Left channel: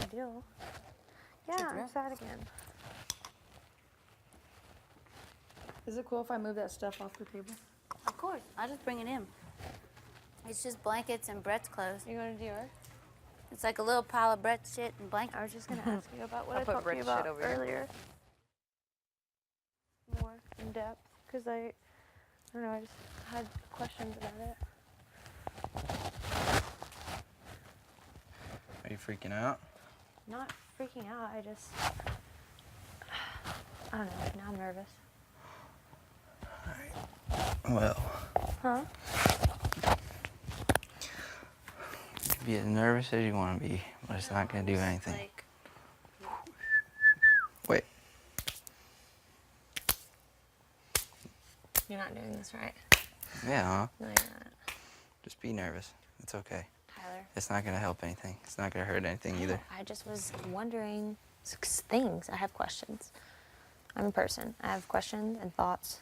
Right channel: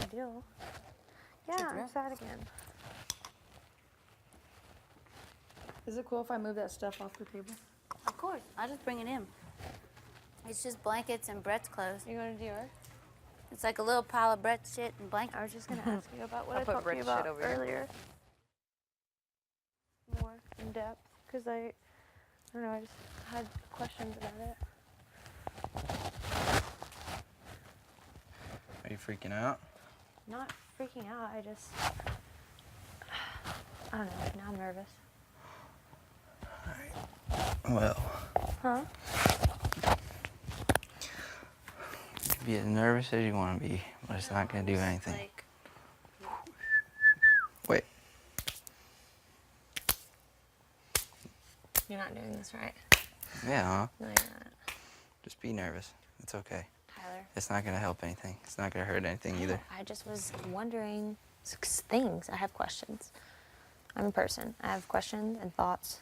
big deal. Yeah, I'm sad again. Is it cool if I move that stuff off the table? Of course. I'll just bring it in. It's just blankets and Brett's clothes. You going to do yours? It's like a little pile of Brett's shit and blankets. I was just going to ask you about what I'll I put talked to you Brett's about shit over here. earlier. More in depth, because I don't know, I just had questions about it. Are you freaking out? Not freaking out, I don't know, now I'm nervous. Well, Huh? be as nervous as you want to be, but it's not going to do anything. Like, Wait. You're not doing this right. Yeah, huh? No, you're not. Just be nervous. It's okay. Tyler. It's not going to help anything. It's not going to hurt anything either. I just was wondering things. I have questions. I'm a person. I have questions and thoughts,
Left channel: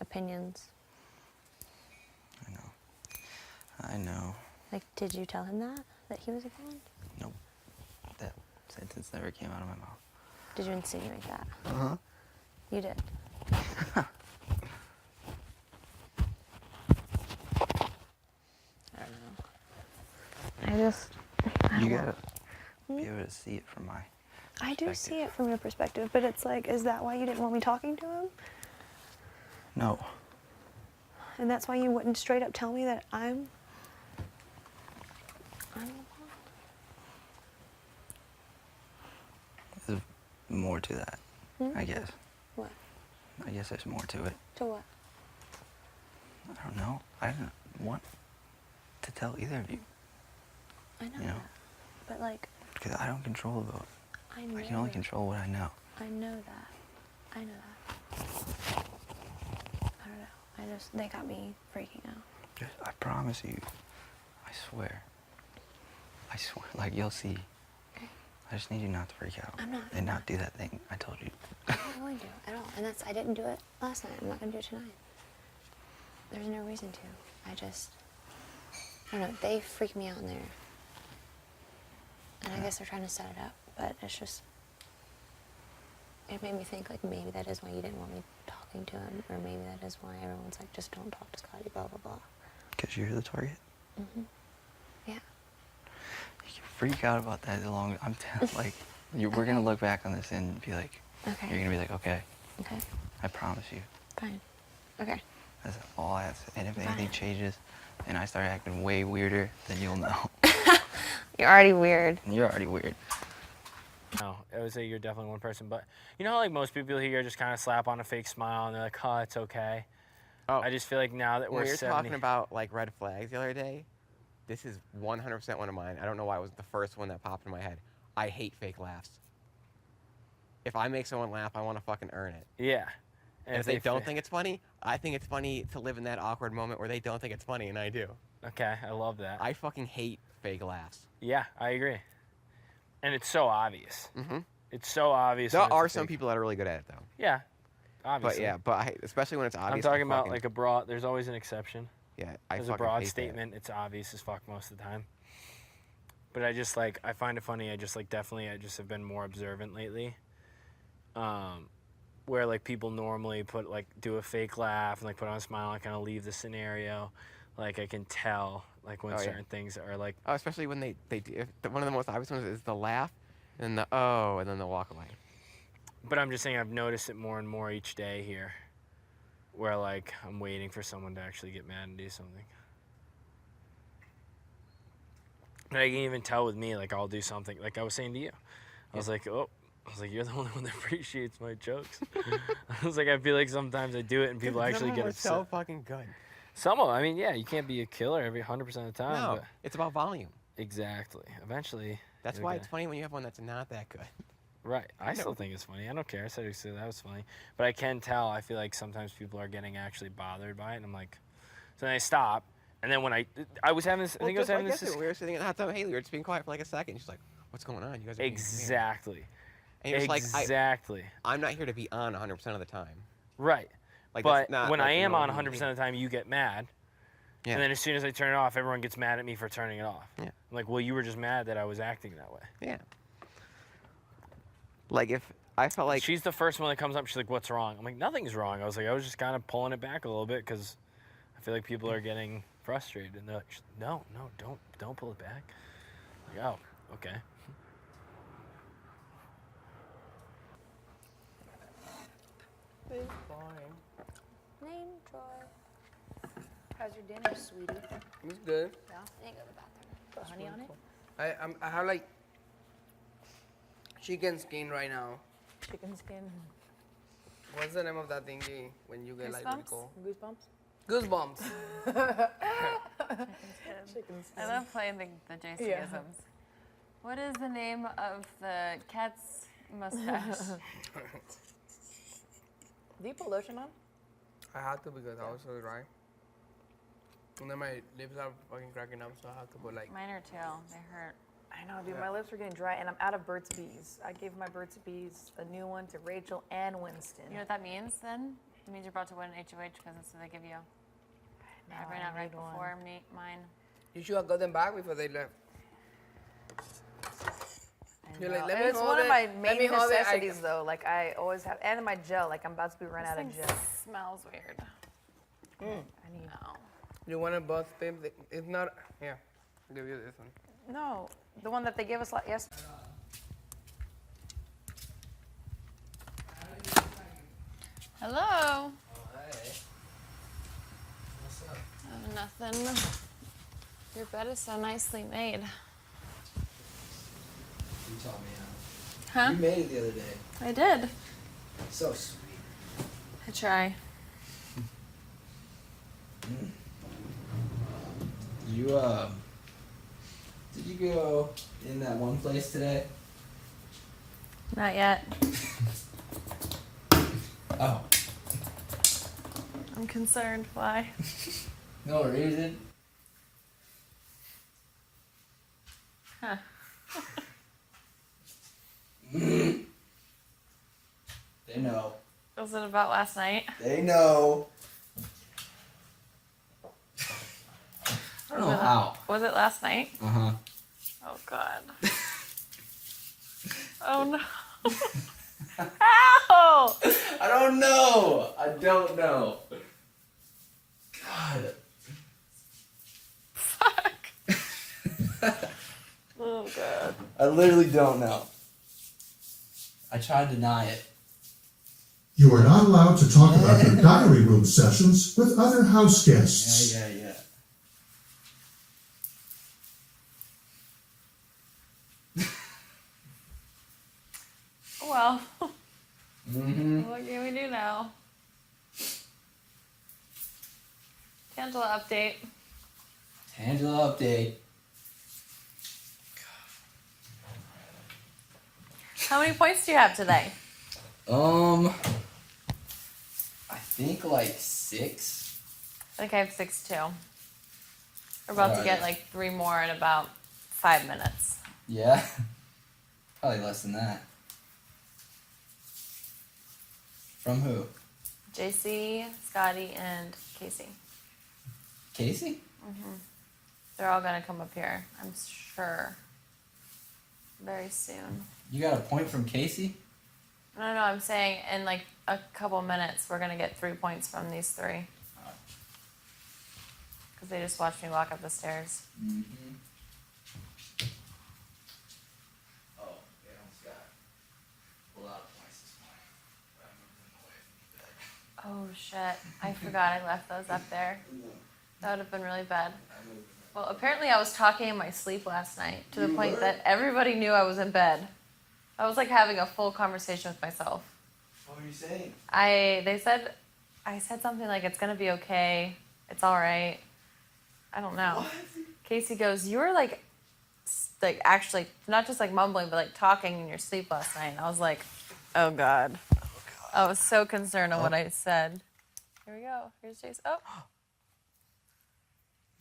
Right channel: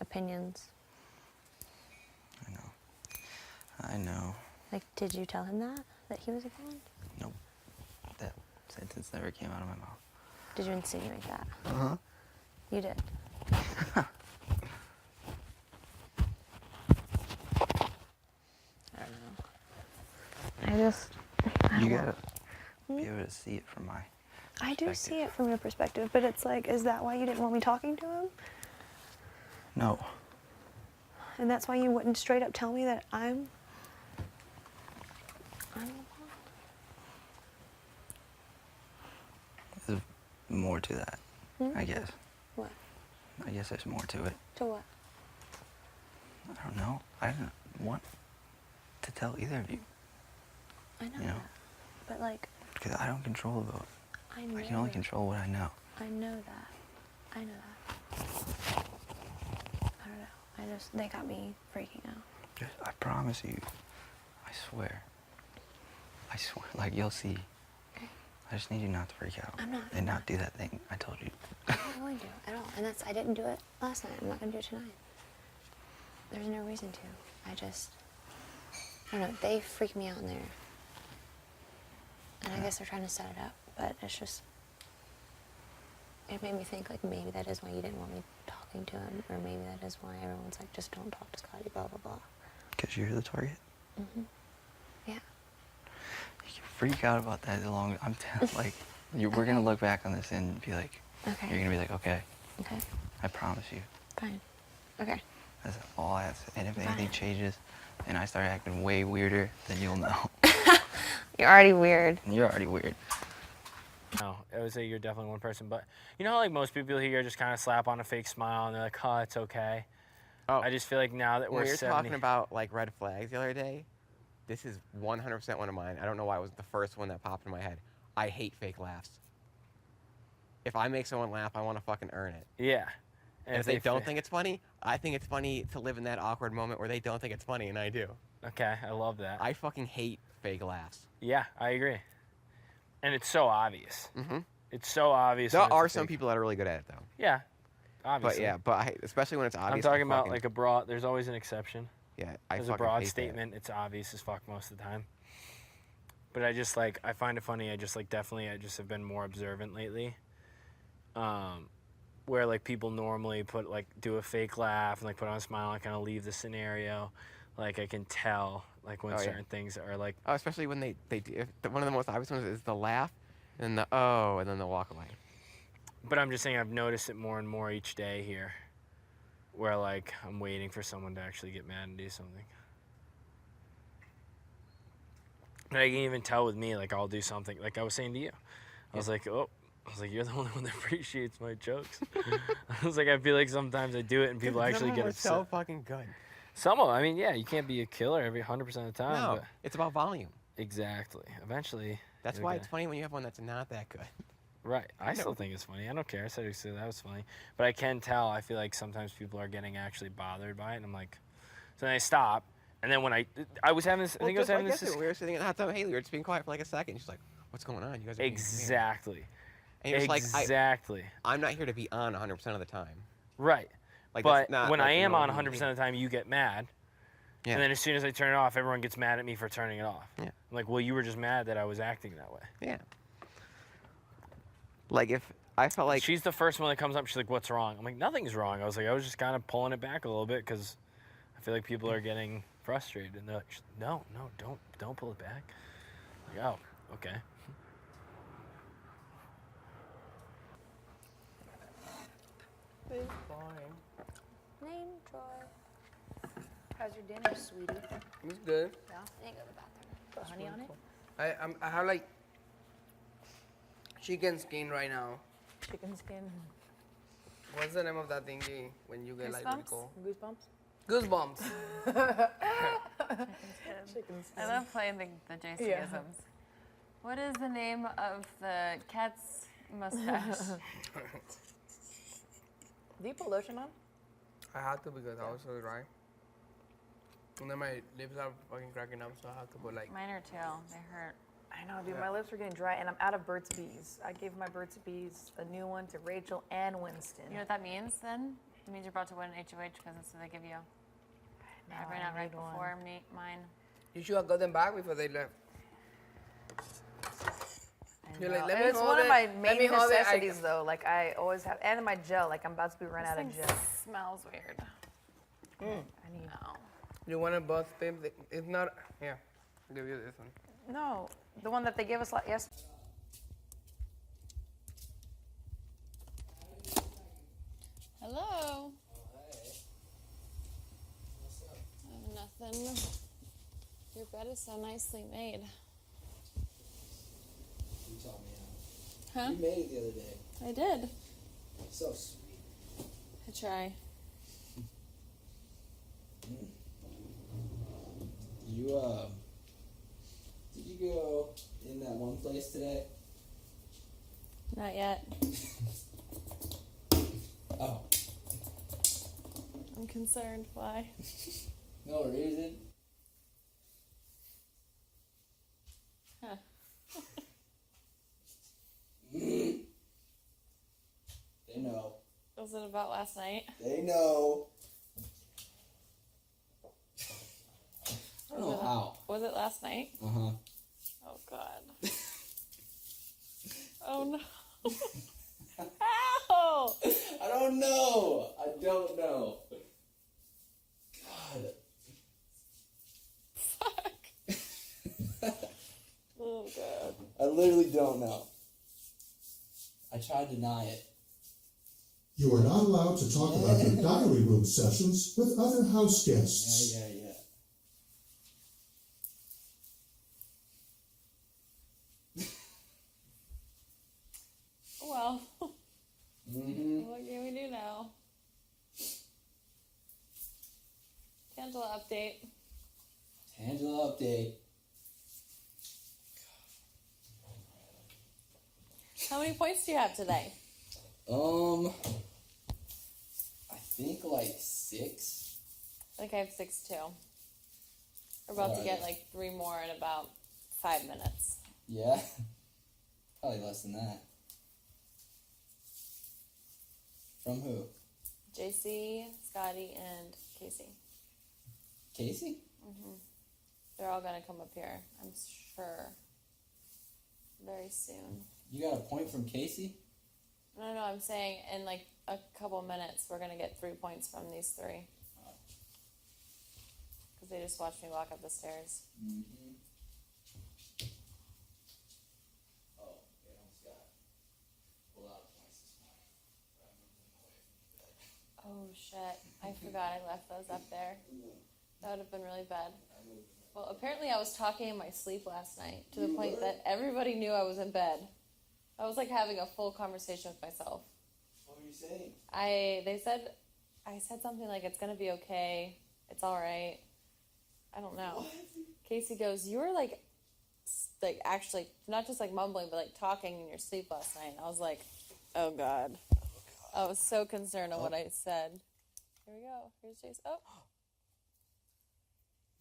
opinions. I know. Like, did you tell him that he was a blonde? Nope. That sentence never came out of my mouth. Did you insinuate that? Uh-huh. You did. I don't know. You gotta be able to see it from my I do perspective. see it from your perspective, but it's like, is that why you didn't want me talking to him? No. And that's why you wouldn't straight up tell me that I'm a blonde? There's more to that, I guess. What? I guess there's more to it. To what? I don't know. I didn't want to tell either of you. I know You know? that. But like, Because I don't control the vote. I know I can only that. control what I know. I know that. I know that. I don't know. They got me freaking out. Just, I promise you. I swear. I swear. Like, you'll see. Okay. I just need you not to freak out. I'm not. And not do that thing I told you. I'm not going to at all. And I didn't do it last night. I'm not going to do it tonight. There's no reason to. I don't know. They freak me out in there. And I guess they're trying to set it up, but it's just, it made me think, like, maybe that is why you didn't want me talking to him, or maybe that is why everyone's like, just don't talk to Scotty, blah, blah, blah. Because you're the target. Mm-hmm. Yeah. You can freak out about that as long as I'm like, we're going to look back on this and be like, Okay. you're going to be like, okay, Okay. I promise you. Fine. Okay. That's all I have to say. And if anything Fine. changes and I start acting way weirder, then you'll know. You're already weird. You're already weird. No, I would say you're definitely one person. But you know how like most people here just kind of slap on a fake smile and they're like, oh, it's okay. Oh, I just feel like now that when we're we were 70... talking about like red flags the other day, this is 100% one of mine. I don't know why it was the first one that popped in my head. I hate fake laughs. If I make someone laugh, I want to fucking earn it. Yeah. And if they don't think it's funny, I think it's funny to live in that awkward moment where they don't think it's funny, and I do. Okay, I love that. I fucking hate fake laughs. Yeah, I agree. And it's so obvious. Mm-hmm. It's so obvious. There when it's a are some fake- people that are really good at it, though. Yeah, obviously. But especially when it's I'm obvious. talking I about fucking- like a broad, there's always an exception. Yeah, There's a fucking broad hate that. statement, it's obvious as fuck most of the time. But I just like, I find it funny, I just like definitely, I just have been more observant lately. Where like people normally do a fake laugh and like put on a smile and kind of leave the scenario. Like I can tell like when Oh, yeah. certain things are like, Oh, especially when they do. One of the most obvious ones is the laugh, and the oh, and then the walk away. but I'm just saying I've noticed it more and more each day here. Where like I'm waiting for someone to actually get mad and do something. And I can even tell with me, like I'll do something, like I was saying to you. I was like, you're the only one that appreciates my jokes. I was like, I feel like sometimes I do it and people actually get upset. so fucking good. Some of them, I mean, yeah, you can't be a killer every 100% of the time. No, But it's about volume. exactly. Eventually. That's you'll why get it's funny when you have one that's not that good. Right. I know. still think it's funny. I don't care. I said that was funny. But I can tell, I feel like sometimes people are getting actually bothered by it. And I'm like, so then I stop. And then when I was having this, I think I was having this. We were sitting in the hot tub. Haley, we were just being quiet for like a second. She's like, "What's going on? You guys are being weird." Exactly. And you're just like, Exactly. I'm not here to be on 100% of the time. Right. Like, But that's not, when like, I am on normal 100% of the time, you get mad. Yeah. And then as soon as I turn it off, everyone gets mad at me for turning it off. Yeah. I'm like, well, you were just mad that I was acting that way. Yeah. Like if I felt like She's the first one that comes up. She's like, what's wrong? I'm like, nothing's wrong. I was like, I was just kind of pulling it back a little bit because I feel like people are getting frustrated. And they're like, no, don't pull it back. I'm like, oh, okay. Name Troy. How's your dinner, sweetie? It's good. Yeah. I need to go to the bathroom. Put honey on it? I have like chicken skin right now. Chicken skin. What's the name of that thingy when you get like really Goosebumps? cold? Goosebumps? Goosebumps. Chicken skin. I love playing the JC-isms. What is the name of the cat's mustache? Do you put lotion on? I had to because I was so dry. And then my lips are fucking cracking up, so I have to put like. Mine are too. They hurt. I know, dude. My lips are getting dry, and I'm out of Burt's Bees. I gave my Burt's Bees a new one to Rachel and Winston. You know what that means then? It means you're about to win an HOH because that's what they give you. No, I ran I out right need one. before mine. You should have got them back before they left. I You're like, know. let me It's hold one of it. my Let main me hold it. necessities, though. Like I always have, and my gel. Like I'm about to be run out of This gel. thing smells weird. I need. No. You want to both them? It's not. Here, I'll give you this one. No, the one that they gave us yes. Hello. Nothing. Your bed is so nicely made. You taught me Huh? You made it the other day. I did. So sweet. I try. Did you go in that one place today? Not yet. Oh, I'm concerned. Why? no reason. Huh. They know. Was it about last night? They know. I don't know how. Was it last night? Uh-huh. Oh God. Oh no. Ow! I don't know. I don't know. God. Fuck. Oh God. I literally don't know. I tried to deny it. You are not allowed to talk about your diary room sessions with other house guests. Yeah. Well, Mm-hmm. what can we do now? Angela update. Angela update. How many points do you have today? I think like 6. I think I have 6 too. We're about to Alright. get like 3 more in about 5 minutes. Yeah. Probably less than that. From who? JC, Scotty, and Casey. Casey? They're all gonna come up here, I'm sure. Very soon. You got a point from Casey? No, I'm saying in like a couple minutes we're gonna get 3 points from these 3. Because they just watched me walk up the stairs. Mm-hmm. Oh, they almost got a lot of points this morning. But I moved them away from the bed. Oh shit, I forgot I left those up there. That would have been really bad. Well, apparently I was talking in my sleep last night to the point that everybody knew I was in bed. I was like having a full conversation with myself. What were you saying? I said something like, it's gonna be okay, it's alright. I don't know. What? Casey goes, you were like actually, not just like mumbling, but like talking in your sleep last night. And I was like, oh God. I was so concerned on what I said. Here we go. Here's Jason. Oh.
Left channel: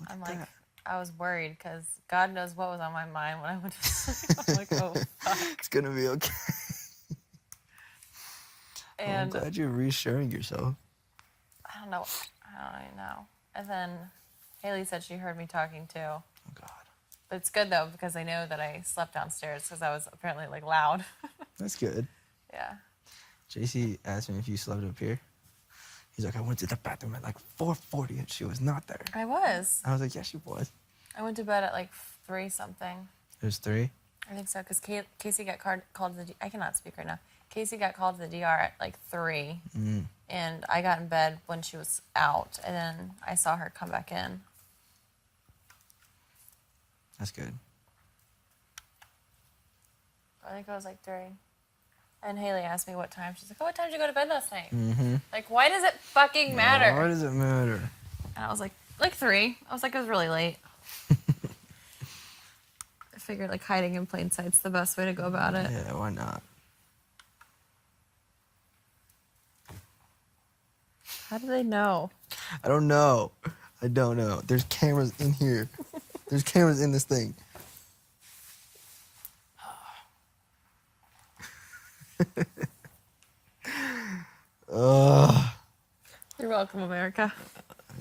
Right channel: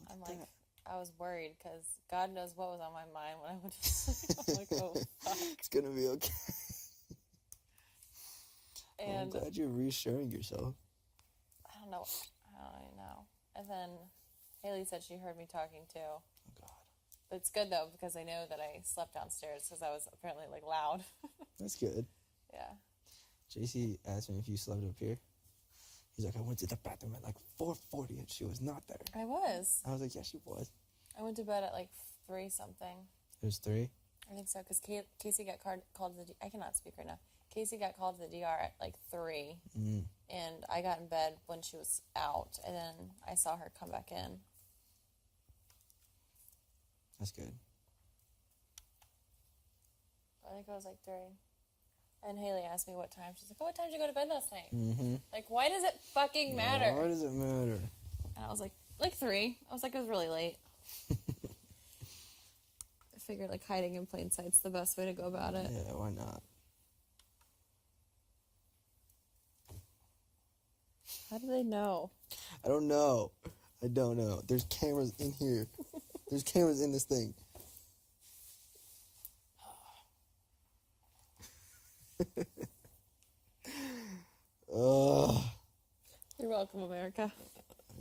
I'm like, I was worried because God knows what was on my mind when I went to sleep. I'm like, oh, fuck. It's gonna be okay. And I'm glad you're reassuring yourself. I don't know. I don't even know. And then Haley said she heard me talking too. Oh God, But it's good though because they know that I slept downstairs because I was apparently like loud. that's good. Yeah. JC asked me if you slept up here. He's like, I went to the bathroom at like 4:40 and she was not there. I was. I was like, yeah, she was. I went to bed at like 3 something. It was 3. I think so because Casey got called to the. I cannot speak right now. Casey got called to the DR at like 3, and I got in bed when she was out, and then I saw her come back in. That's good. I think I was like 3. And Haley asked me what time. She's like, "Oh, what time did you go to bed last night?" Mm-hmm. Like, why does it fucking matter? Why does it matter? And I was like 3. I was like, it was really late. I figured like hiding in plain sight's the best way to go about it. Yeah, why not? How do they know? I don't know. I don't know. There's cameras in here. There's cameras in this thing. You're welcome, America.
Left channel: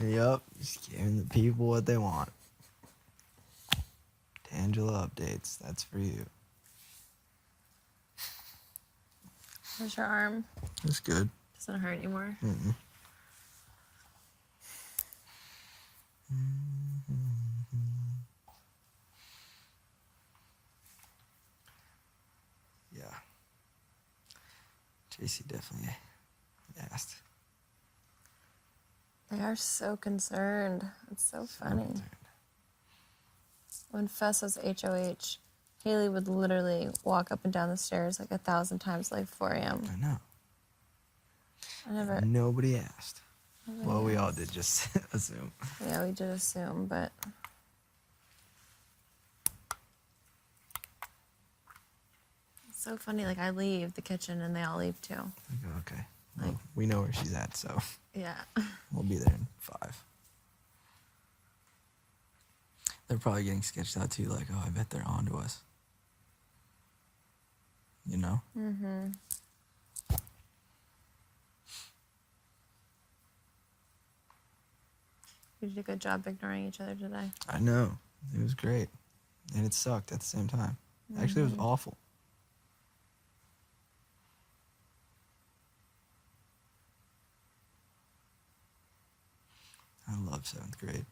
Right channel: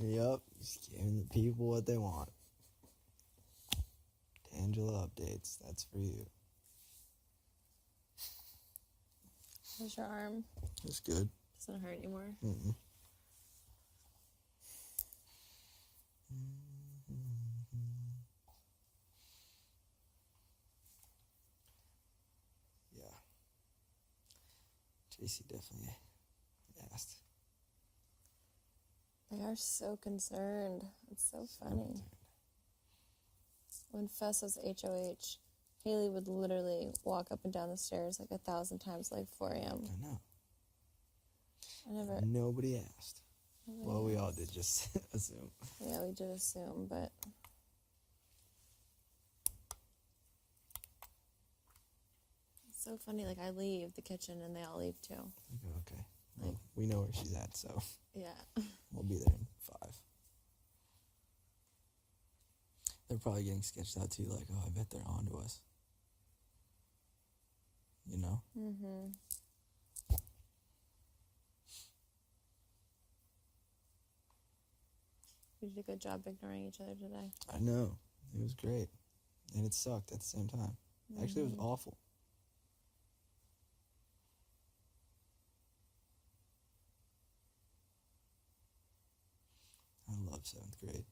Yep. Just giving the people what they want. Tangela updates. That's for you. How's your arm? That's good. Doesn't hurt anymore. Mm-mm. Yeah. JC definitely asked. They are so concerned. It's so funny. When Fess was HOH, Haley would literally walk up and down the stairs like 1,000 times like 4 a.m. I know. I never. Nobody asked. Well, we all did just assume. Yeah, we did assume, but it's so funny. Like I leave the kitchen and they all leave too. I go, okay. Well, we know where she's at, so Yeah. we'll be there in 5. They're probably getting sketched out too, like, oh, I bet they're on to us. You know? Mm-hmm. We did a good job ignoring each other today. I know. It was great. And it sucked at the same time. Actually, it was awful. I love 7th grade.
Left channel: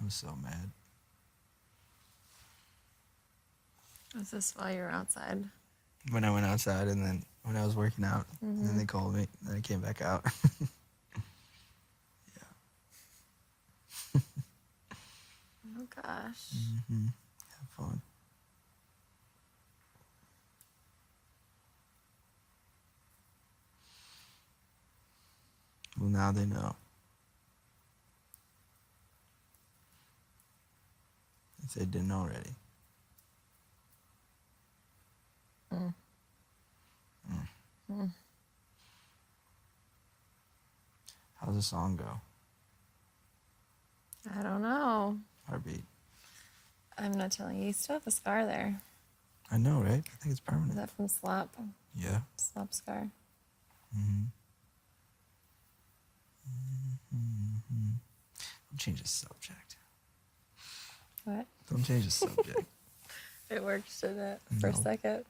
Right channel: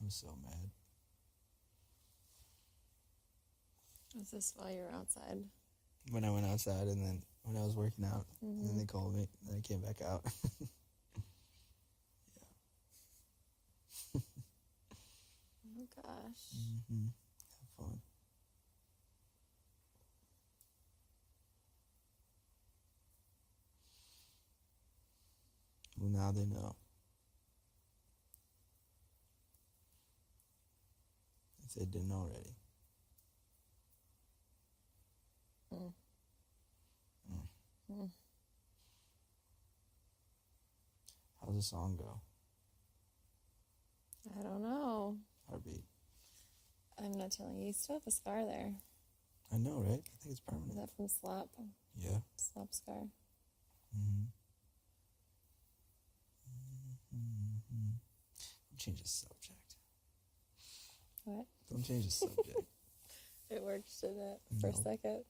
I was so mad. Was this while you were outside? When I went outside and then when I was working out, and then they called me, and I came back out. Oh gosh. Have fun. Well, now they know. If they didn't already. How's the song go? I don't know. Heartbeat. I'm not telling you. You still have a scar there. I know, right? I think it's permanent. Is that from slap? Yeah. Slap scar. Don't change the subject. What? Don't change the subject. It worked, didn't it? For a No. second.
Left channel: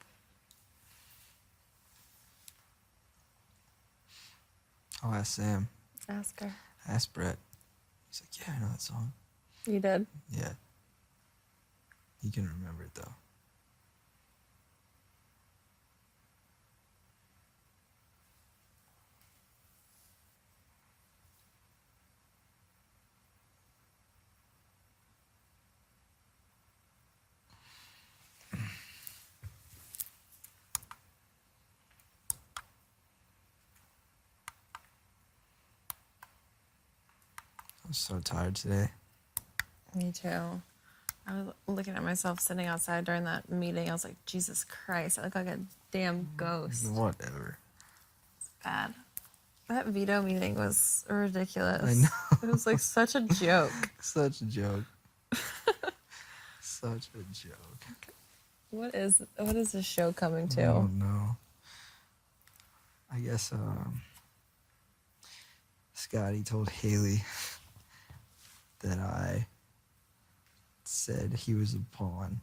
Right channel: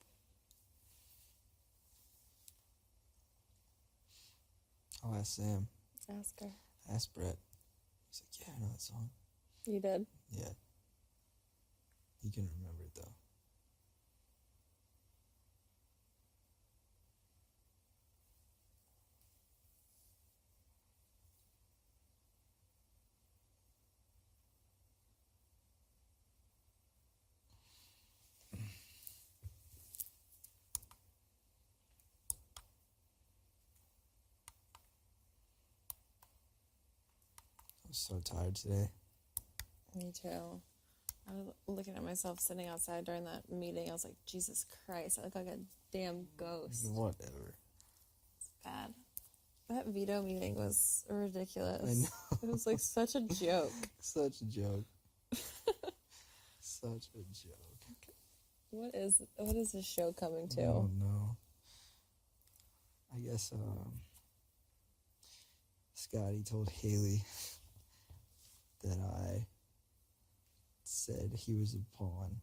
I'll ask Sam. Ask her. Ask Brett. He's like, yeah, I know that song. You did? Yeah. He can remember it though. I'm so tired today. Me too. I was looking at myself sitting outside during that meeting. I was like, Jesus Christ, I look like a damn ghost. Whatever. Bad. That veto meeting was ridiculous. I know. It was like such a joke. Such a joke. Such a joke. What is this show coming I to? don't know. I guess Scotty told Haley that I said he was a pawn.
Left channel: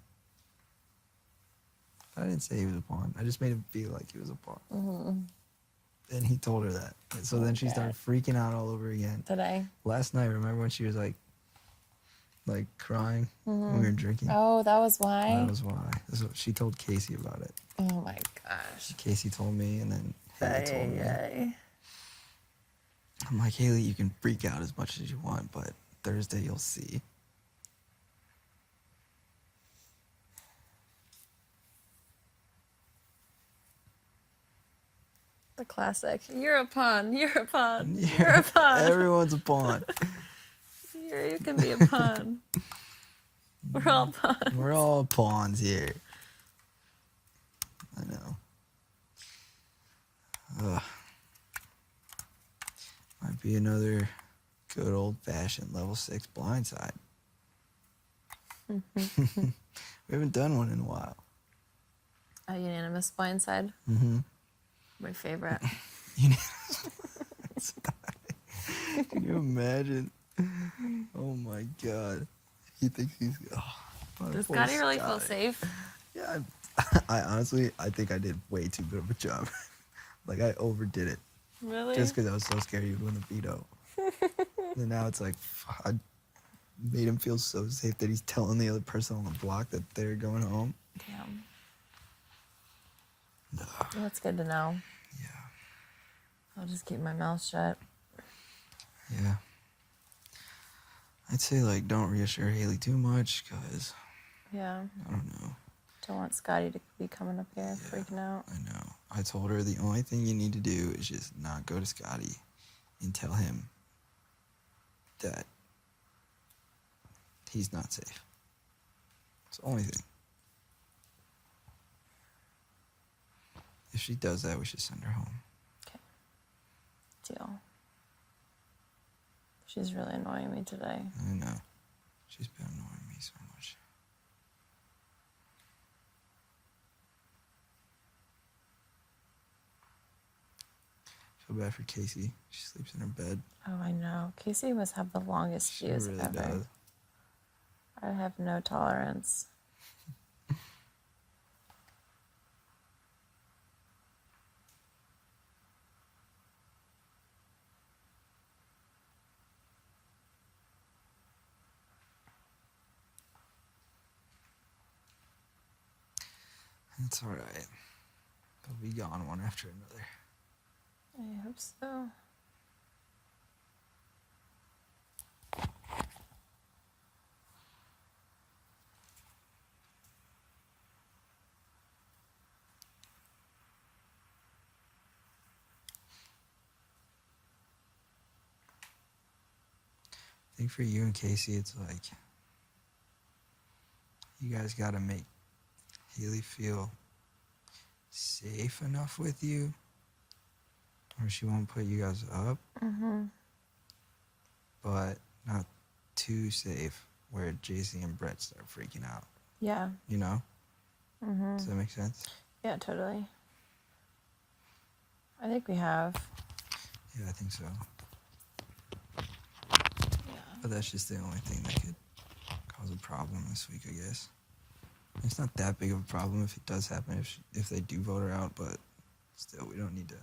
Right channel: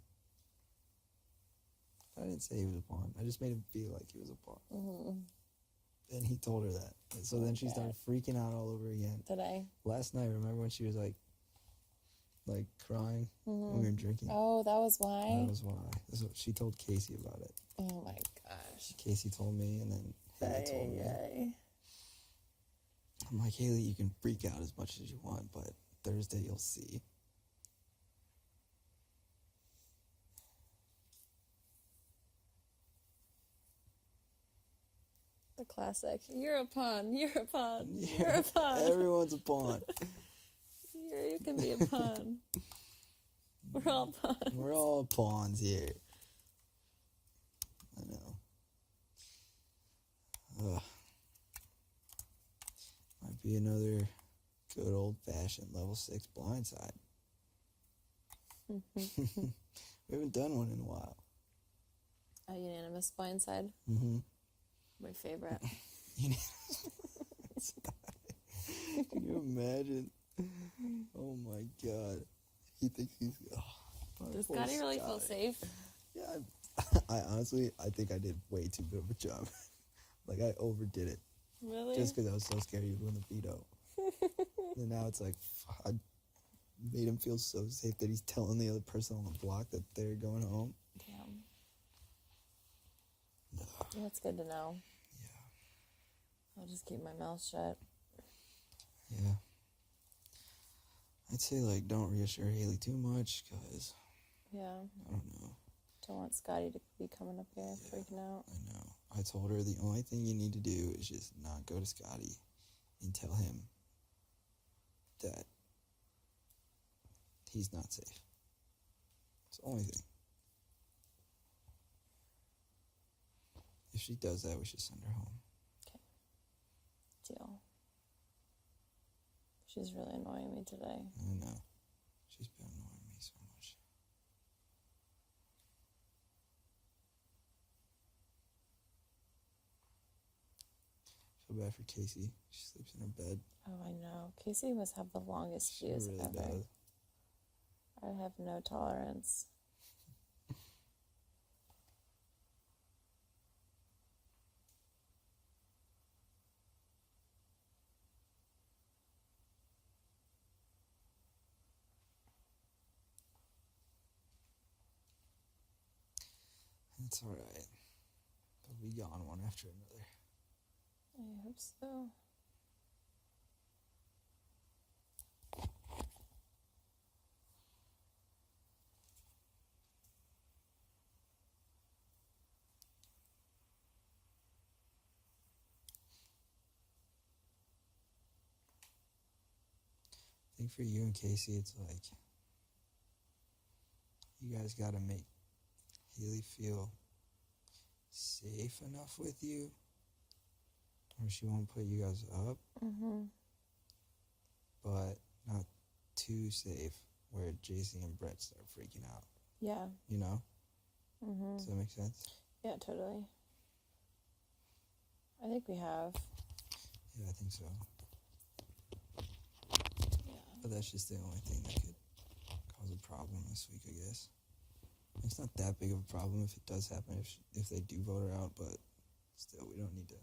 I didn't say he was a pawn. I just made him feel like he was a pawn. Mm-hmm. And he told her that. And so then she started freaking out all over again. Today. Last night, remember when she was like crying when we were drinking? Oh, that was why? That was why. So she told Casey about it. Oh my gosh. Casey told me, and then Haley told me. Ay. I'm like, Haley, you can freak out as much as you want, but Thursday you'll see. The classic. You're a pawn. You're a pawn. You're a pawn. Everyone's a pawn. You can be a pawn. We're all pawns. We're all pawns here. I know. Might be another good old-fashioned level 6 blindside. We haven't done one in a while. A unanimous blindside. Mm-hmm. My favorite. Can you imagine? Oh my God. He thinks he's. Oh, Does poor Scotty really feel Scotty. safe? Yeah, I honestly, I think I did way too good of a job. Like, I overdid it. Really? Just because I was so scared he would win the veto. And now it's like, I made him feel so safe that he's telling the other person on the block that they're going home. Damn. That's good to know. Yeah. I'll just keep my mouth shut. Yeah. I'd say, like, don't reassure Haley too much, because, Yeah. I don't know. Don't want Scotty to be coming up here freaking out. I know. I told her the only thing you need to do is just not go to Scotty and tell him that he's not safe. It's the only thing. If she does that, we should send her home. Deal. She's really annoying me today. I know. She's been annoying me so much. Feel bad for Casey. She sleeps in her bed. Oh, I know. Casey must have the longest She fuse really ever. does. I have no tolerance. It's alright. They'll be gone one after another. I hope so. I think for you and Casey, it's like you guys got to make Haley feel safe enough with you, or she won't put you guys up, but not too safe where JC and Brett start freaking out. Yeah. You know? Does that make sense? Yeah, totally. I think we have. Yeah, I think so. Yeah. But that's just the only thing that could cause a problem this week, I guess. It's not that big of a problem if it does happen, if they do vote her out, but still, we don't need that.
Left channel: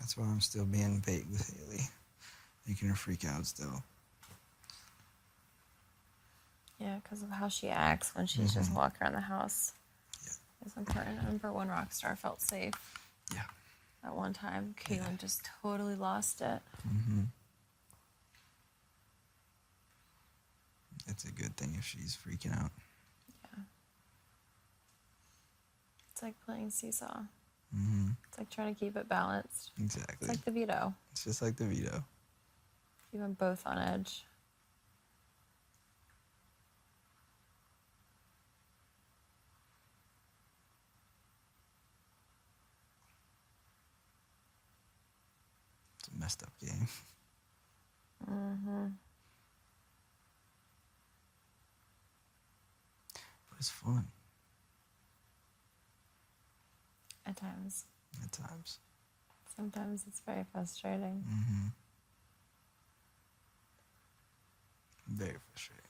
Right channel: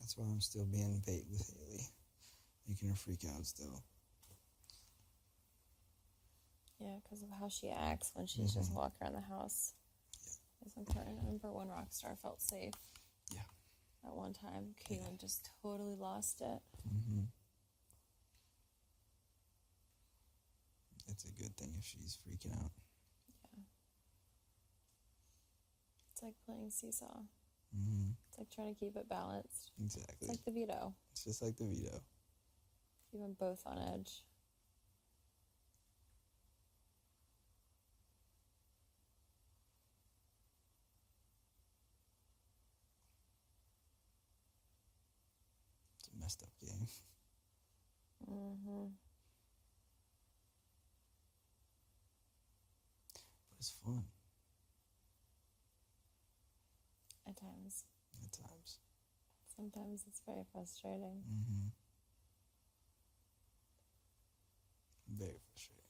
That's why I'm still being vague with Haley, making her freak out still. Yeah, because of how she acts when she's just walking around the house. Yeah. It's important. I remember when Rockstar felt safe. Yeah. At one time, Caitlin just totally lost it. it's a good thing if she's freaking out. It's like playing seesaw. Mm-hmm. It's like trying to keep it balanced. Exactly. It's like the veto. It's just like the veto. Keep them both on edge. It's a messed up game. Mm-hmm. But it's fun At times. at times. Sometimes it's very frustrating. Mm-hmm. Very frustrating.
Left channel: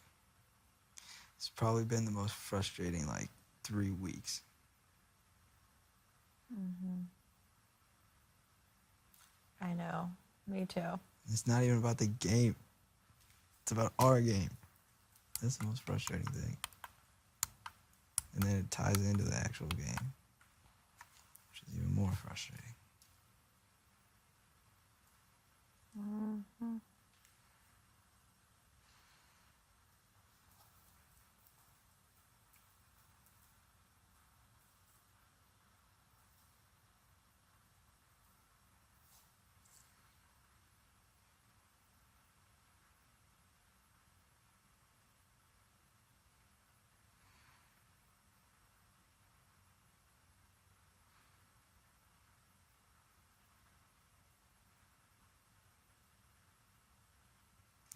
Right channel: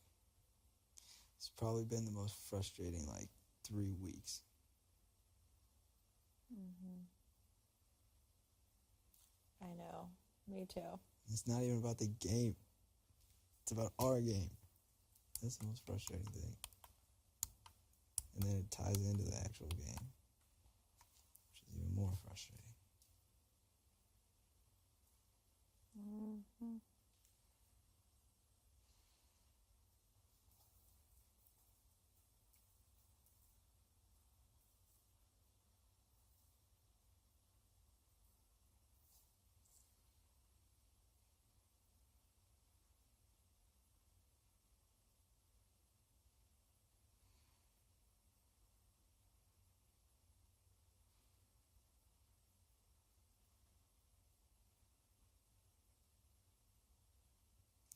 It's probably been the most frustrating, like, 3 weeks. Mm-hmm. I know. Me too. It's not even about the game. It's about our game. That's the most frustrating thing. And then it ties into the actual game, which is even more frustrating. Mm-hmm.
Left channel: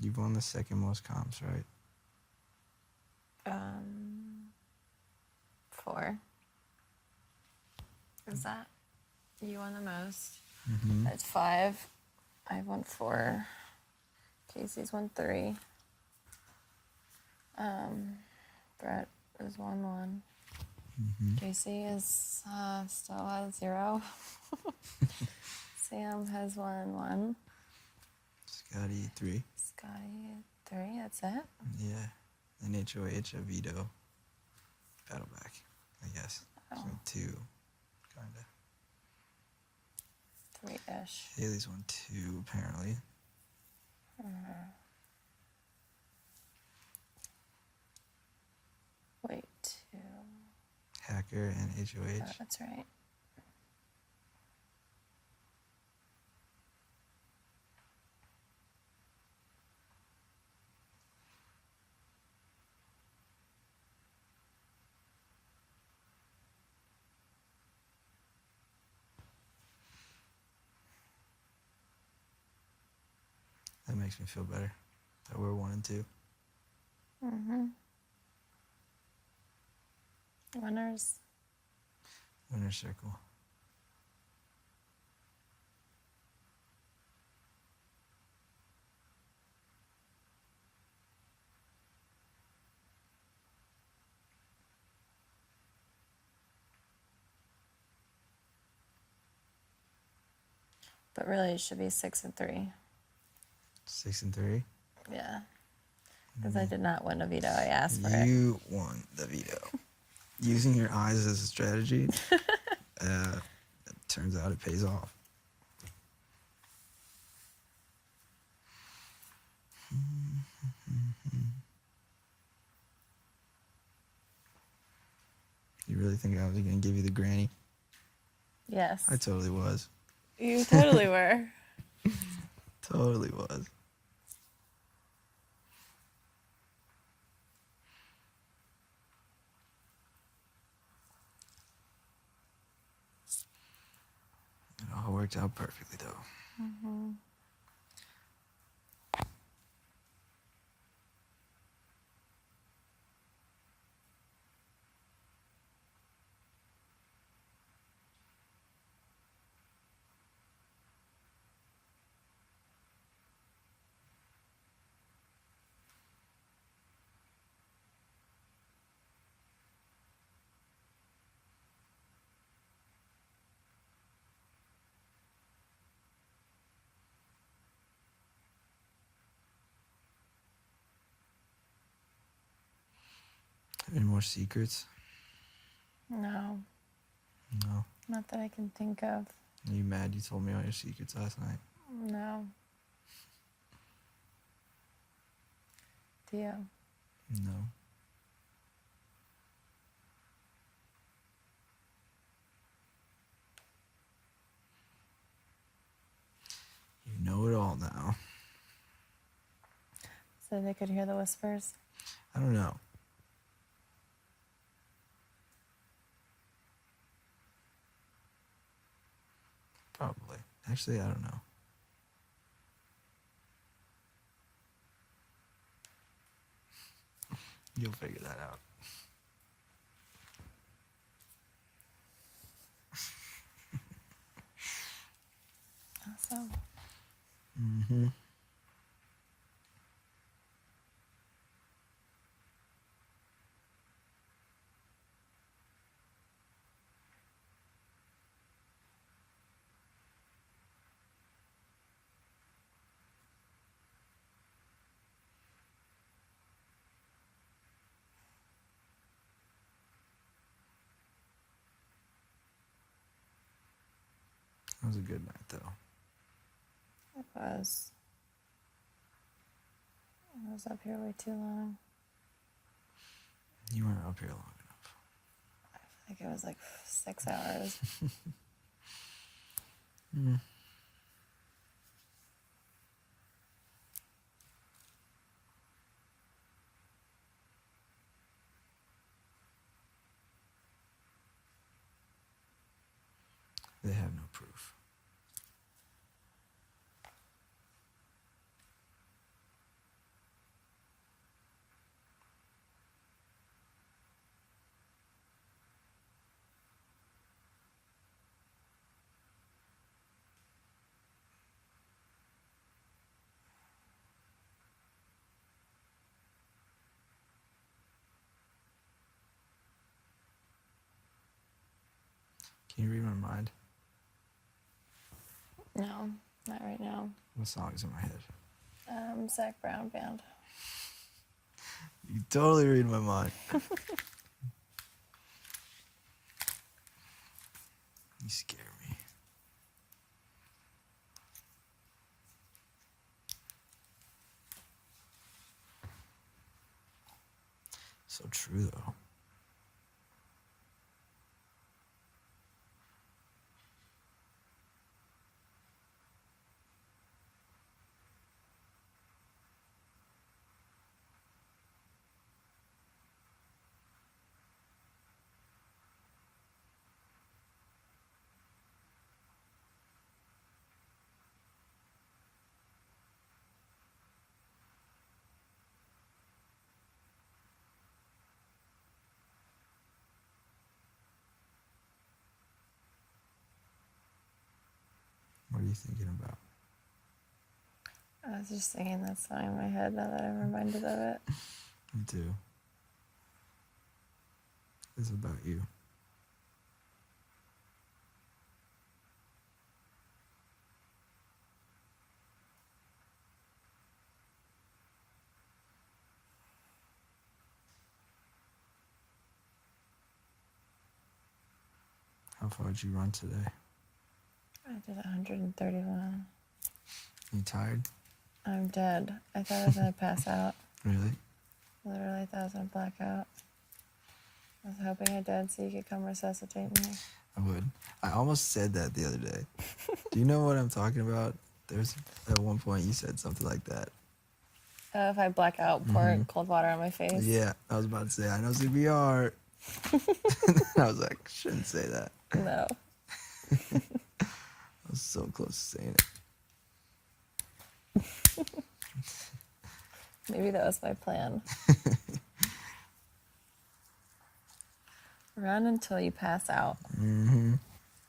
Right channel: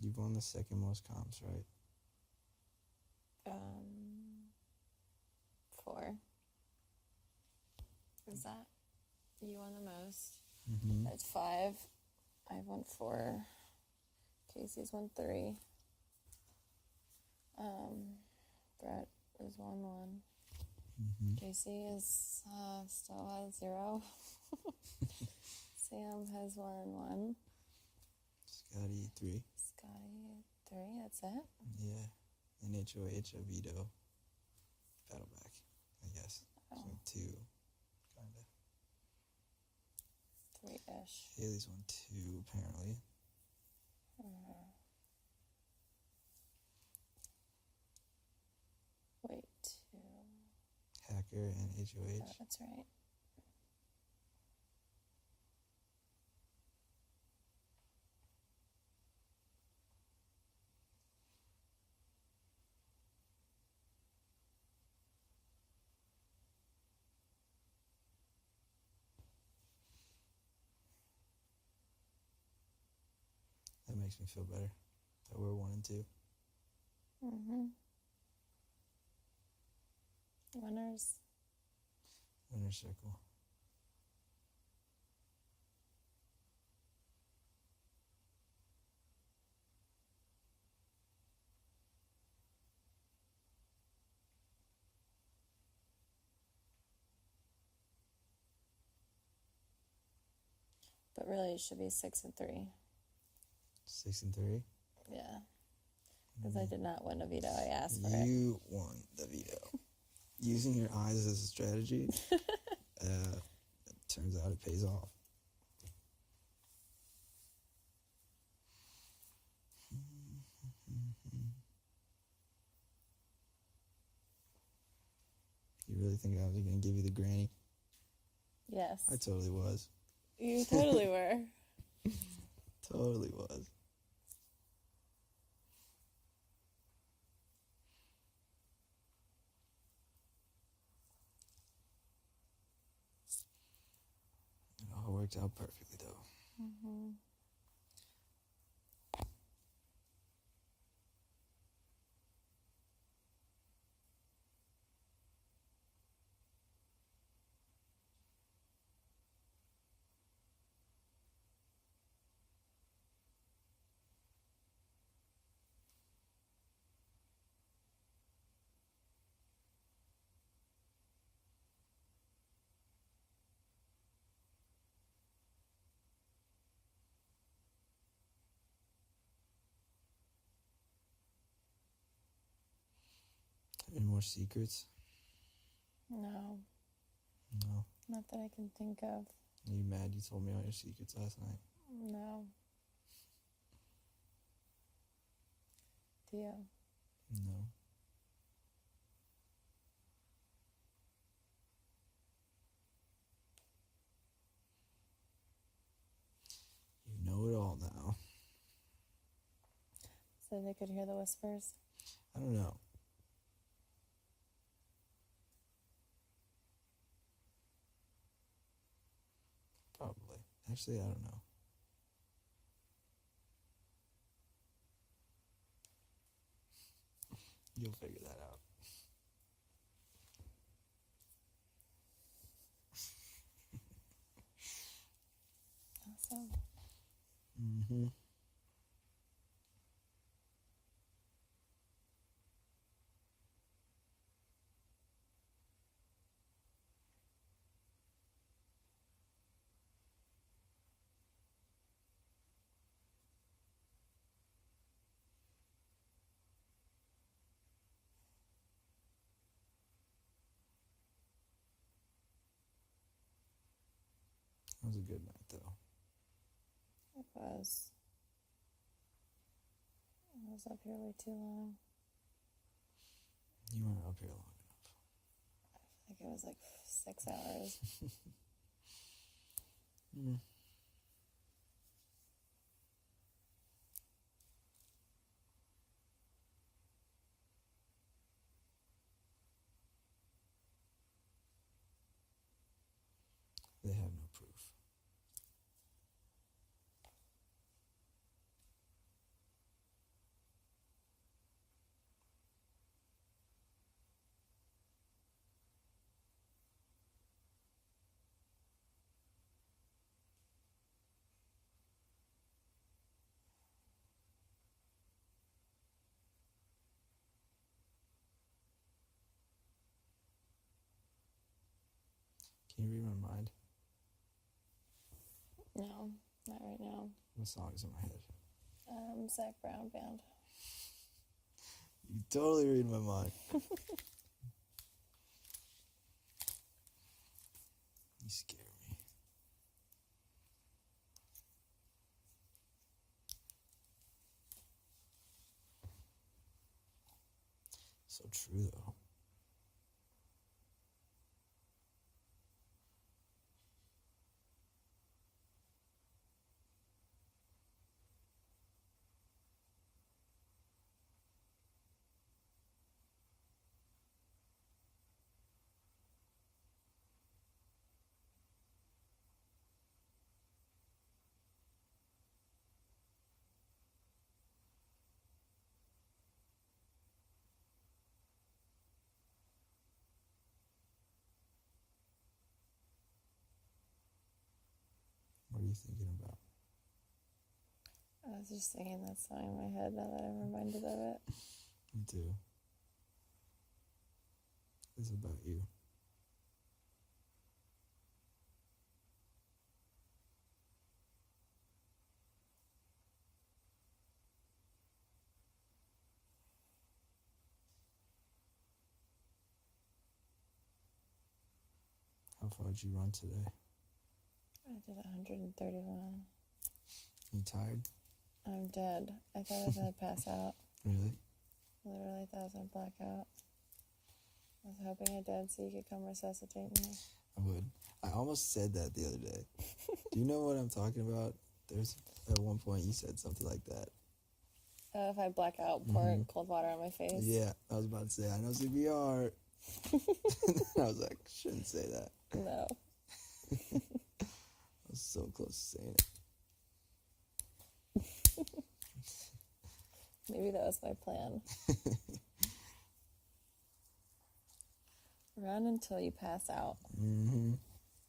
You've won the second most comps, right? 4. Is that? You won the most. Mm-hmm. That's 5. I won 4. Casey's won 3. Brett is 1-1. Mm-hmm. Casey is still at 0. Sam has 1-1. Scotty, 3. Scotty 3. That's it. Yeah. And HOH, a veto. Battle back, I guess. Oh. So 2, kinda. 3-ish. Haley's won 2, apparently. Wait, 2. Hacker and HOH. Oh, that's right. That makes me feel better that we're 1 and 2. Mm-hmm. Winners. Winner's circle. But really, it should be 6 and 3. 6 and 3. Yeah. Because I did not win a veto. I asked for it. You won the veto. Using your eyes as a strategy, it turns out it pays off. You really think I was going to give you the granny? Yes. I totally was. You totally were. Totally was. It all worked out perfectly, though. Mm-hmm. Any more secrets? No. No. Not that I can think of. Are you mad you told me all your secrets last night? No. Do you? No. You know it all now. So they could hear the whispers. I don't know. Probably. Actually, I don't know. You'll figure that out. Awesome. Mm-hmm. That was a good night, though. It was. I was up here way too long. You weren't up here long enough. I think it was like 6 hours. Mm. They have no proof. Can you read my mind? No, not right now. What song is in my head? Zach Brown Band. You totally read my mind. You scare me. So true, though. What are you thinking about? I was just singing that song in my head now that I'm reminded of it. Me too. It's about you. How far did you run today? I did 131. You tired? I'm dead. I thought I was going to pass out. Really? Literally thought I was going to black out. I was hoping I did so you could come resuscitate me. I would. I almost said that the other day. Do you know what I'm talking about? There's at one point you said something like that. If I black out, pour cold water on my face. Yeah, I was about to say, I know CPR. I was like, shouldn't say that. No. I was so close to saying it. Maybe that was my plan. Run until you pass out. Mm-hmm.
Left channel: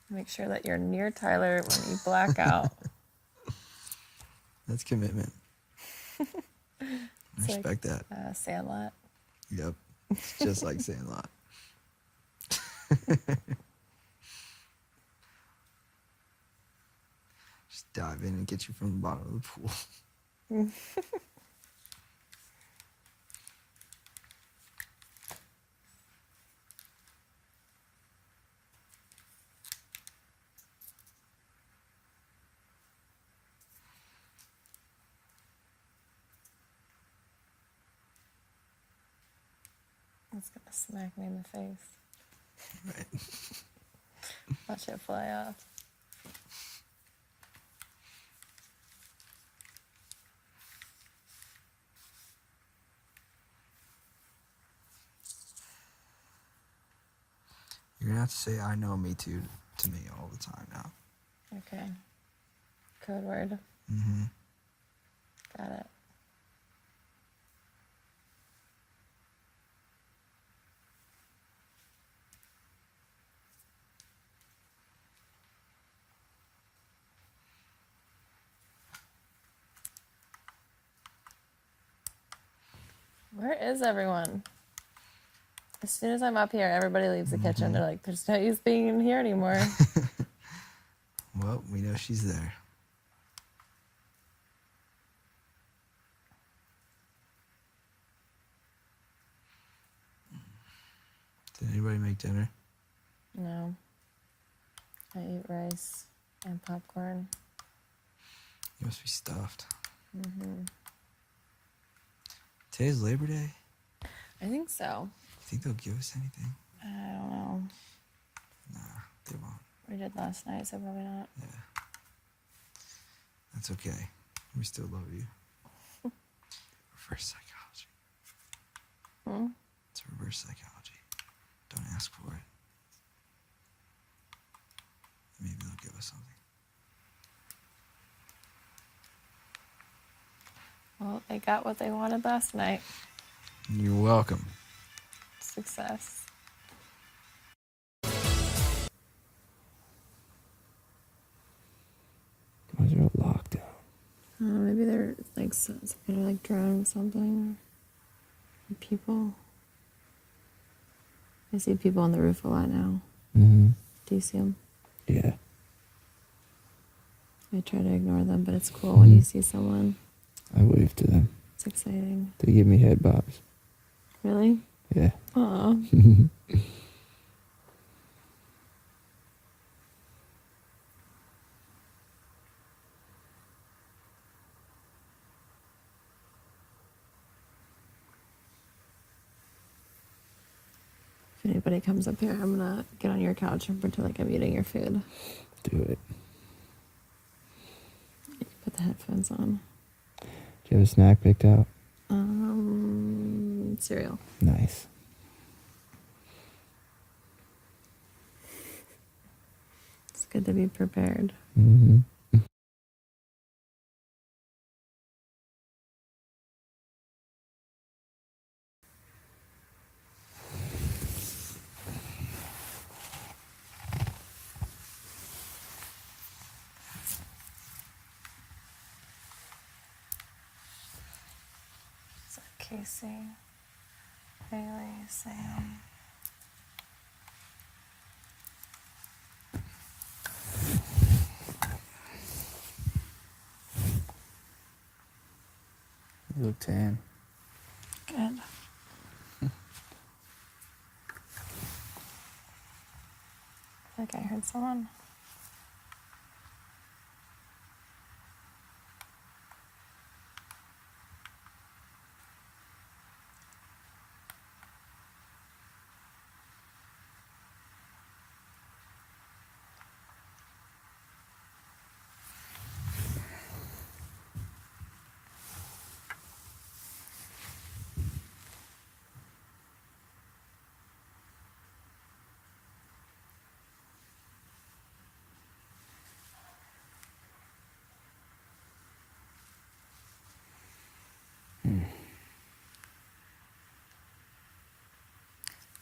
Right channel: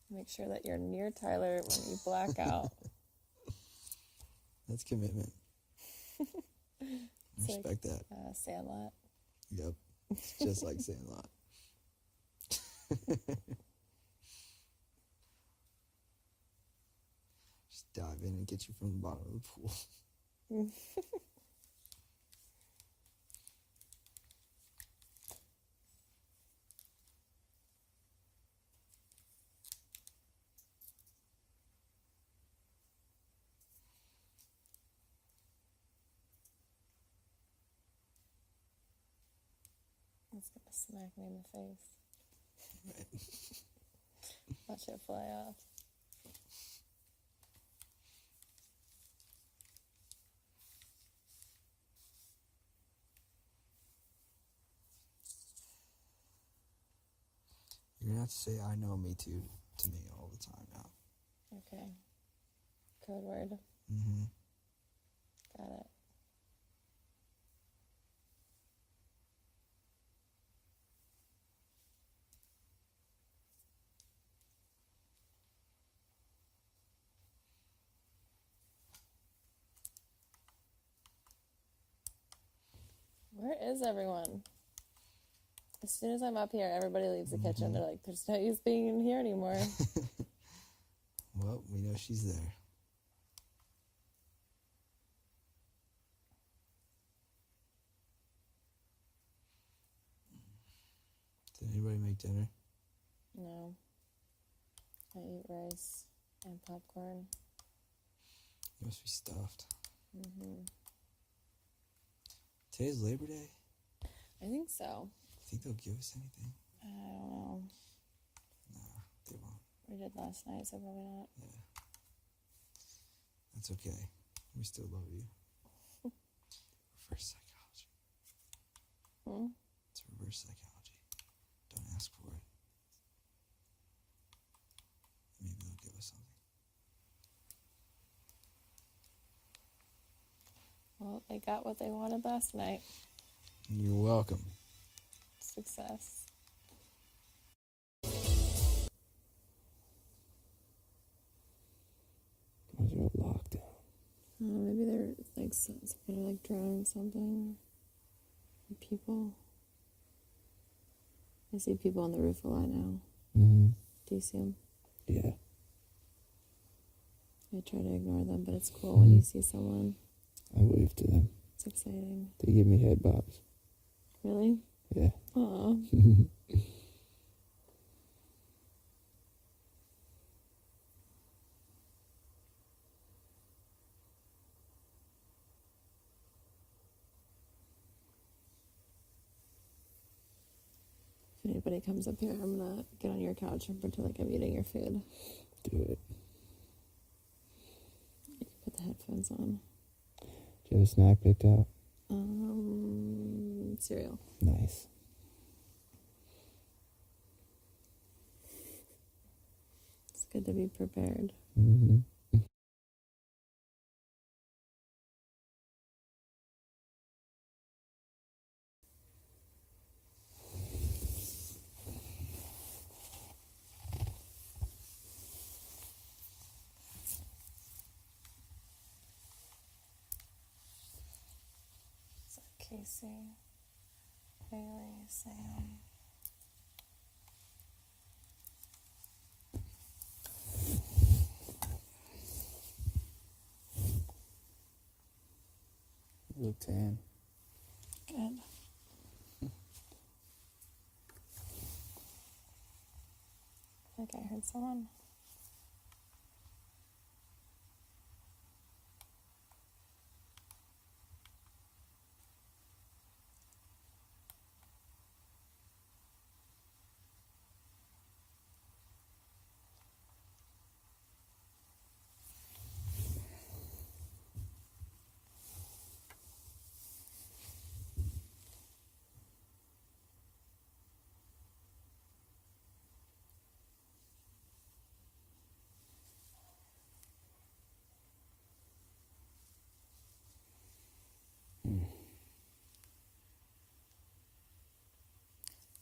Make sure that you're near Tyler when you black out. That's commitment. I It's respect that. Sandlot. Yep. It's just like Sandlot. Just dive in and get you from the bottom of the pool. It's gonna smack me in the face. Right. Watch it fly off. You're gonna have to say "I know me too" to me all the time now. Okay. Code word. Mm-hmm. Got it. Where is everyone? As soon as I'm up here, everybody leaves the kitchen. They're like, there's no use being in here anymore. Well, we know she's there. Did anybody make dinner? No. I eat rice and popcorn. You must be stuffed. Mm-hmm. Today's Labor Day. I think so. Think they'll give us anything? I don't know. Nah, they won't. We did last night, so probably not. Yeah. That's okay. We still love you. Reverse psychology. Hmm? It's reverse psychology. Don't ask for it. Maybe they'll give us something. Well, they got what they wanted last night. You're welcome. Success. Why is there a lockdown? Maybe they're like some kind of like drone something. Or people. I see people on the roof a lot now. Mm-hmm. Do you see them? Yeah. I try to ignore them, but it's cool when you see someone. I wave to them. It's exciting. They give me head bobs. Really? Yeah. Aw. If anybody comes up here, I'm gonna get on your couch and pretend like I'm eating your food. Do it. You can put the headphones on. Do you have a snack picked out? Cereal. Nice. It's good to be prepared. Mm-hmm. So Casey, Haley, Sam. You look tan. Good. I think I heard someone.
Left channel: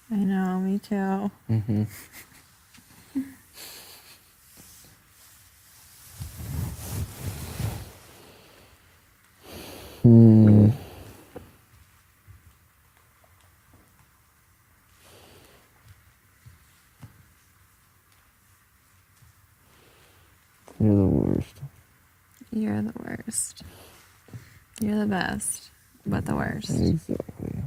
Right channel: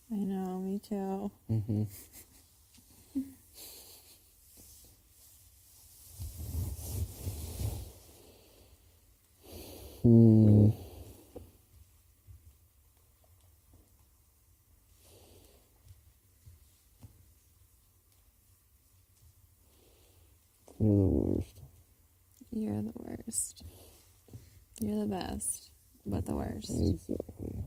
I know, me too. Mm-hmm. You're the worst. You're the worst. You're the best, but the worst. Exactly.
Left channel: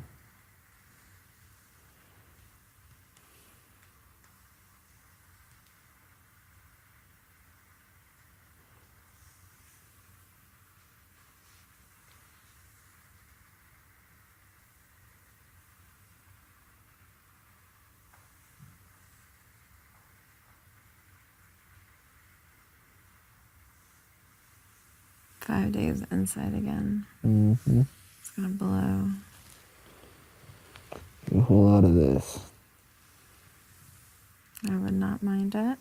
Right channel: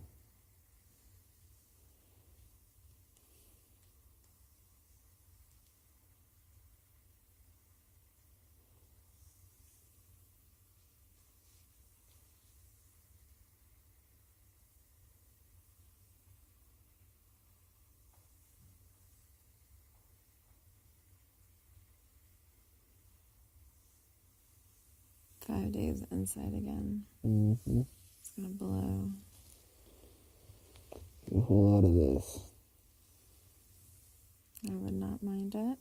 5 days inside again. Mm-hmm. It's gonna blow. A whole lot of this. I would not mind it.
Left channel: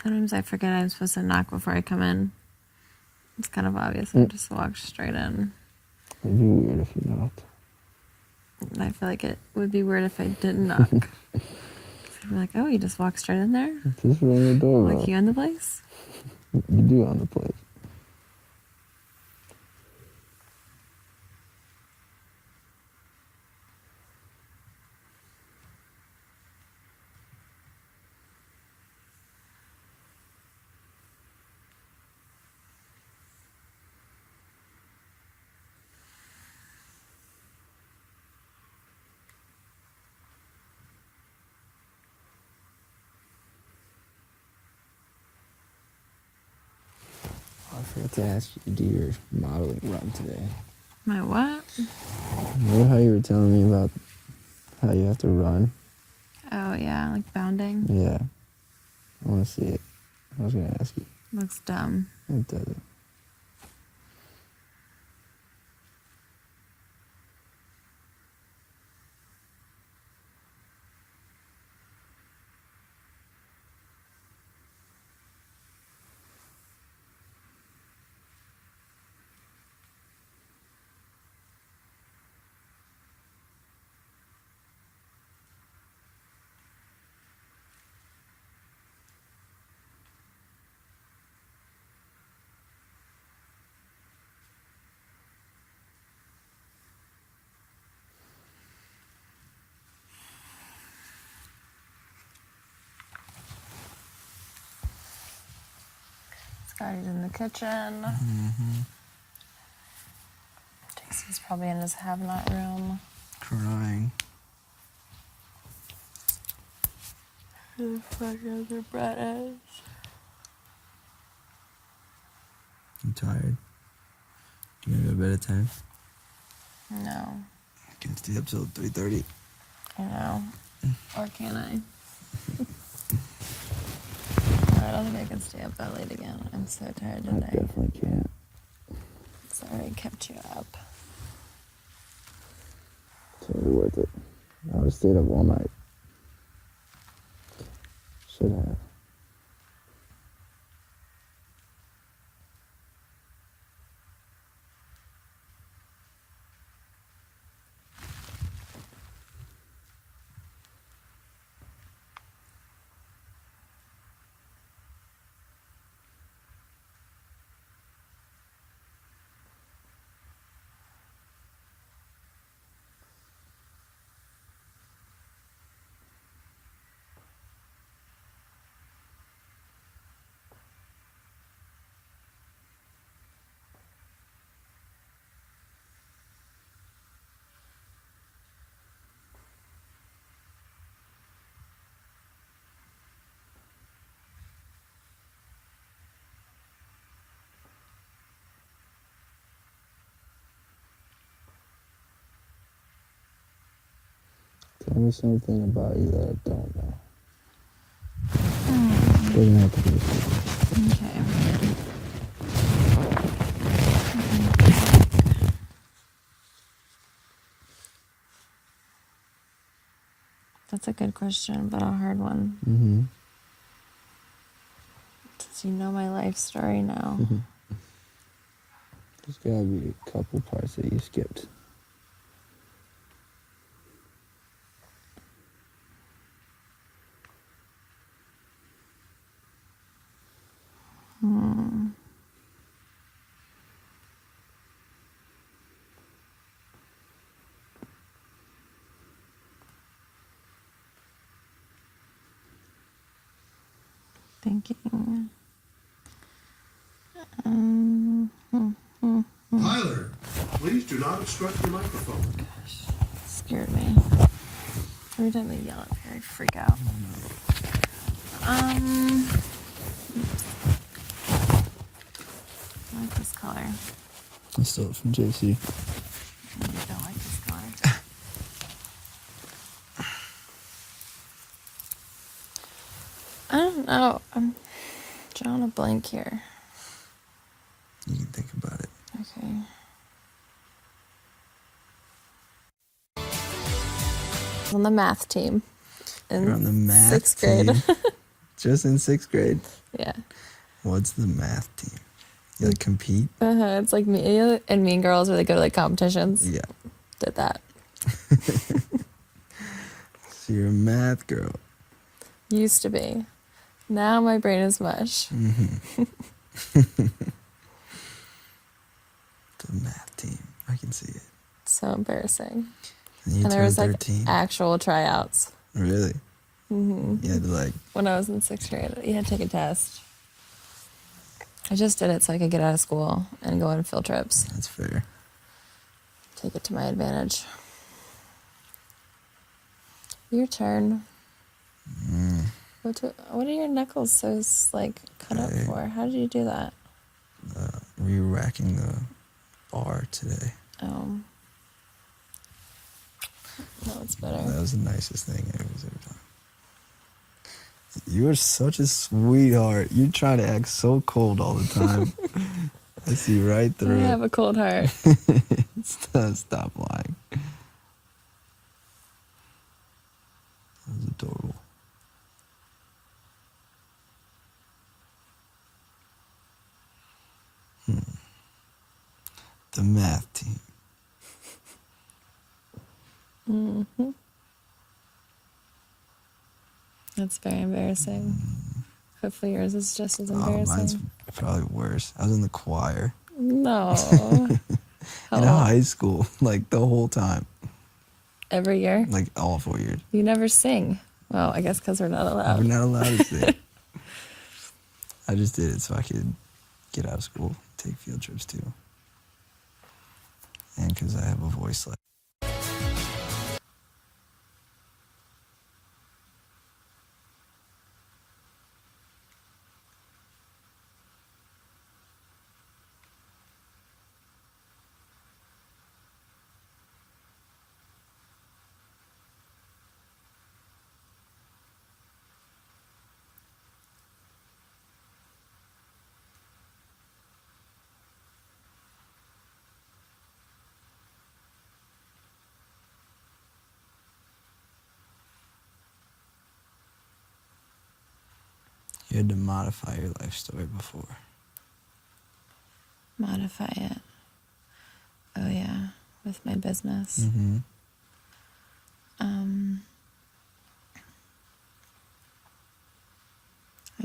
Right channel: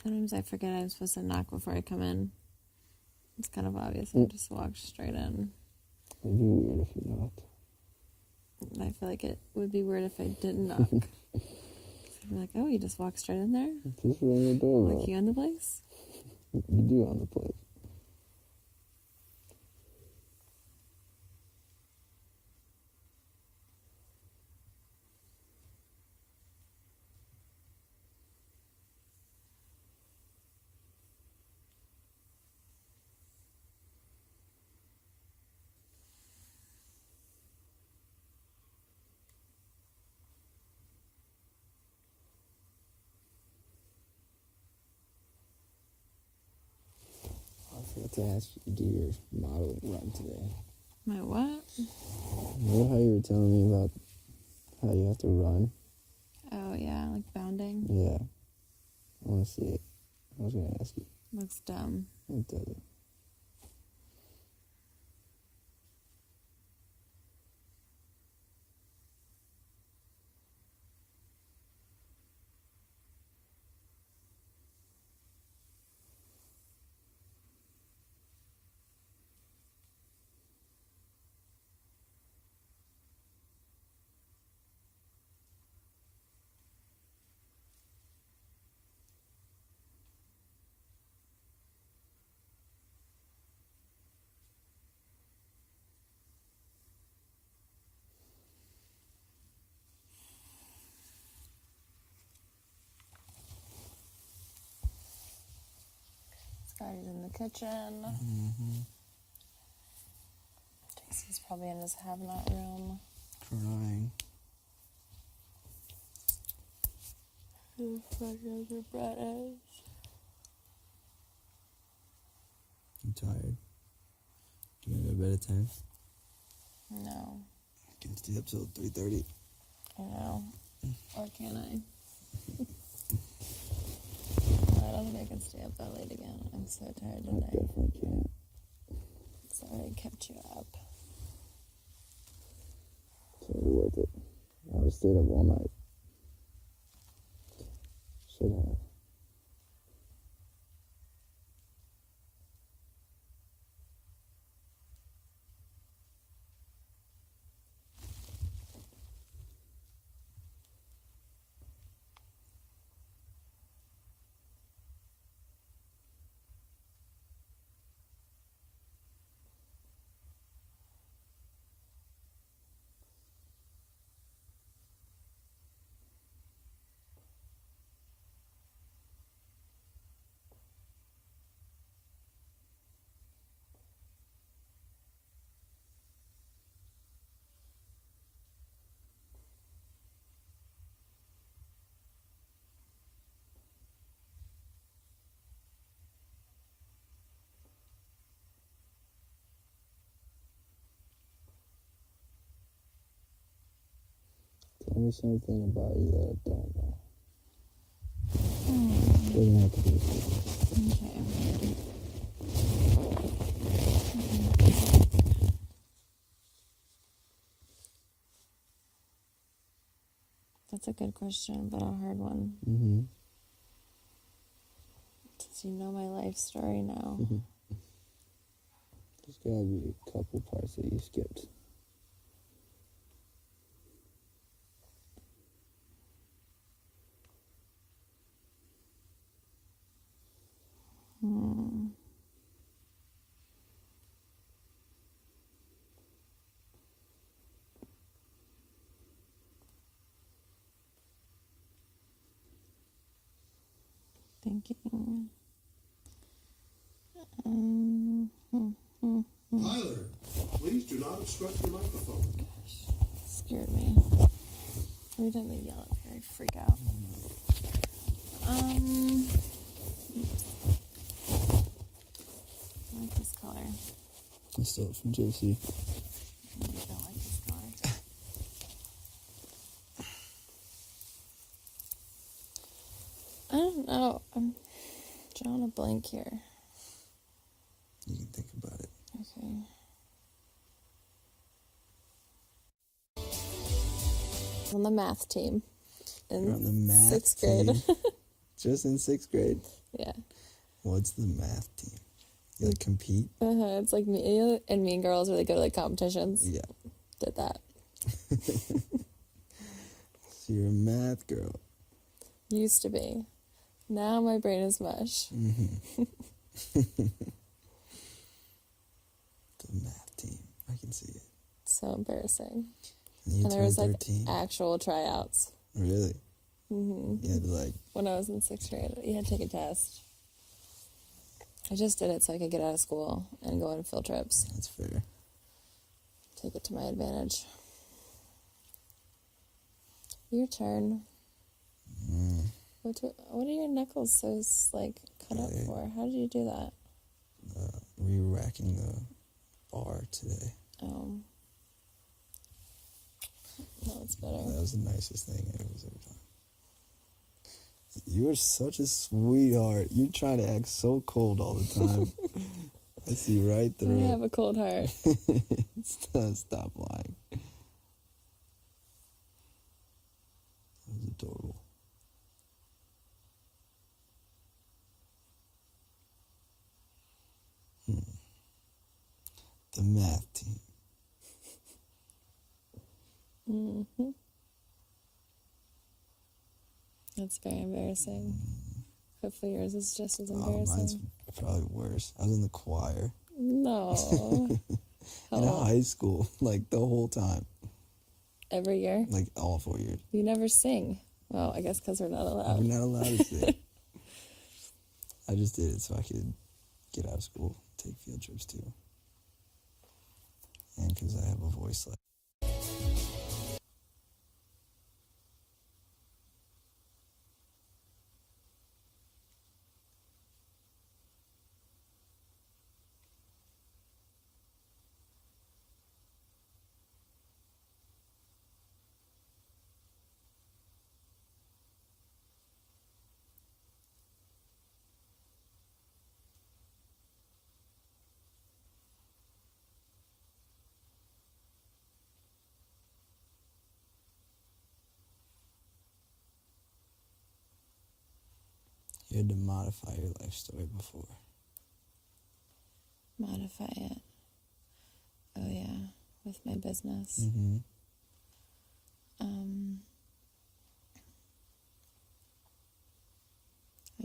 Sometimes I forget I'm supposed to knock before I come in. It's kind of obvious. I just walk straight in. It'd be weird if you knocked. I feel like it would be weird if I didn't knock. I'd be like, oh, you just walk straight in there? Just ring the doorbell. Like you own the place? You do own the place. I forgot to ask you to do your modeling run today. My what? Remember how you were telling me about how you have to run? Oh, yeah, like bounding. Yeah. I want to see it. I was going to ask you. Looks dumb. It doesn't. Scotty's in the kitchen. Jason's probably in his have-not room. Crying. Who the fuck is their Brett is? You tired? You gonna go to bed at 10? No, I can stay up till 3:30. I know. Or can I? I don't think I can stay up that late again. I'm so tired I today. definitely can't. Sorry I kept you up. Totally worth it. I would have stayed up all night. Should have. Tell me something about you that I don't know. Doesn't have to be. Okay. That's a good question, but a hard one. Mm-hmm. Does you know my life story now? There's gotta be a couple parts that you skipped. thinking. Tyler, please do not obstruct the microphone. Scared me. Every time they yell at me, I freak out. I like this color. I stole it from JC. I don't like this color. I don't know. I'm drawing a blank here. You can think about it. Okay. I was on the math team in You're on the math 6th grade. team. Just in 6th grade. Yeah. What's the math team? You like compete? It's like me and Mean Girls where they go to like competitions. Yeah. Did that. So you're a math girl. Used to be. Now my brain is mush. Mm-hmm. The math team. I can see it. So embarrassing. And you And there was turned like 13. actual tryouts. Really? hmm You had to like, When I was in 6th grade, you had to take a test. I just did it so I could get out of school and go on field trips. that's fair. Take it to my advantage. Your turn. Mm, What are your knuckles so like cut up Hey. for? How did you do that? re-racking the bar today. Oh. No, it's better. That was the nicest thing anyone's ever done. You are such a sweetheart. You try to act so cold all the time. I see right I through have a cold heart. it. Stop lying. That was adorable. The math team. hmm That's very embarrassing. Hopefully yours is just as Oh, embarrassing. mine's probably worse. I was in the choir No. in high school, like the whole time, Every year? like all 4 years. You never sing. Well, I guess because we're not We're allowed. not allowed to sing. I just did it so I could get out of school, take field trips too, and because I have a voice like. You had to modify your life story before. Modify it. Oh, yeah. With my business. Mm-hmm.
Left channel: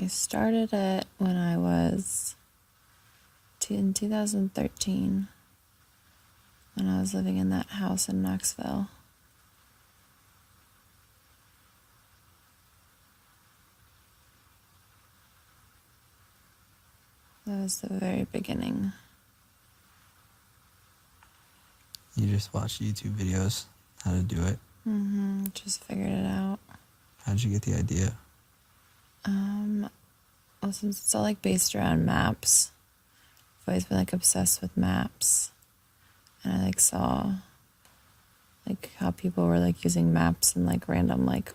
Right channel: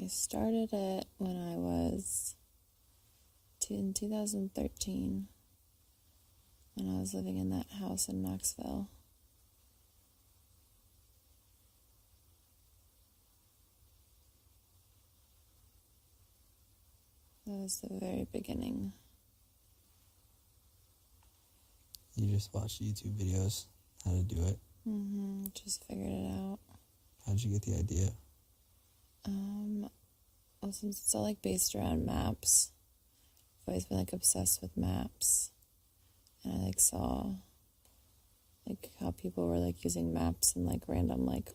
I started it when I was in 2013 when I was living in that house in Knoxville. That was the very beginning. You just watch YouTube videos, how to do it. Just figured it out. How'd you get the idea? Well, since it's all like based around maps, I've always been like obsessed with maps. And I like saw like how people were like using maps and like random like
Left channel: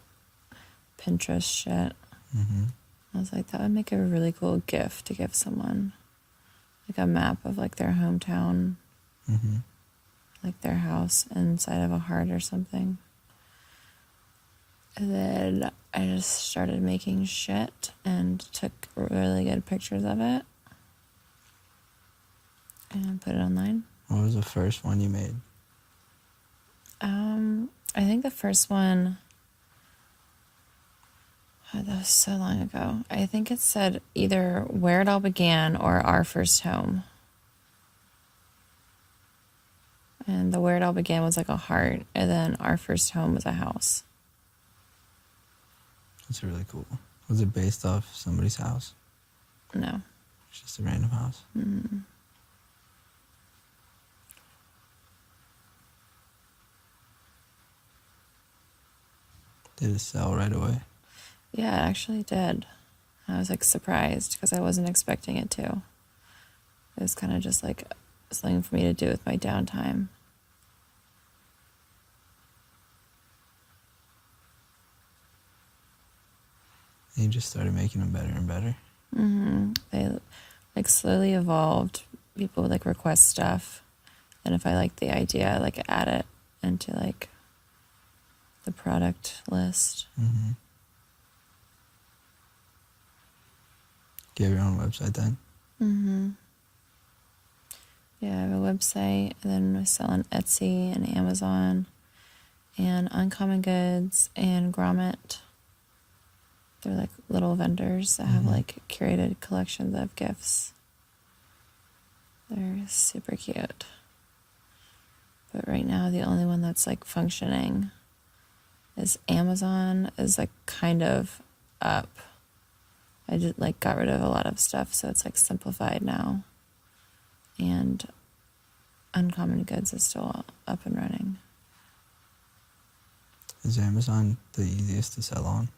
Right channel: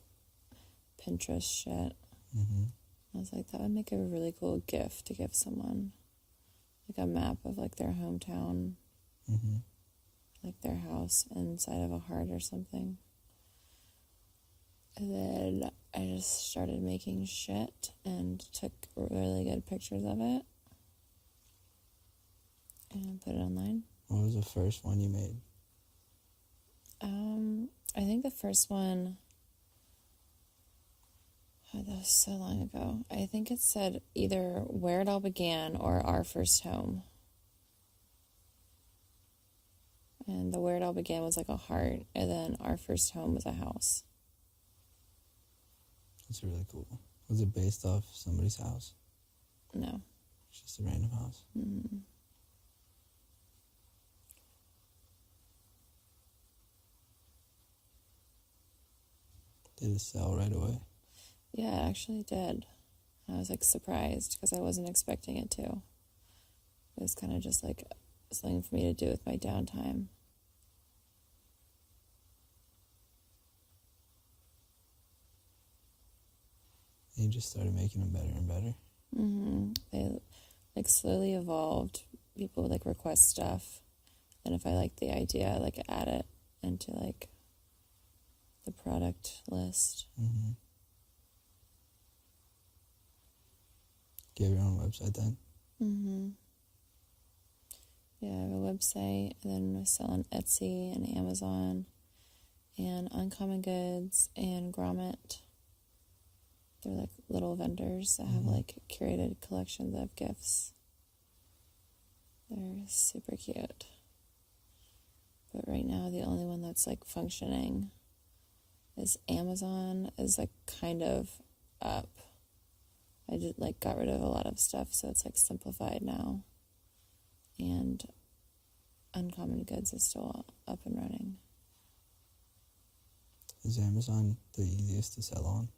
Pinterest shit. Mm-hmm. I was like, that would make a really cool gift to give someone. Like a map of like their hometown, Mm-hmm. like their house inside of a heart or something. And then I just started making shit and took really good pictures of it and put it online. What was the first one you made? I think the first one, oh, that was so long ago. I think it said either Where It All Began or Our First Home. And the Where It All Began was like a heart, and then Our First Home was a house. That's really cool. Was it based off somebody's house? No. It's just a random house. Mm. Did it sell right away? Yeah, it actually did. I was like surprised because I wasn't expecting it to. It was kind of just like something for me to do with my downtime. And you just started making them better and better. They like slowly evolved. People would like request stuff, and if I like the idea, I like add it into like the product list. Mm-hmm. Do you have your own website then? Mm-hmm. Yeah, I have a website, and then I sell on Etsy and Amazon, and Uncommon Goods and Grommet. They're like little vendors that have like curated collections of gifts. They're super cute. But right now, the only one that's like functioning is Amazon is like kind of up. I just like got rid of a lot of stuff, so it's like simplified now. And Uncommon Goods is still up and running. Is Amazon the easiest to sell on?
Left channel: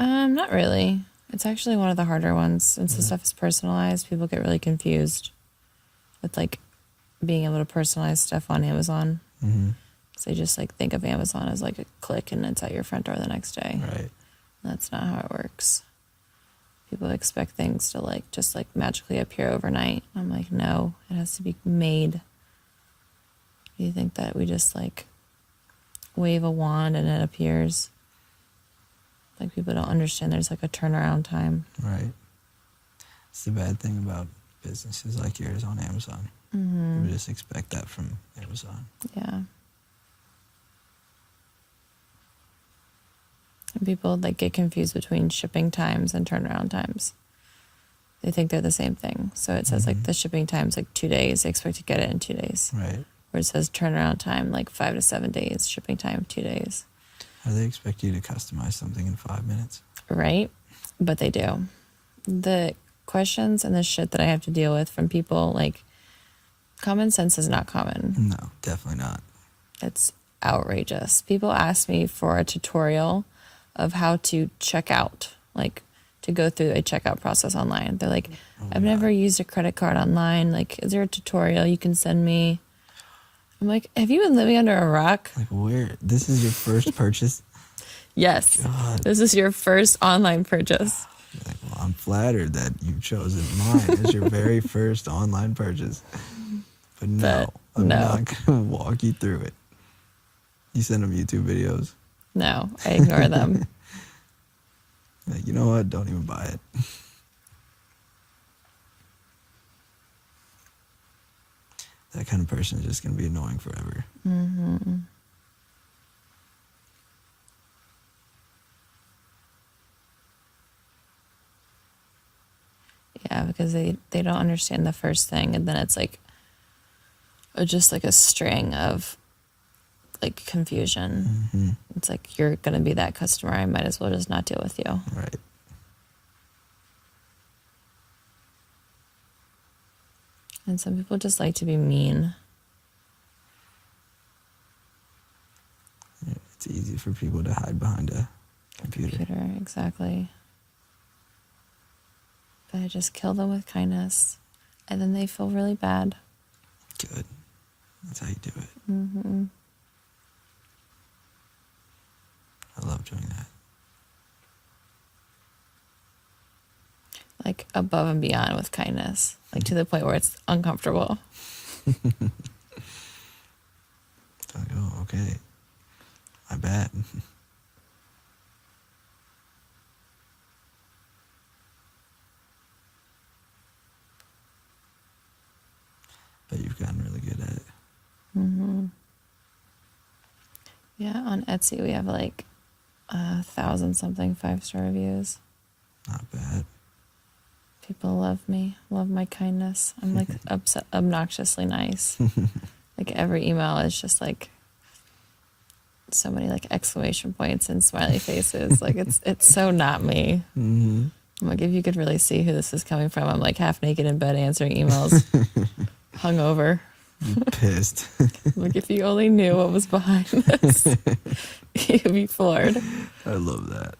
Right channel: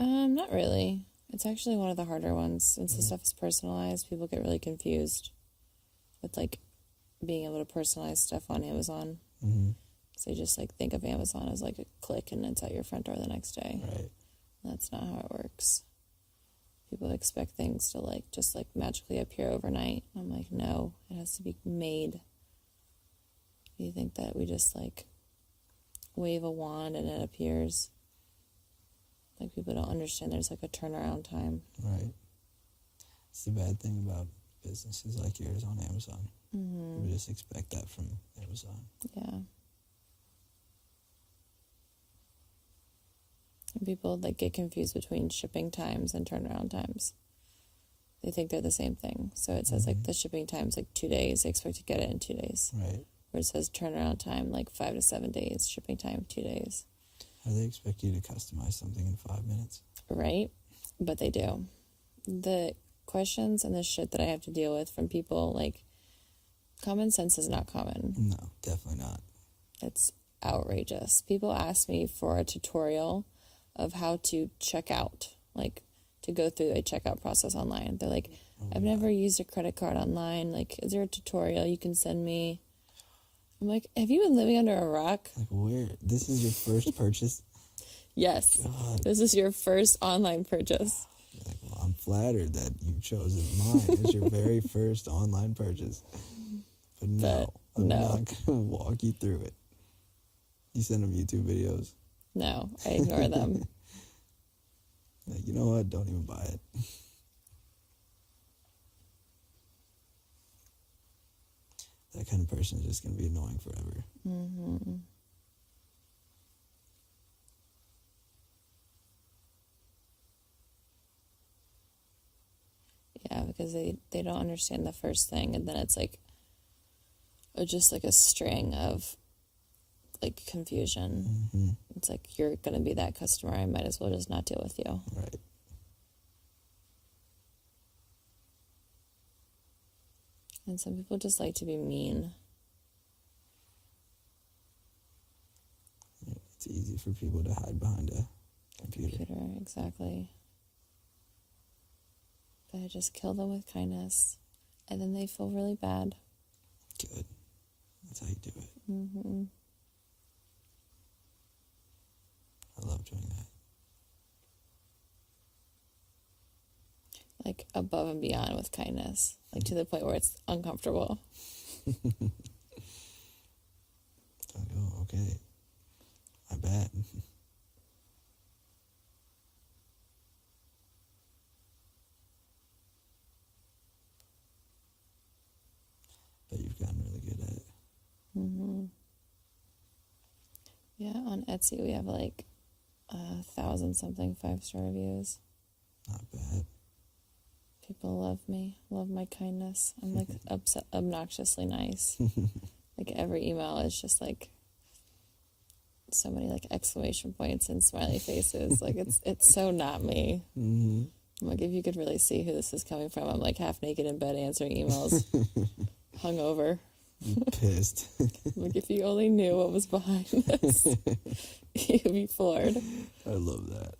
Not really. It's actually one of the harder ones since the stuff is personalized. People get really confused with like being able to personalize stuff on Amazon. Mm-hmm. So they just like think of Amazon as like a click and it's at your front door the next day. Right. That's not how it works. People expect things to like just like magically appear overnight. I'm like, no, it has to be made. You think that we just like wave a wand and it appears? Like people don't understand there's like a turnaround time. Right. It's the bad thing about businesses like yours on Amazon. Mm-hmm. You just expect that from Amazon. Yeah. And people like get confused between shipping times and turnaround times. They think they're the same thing. So it says like the shipping time's like 2 days. They expect to get it in 2 days. Right. Where it says turnaround time like 5 to 7 days. Shipping time 2 days. How do they expect you to customize something in 5 minutes? Right? But they do. The questions and the shit that I have to deal with from people, like, common sense is not common. No, definitely not. It's outrageous. People ask me for a tutorial of how to check out, like, to go through a checkout process online. They're like, I've never used a credit card online. Like, is there a tutorial you can send me? I'm like, have you been living under a rock? Like, where? This is your first purchase? Yes. God. This is your first online purchase. Like, well, I'm flattered that you've chosen mine as your very first online purchase. But no, I'm not going to walk you through it. You send them YouTube videos. No, I ignore them. Like, you know what? Don't even buy it. That kind of person is just going to be annoying forever. Mm-hmm. Yeah, because they don't understand the first thing, and then it's like just like a string of like confusion. Mm-hmm. It's like, you're going to be that customer. I might as well just not deal with you. Right. And some people just like to be mean. It's easy for people to hide behind a computer. Exactly. But I just kill them with kindness, and then they feel really bad. Good. That's how you do it. Mm-hmm. I love doing that. Like above and beyond with kindness, like to the point where it's uncomfortable. Like, oh, okay. My bad. But you've gotten really good at it. Mm-hmm. Yeah, on Etsy we have like 1,000-something 5-star reviews. Not bad. People love me, love my kindness. I'm like obnoxiously nice. Like every email is just like so many like exclamation points and smiley faces. Like it's so not me. Mm-hmm. I'm like, if you could really see who this is coming from, I'm like half naked in bed answering emails, hungover. Pissed. Like if you only knew what was behind this, you'd be floored. I love that.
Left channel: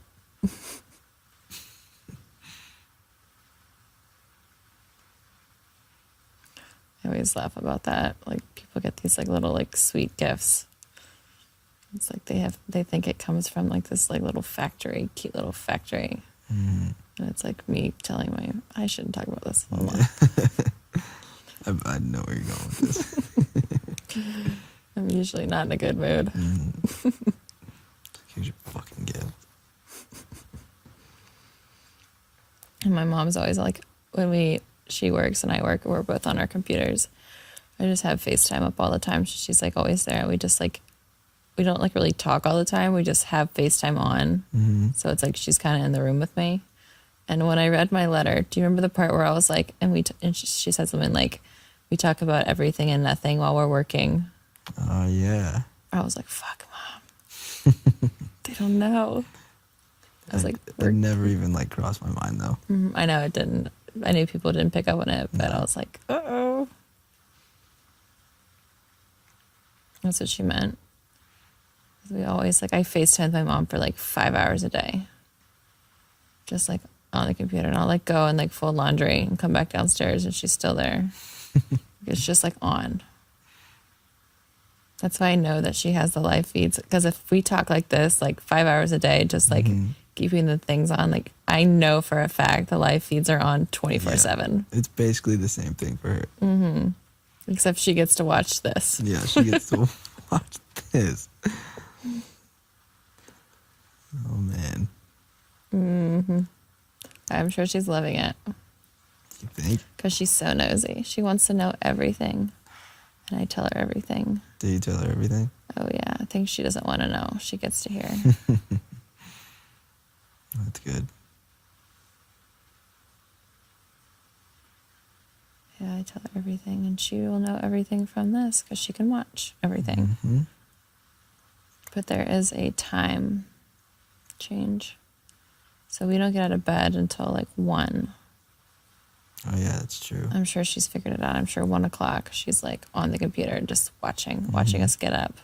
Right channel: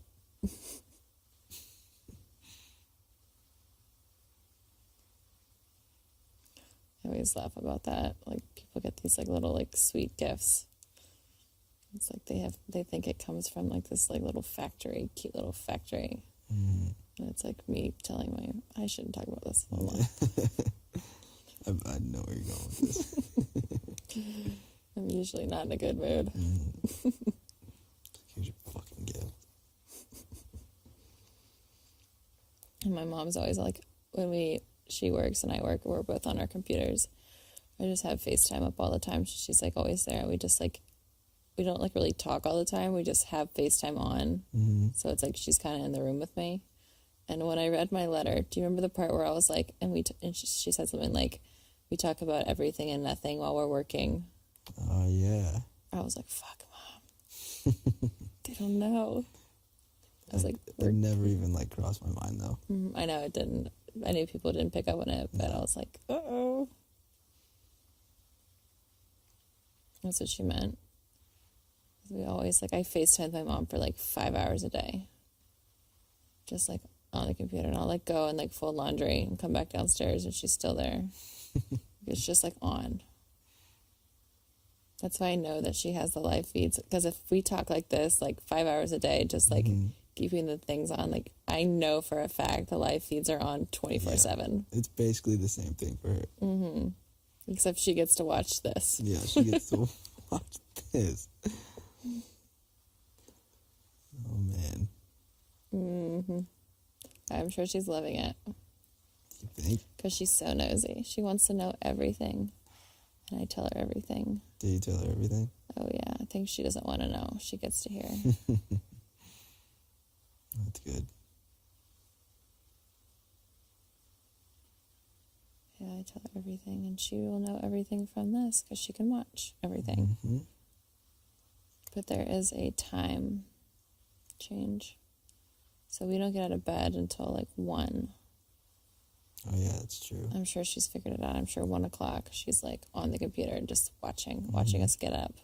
I always laugh about that. Like people get these like little like sweet gifts. It's like they think it comes from like this like little factory, cute little factory. Mm. And it's like me telling I shouldn't talk about this. Hold on. I know where you're going with this. I'm usually not in a good mood. Mm. Here's your fucking gift. And my mom's always like, when she works and I work, we're both on our computers. I just have FaceTime up all the time. She's like always there. We just like, we don't like really talk all the time. We just have FaceTime on. Mm-hmm. So it's like she's kind of in the room with me. And when I read my letter, do you remember the part where I was like, and she said something like, we talk about everything and nothing while we're working. Oh, yeah. I was like, fuck, Mom. They don't know. I was like, it never even like crossed my mind though. I know it didn't. I knew people didn't pick up on it, but I was like, uh-oh. That's what she meant. We always, like, I FaceTime my mom for like 5 hours a day. Just like on the computer. And I'll like go and like fold laundry and come back downstairs and she's still there. It's just like on. That's why I know that she has the live feeds. Because if we talk like this, like 5 hours a day, just like keeping the things on, like I know for a fact the live feeds are on 24/7. It's basically the same thing for her. Mm-hmm. Except she gets to watch this. Yeah, she gets to watch this. Oh, man. Mm-hmm. I'm sure she's loving it. You think? Because she's so nosy. She wants to know everything. And I tell her everything. Do you tell her everything? Oh, yeah. Things she doesn't want to know. She gets to hear. That's good. Yeah, I tell her everything. And she will know everything from this because she can watch everything. Mm-hmm. But there is a time change. So we don't get out of bed until like 1. Oh, yeah, that's true. I'm sure she's figured it out. I'm sure 1 o'clock she's like on the computer just watching us get up.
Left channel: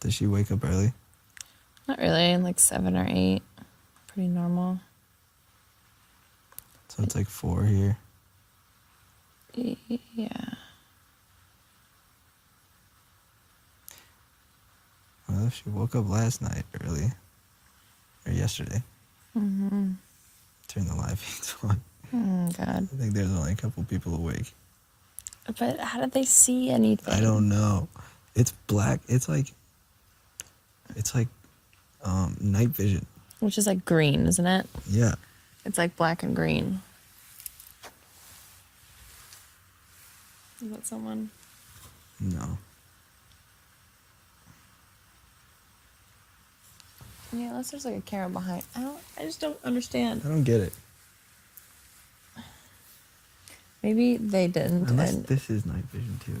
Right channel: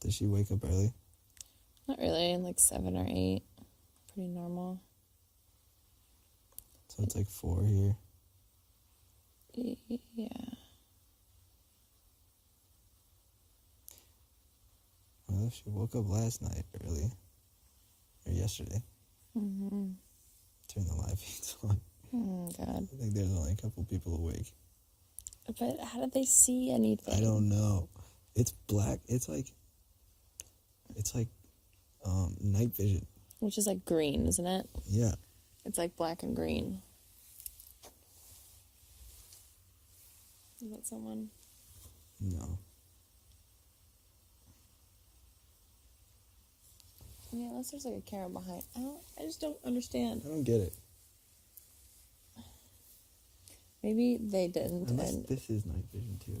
Does she wake up early? Not really, like 7 or 8. Pretty normal. So it's like 4 here. Yeah. Well, she woke up last night early. Or yesterday. Mm-hmm. Turn the live feeds on. Oh, God. I think there's only a couple people awake. But how did they see anything? I don't know. It's black. It's like night vision. Which is like green, isn't it? Yeah. It's like black and green. Is that someone? No. Yeah, unless there's like a camera behind. I just don't understand. I don't get it. Maybe they didn't. Unless this is night vision too.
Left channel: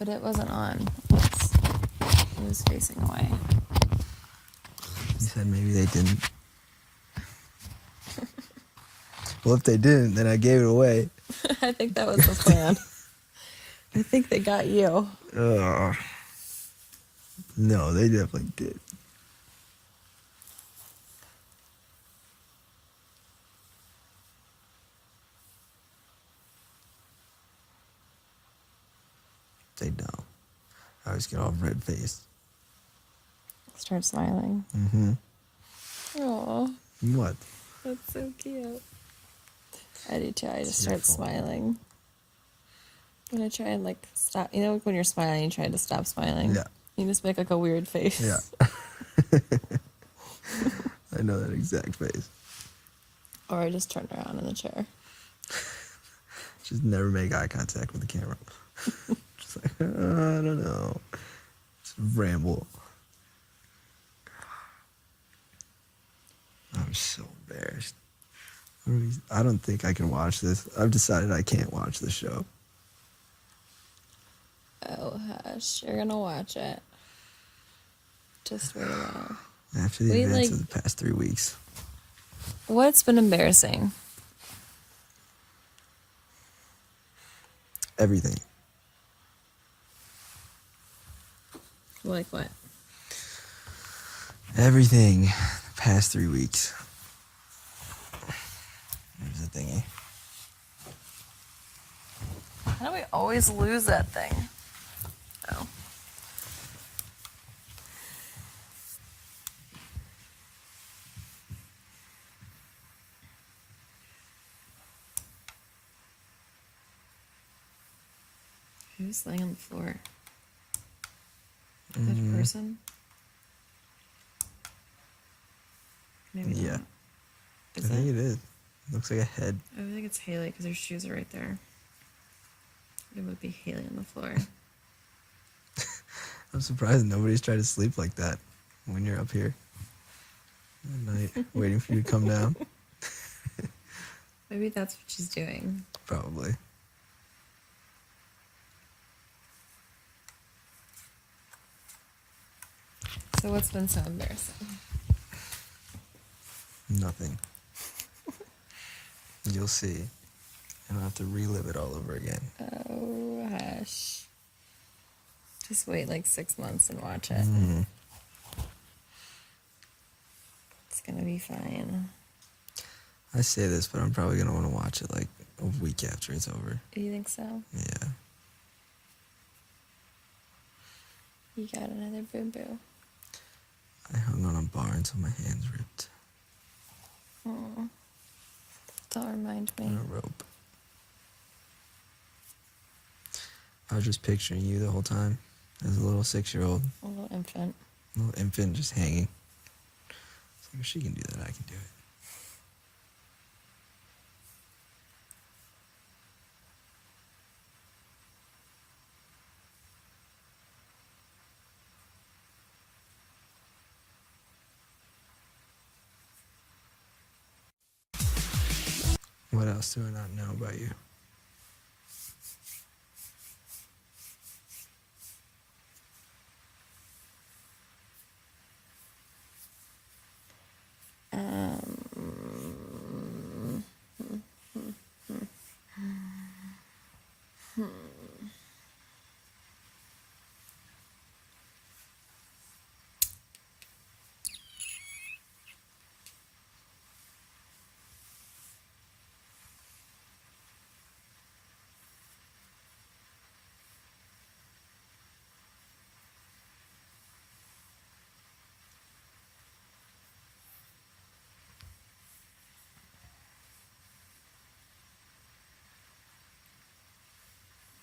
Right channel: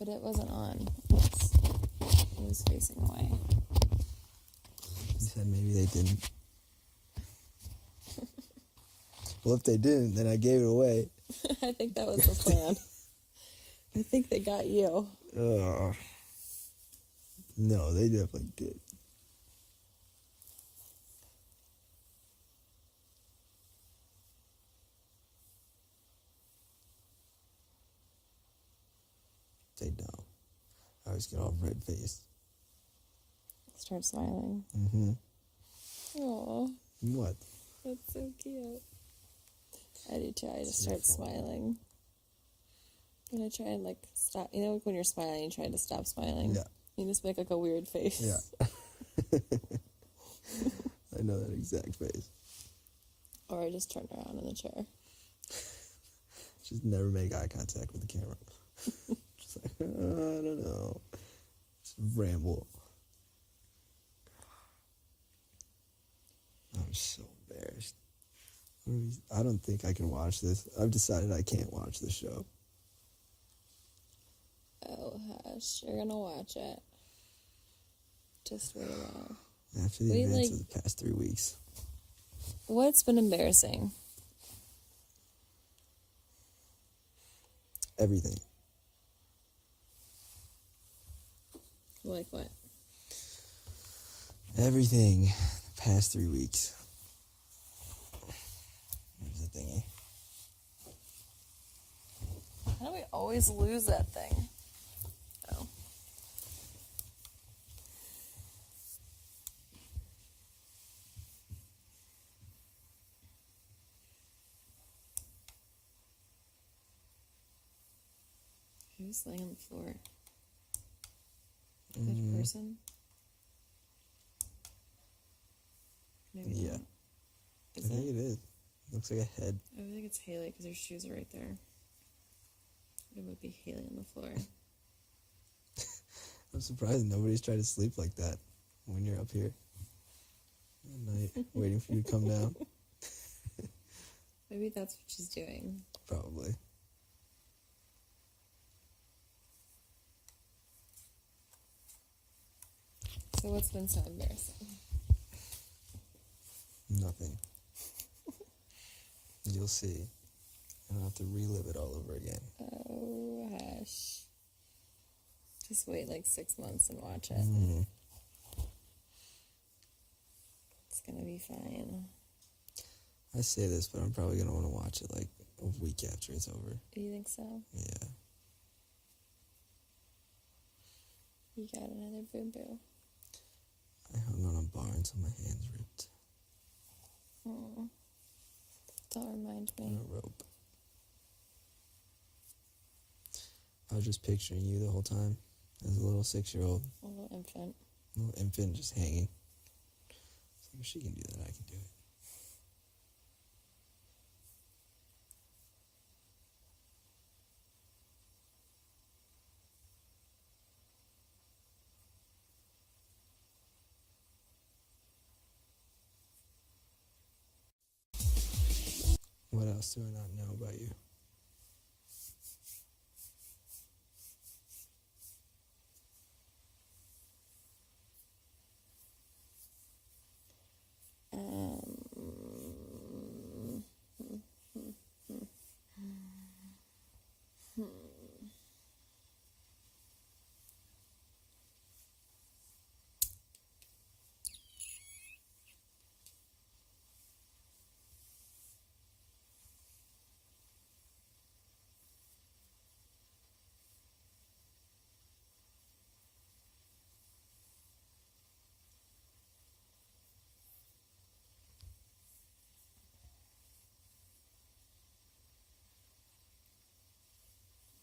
But it wasn't on. It was facing away. You said maybe they didn't. Well, if they didn't, then I gave it away. I think that was the plan. I think they got you. No, they definitely did. They don't. I always get all red faced. Start smiling. Mm-hmm. Aw, What? that's so cute. I do too. I just start smiling. And I try and like stop. You know, like when you're smiling, you try to stop smiling. Yeah. You just make like a weird face. Yeah. I know that exact face. Or I just turn around in the chair. Just never make eye contact with the camera. Just like, I don't know. Just ramble. I'm so embarrassed. I don't think I can watch this. I've decided I can't watch this show. Oh, hush. You're gonna watch it. Just wait a while. After the Wait, events like- of the past 3 weeks. What's been embarrassing? Everything. Like what? Everything. The past 3 weeks. There's the thingy. How do we always lose that thing? Oh. Who's laying on the floor? Is that a person? Maybe Yeah. not. I Is think it? it is. Looks like a head. I think it's Haley because her shoes are right there. It would be Haley on the floor. I'm surprised nobody's tried to sleep like that when you're up here at night, waiting for you to come down. Maybe that's what she's doing. Probably. So what's been so embarrassing? Nothing. You'll see. I don't have to relive it all over again. Oh, hush. Just wait like 6 months and watch it. Mm. It's gonna be fine. I say this, but I'm probably gonna want to watch it like a week after it's over. Do you think so? Yeah. You got another boo-boo. I hung on a bar until my hands ripped. Oh. Don't remind me. On a rope. I was just picturing you the whole time as a little 6-year-old, A little infant. little infant just hanging. It's like, if she can do that, I can do it. What else do I not know about you?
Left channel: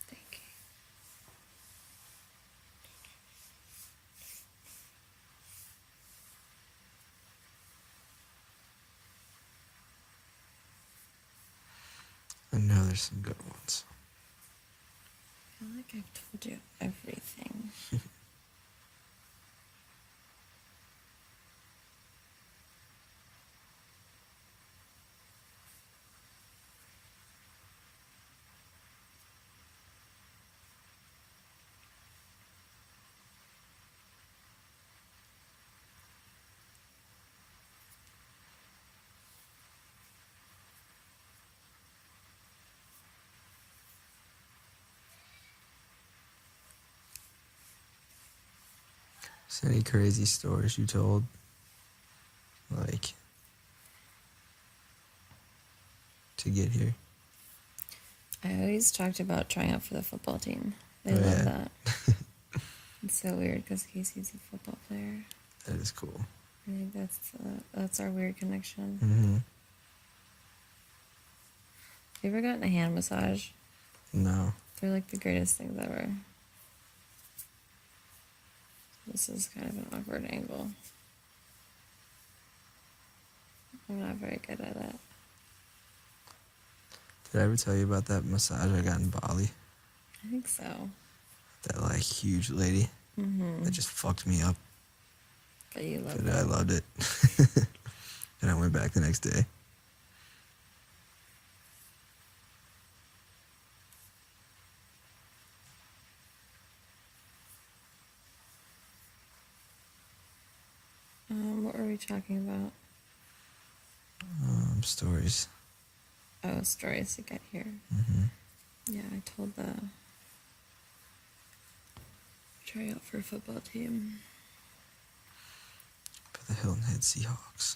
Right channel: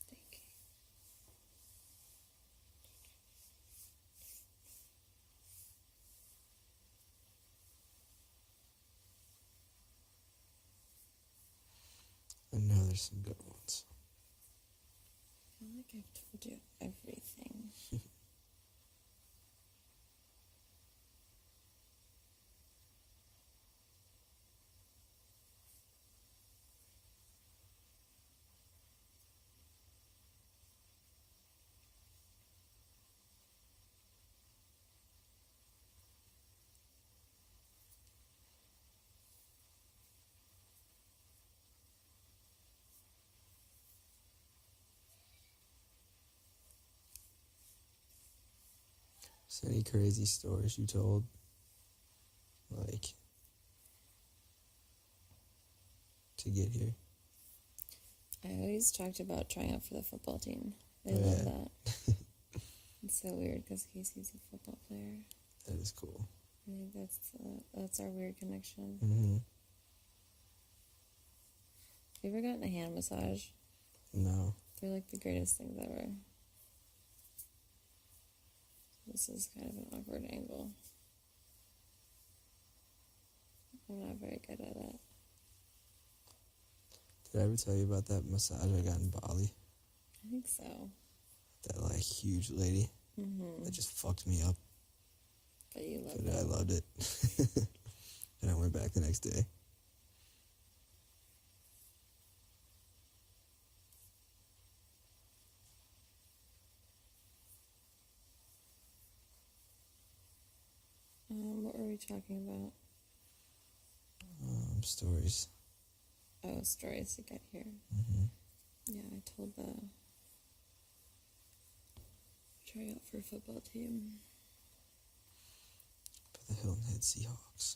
Thank you. I know there's some good ones. I feel like I've told you everything. Is there any crazy stories you told? Like, to get here? I always talked about trying out for the football team. They Oh, love yeah. that. It's so weird because Casey's a football player. That is cool. I think that's our weird connection. Mm-hmm. Have you ever gotten a hand massage? No. They're like the greatest things ever. This is kind of an awkward angle. I'm not very good at it. Did I ever tell you about that massage I got in Bali? I think so. That like huge lady Mm-hmm. that just fucked me up. But you love But I it. loved it. And I went back the next day. you talking about? Stories. Oh, stories to get here. Yeah, I told the tryout for a football team. For the Hilton Head Seahawks.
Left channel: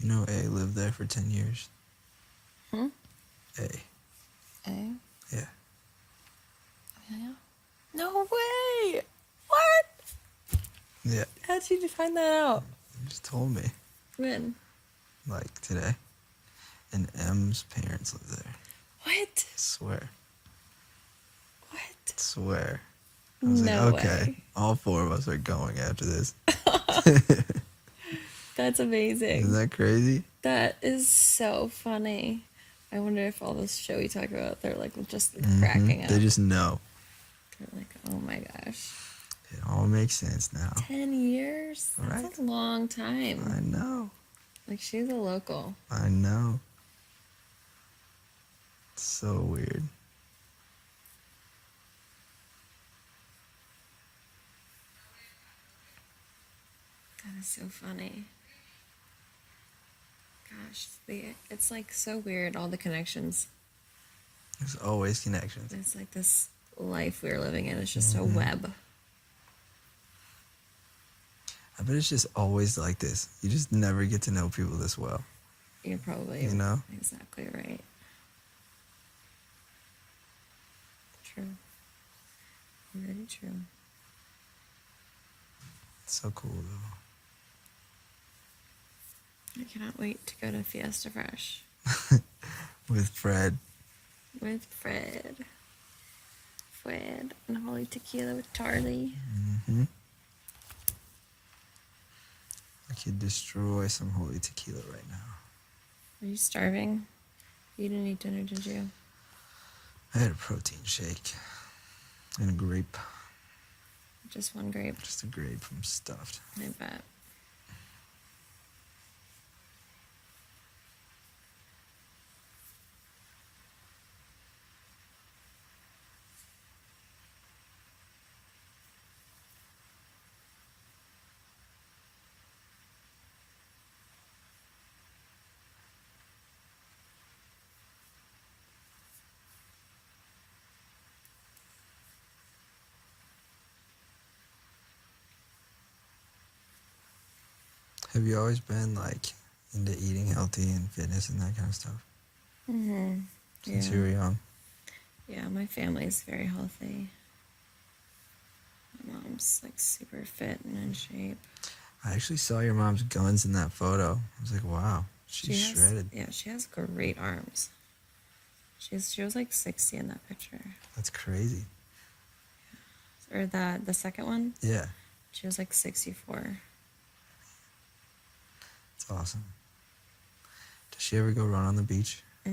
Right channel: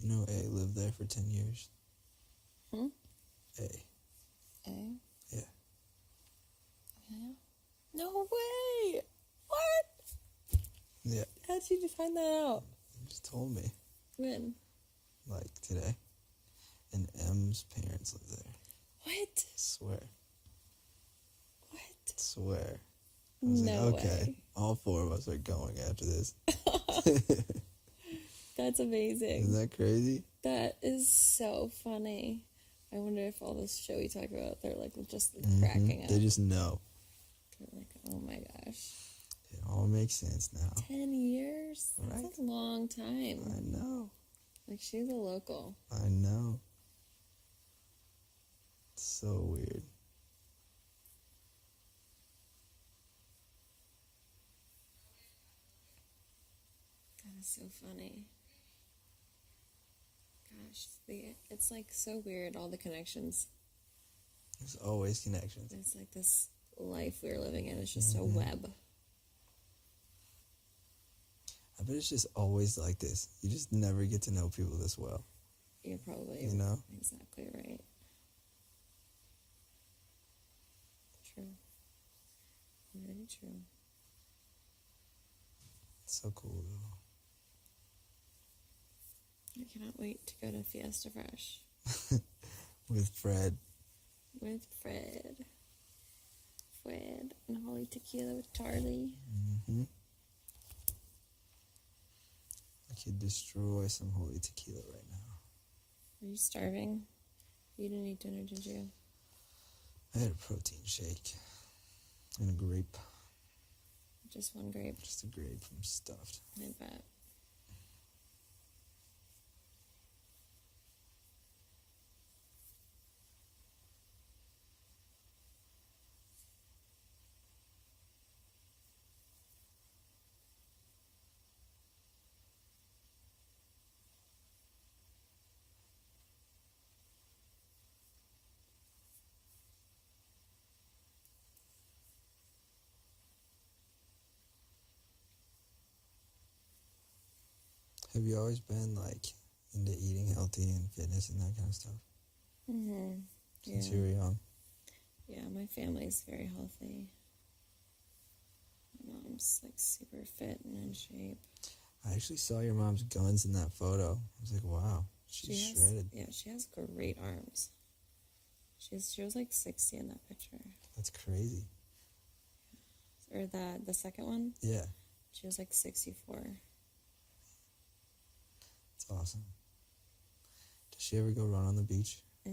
You know, A lived there for 10 years. Hmm? A. A? Yeah. Yeah. No way! What? Yeah. How'd you find that out? You just told me. When? Like today. And M's parents live there. What? Swear. What? Swear. I was No like, okay. way. All 4 of us are going after this. That's amazing. Isn't that crazy? That is so funny. I wonder if all this show we talk about, they're like just Mhm. cracking up. They just know. They're like, oh my gosh. It all makes sense now. 10 years? That's Right. a long time. I know. Like, she's a local. I know. It's so weird. That is so funny. Gosh, it's like so weird, all the connections. There's always connections. It's like this life we're living in. It's just a web. I bet it's just always like this. You just never get to know people this well. You're probably You know? exactly right. True. Very true. It's so cool though. I cannot wait to go to Fiesta Fresh With Fred. with Fred. And Holy Tequila with Tarly. Mm-hmm. I could destroy some holy tequila right now. Are you starving? You didn't eat dinner, did you? I had a protein shake and a grape. Just one grape. Just a grape from Stuffed. I bet. Have you always been like into eating healthy and fitness and that kind of stuff? Mm-hmm. Since you were young? Yeah, my family's very healthy. My mom's like super fit and in shape. I actually saw your mom's guns in that photo. I was like, wow, she's shredded. Yeah, she has great arms. She was like 60 in that picture. That's crazy. Or the second one, Yeah, she was like 64. it's awesome. Does she ever go run on the beach? No.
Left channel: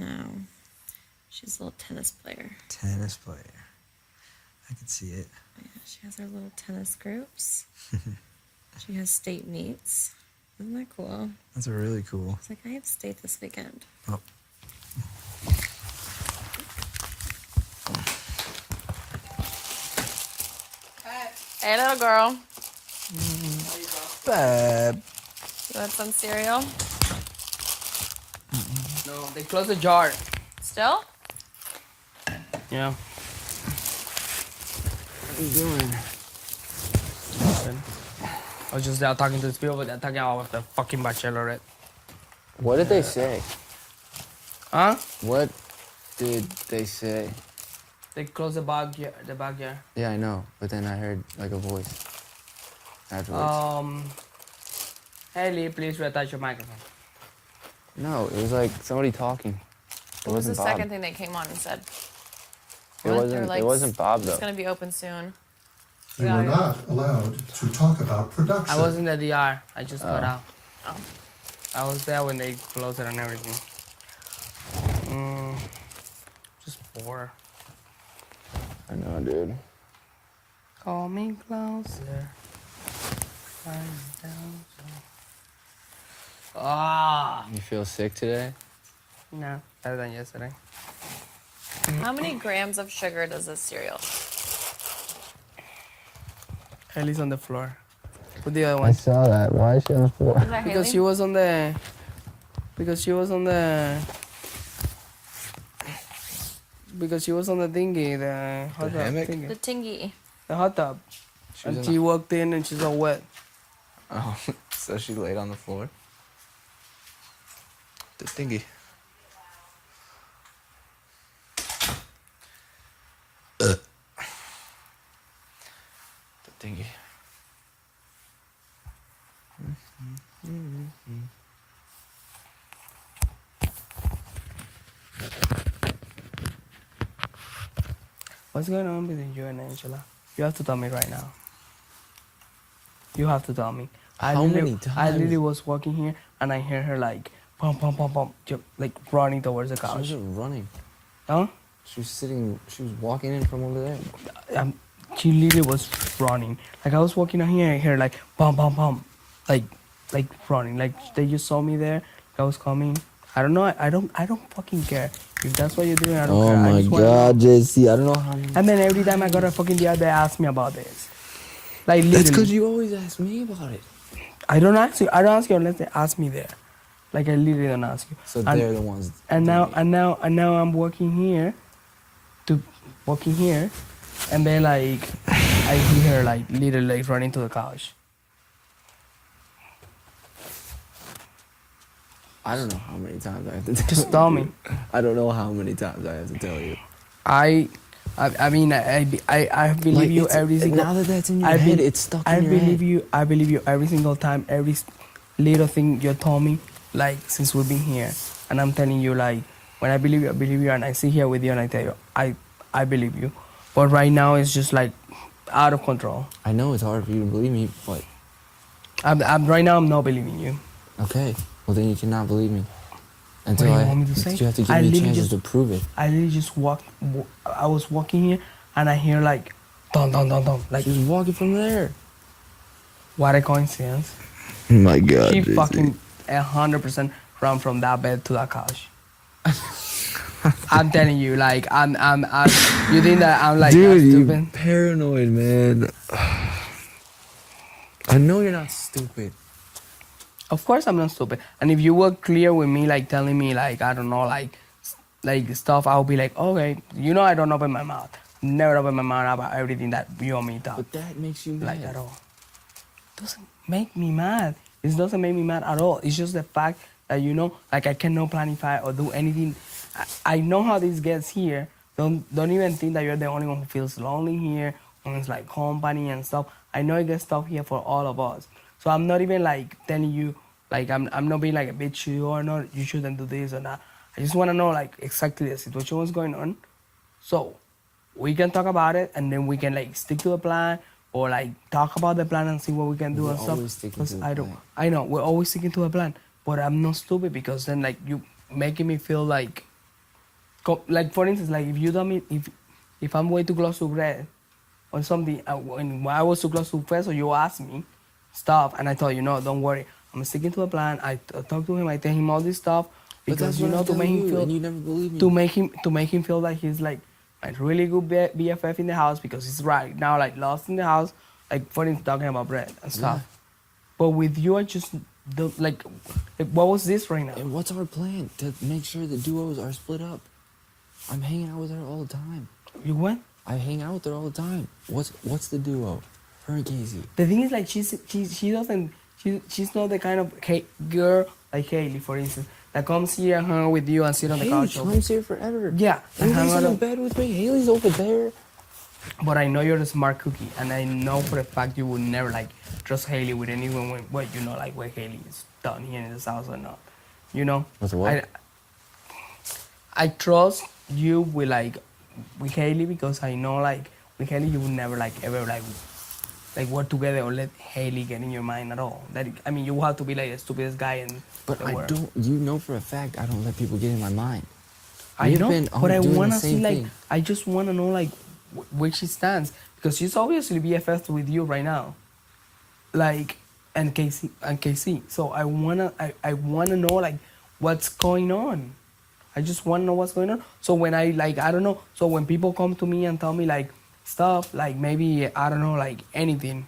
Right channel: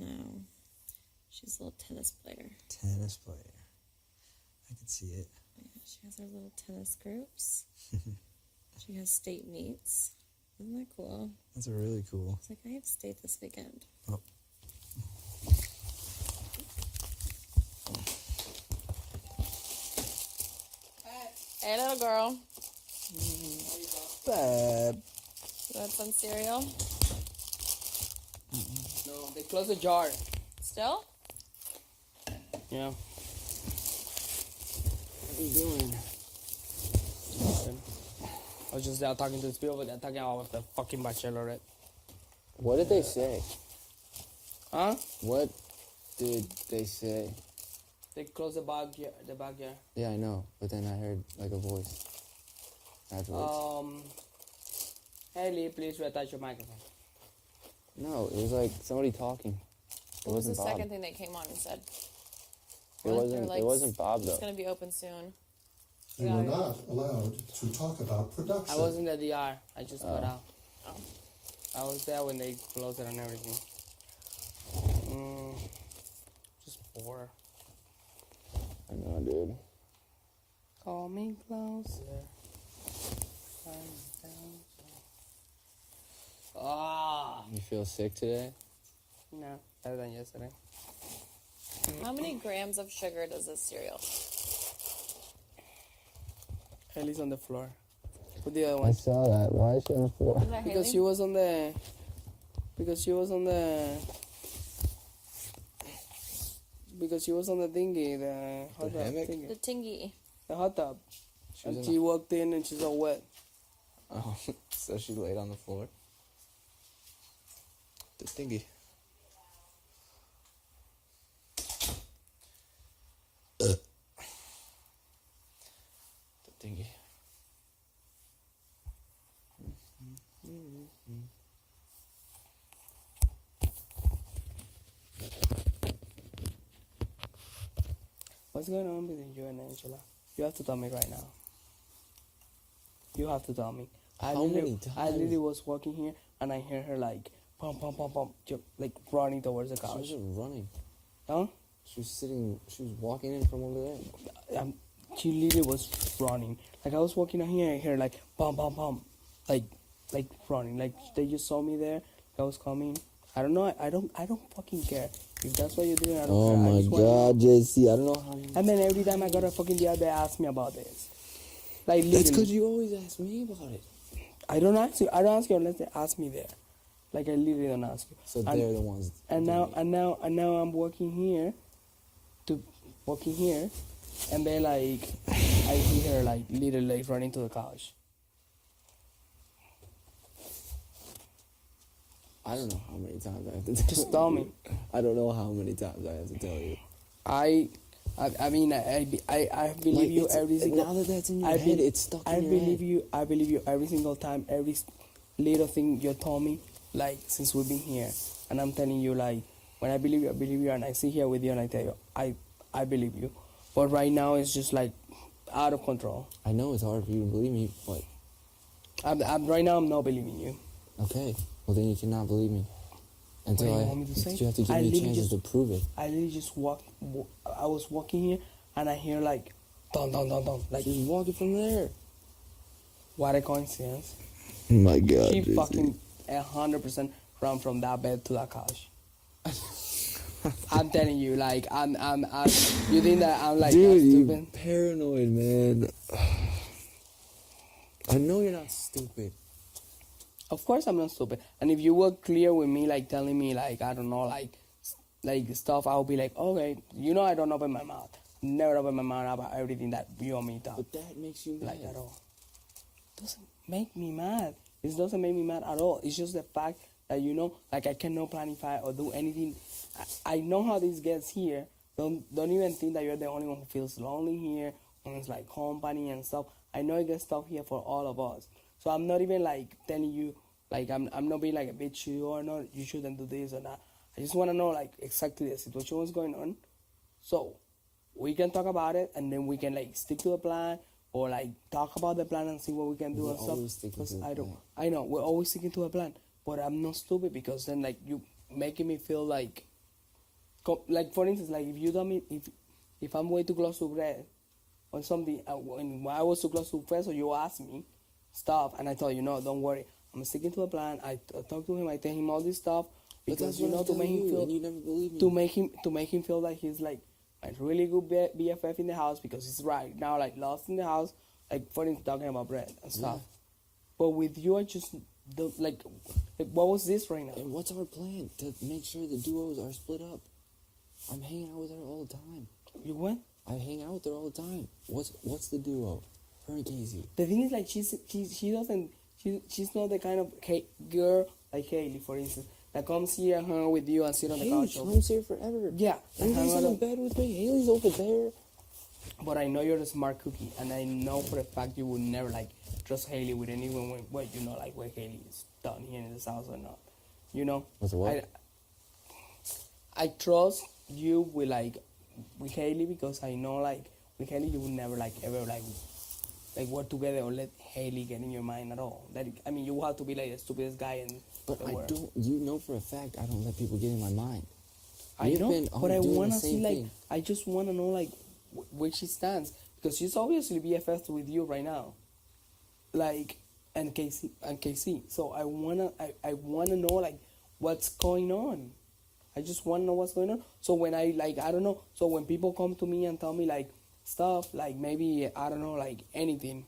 She's a little tennis player. Tennis player. I could see it. Yeah, she has her little tennis groups. She has state meets. Isn't that cool? That's really cool. It's like, I have state this weekend. Oh. Hey, little girl. Bab. You want some cereal? No, they closed the jar. Still? Yeah. What are you doing? Nothing. I was just out talking to these people, but they're talking about the fucking bachelorette. What did they say? Huh? What did they say? They closed the backyard. Yeah, I know, but then I heard like a voice afterwards. Haley, please reattach your microphone. No, it was like somebody talking. It What was the wasn't Bob. second thing they came on and said? It What? wasn't. They're like, It wasn't Bob It's though. gonna be open soon. You were not allowed to talk about production. I was in the DR. I just got out. Oh. I was there when they closed it and everything. Just bored. I know, dude. Call me closer. I'm down, so. Ah. You feel sick today? No, better than yesterday. How many grams of sugar does this cereal? Haley's on the floor. With the other I one. saw that. Why is she on the floor? Is that Because Haley? she was on the. Because she was on the. Because she was on the thingy, the hot tub hammock? thingy. The tingy. The hot tub. She was And in she walked in and she's all wet. Oh, so she laid on the floor. The thingy. The thingy. What's going on between you and Angela? You have to tell me right now. You have to tell me. How many I times? literally was walking here and I hear her like pum pum pum pum, like running towards the She couch. wasn't running. Huh? She was sitting. She was walking in from over there. She literally was running. Like I was walking out here, I hear like pum pum pum, like running. Like they just saw me there. I was coming. I don't know. I don't fucking care. If that's what you're doing, I don't Oh care. I my just wanna know. God, JC! I don't know how. And then every time I got a fucking DR, they ask me about this. Like That's literally. because you always ask me about it. I don't ask you. I don't ask you unless they ask me there. Like I literally don't ask you. So And- they're the ones. And doing now it. I'm walking here, and then like I hear her like literally like running to the couch. I don't know how many times I have to tell Just tell me. I don't know how many times I have to tell you. I mean I believe Like, you it's- every single. Now that that's in your I head, be- it's stuck I in your believe head. you. I believe you every single time. Every little thing you told me, like since we've been here, and I'm telling you like when I believe you, and I sit here with you and I tell you I believe you, but right now it's just like out of control. I know it's hard for you to believe me, but I'm right now I'm not believing you. okay. Well, then you cannot believe me until do you I. want me to say? You have to give I me literally chances just- to prove it. I literally just I was walking here and I hear like dun dun dun dun like She was walking from there. what a coincidence. My God. She JC. fucking 100% ran from that bed to that couch. I'm telling you, like I'm you think that I'm like Dude, that you stupid? paranoid, man. I know you're not stupid. Of course I'm not stupid. And if you were clear with me, like telling me like I don't know, like stuff, I'll be like, okay, you know I don't open my mouth. Never open my mouth about everything that you want me to talk. But that makes you mad. Like at all. Doesn't make me mad. It doesn't make me mad at all. It's just the fact that like I cannot planify or do anything. I know how this gets here. Don't even think that you're the only one who feels lonely here. When it's like company and stuff. I know it gets tough here for all of us. So I'm not even like telling you like I'm not being like a bitch or not. You shouldn't do this or that. I just want to know like exactly the situation what's going on. So we can talk about it and then we can like stick to the plan or like talk about the plan and see what we can do We're and stuff. always sticking 'Cause to the I don't. plan. I know we're always sticking to a plan, but I'm not stupid because then like you making me feel like for instance like if you tell me if I'm way too close to Red or something when I was too close to Fred, so you asked me stuff and I told you no, don't worry, I'm sticking to a plan. I talk to him, I tell him all this stuff But because that's what I to tell make him you, feel and you never believe me. to make him feel like he's like a really good BFF in the house because he's right now like lost in the house like for instance talking about Brett and stuff. But with you I just don't like what was this right now? And what's our plan to make sure the duos are split up? I'm hanging out with her all the time. You went? I hang out with her all the time. What's the duo? Her and Casey. The thing is like she's not the kind of girl like Haley for instance that comes here and hang out with you and sit on the couch. Haley comes here forever. Yeah, and hang Haley's out in the bed with me. Haley's over there. But I know you're a smart cookie, and I know for a fact you would never like trust Haley with anyone when like where Haley is down here in this house or not. You know? With what? I trust you with Haley because I know like with Haley you would never like ever like work together or let Haley get in your mind at all. I mean you have to be like the stupidest guy in But the I world. don't. You know for a fact I don't let people get in my mind. I We've know, been but I doing the wanna see same like thing. I just wanna know like where she stands because she's obviously BFF with you right now. Like and KC. So I wanna know like what's going on. I just wanna know what's going on. So when I like I don't know. So when people come to me and tell me like stuff like maybe I don't know like anything.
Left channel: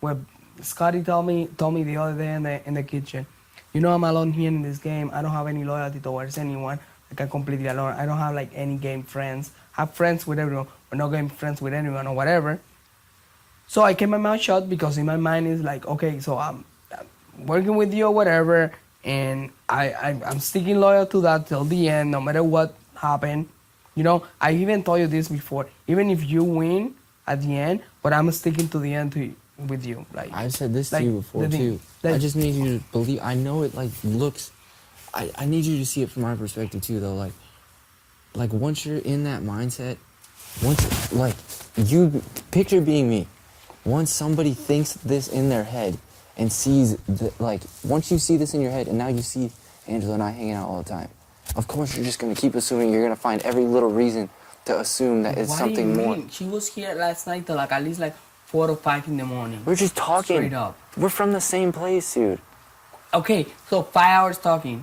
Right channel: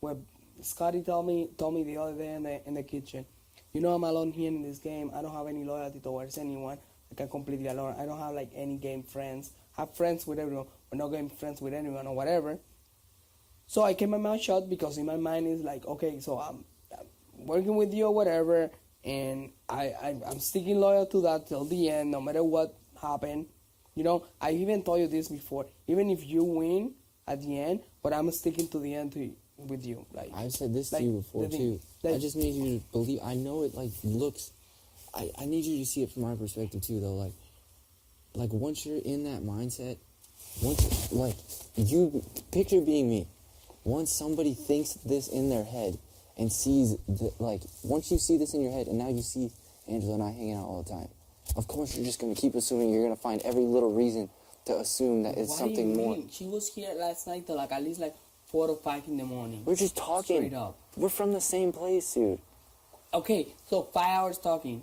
Well, Scotty told me the other day in the kitchen. You know, I'm alone here in this game. I don't have any loyalty towards anyone. Like I'm completely alone. I don't have like any game friends. I have friends with everyone, but not game friends with anyone or whatever. So I kept my mouth shut because in my mind is like, okay, so I'm working with you or whatever, and I'm sticking loyal to that till the end, no matter what happened. You know, I even told you this before. Even if you win at the end, but I'm sticking to the end with you. Like I've said this like, to you before the thing- too. I like- just need you to believe. I know it like looks. I need you to see it from my perspective too, though. Like once you're in that mindset, like you picture being me. Once somebody thinks this in their head and sees like once you see this in your head and now you see Angela and I hanging out all the time, of course you're just gonna keep assuming. You're gonna find every little reason to assume that it's What do you something more. mean? She was here last night till like at least like 4 or 5 in the morning. We're just talking. Straight up. We're from the same place, dude. Okay, so 5 hours talking.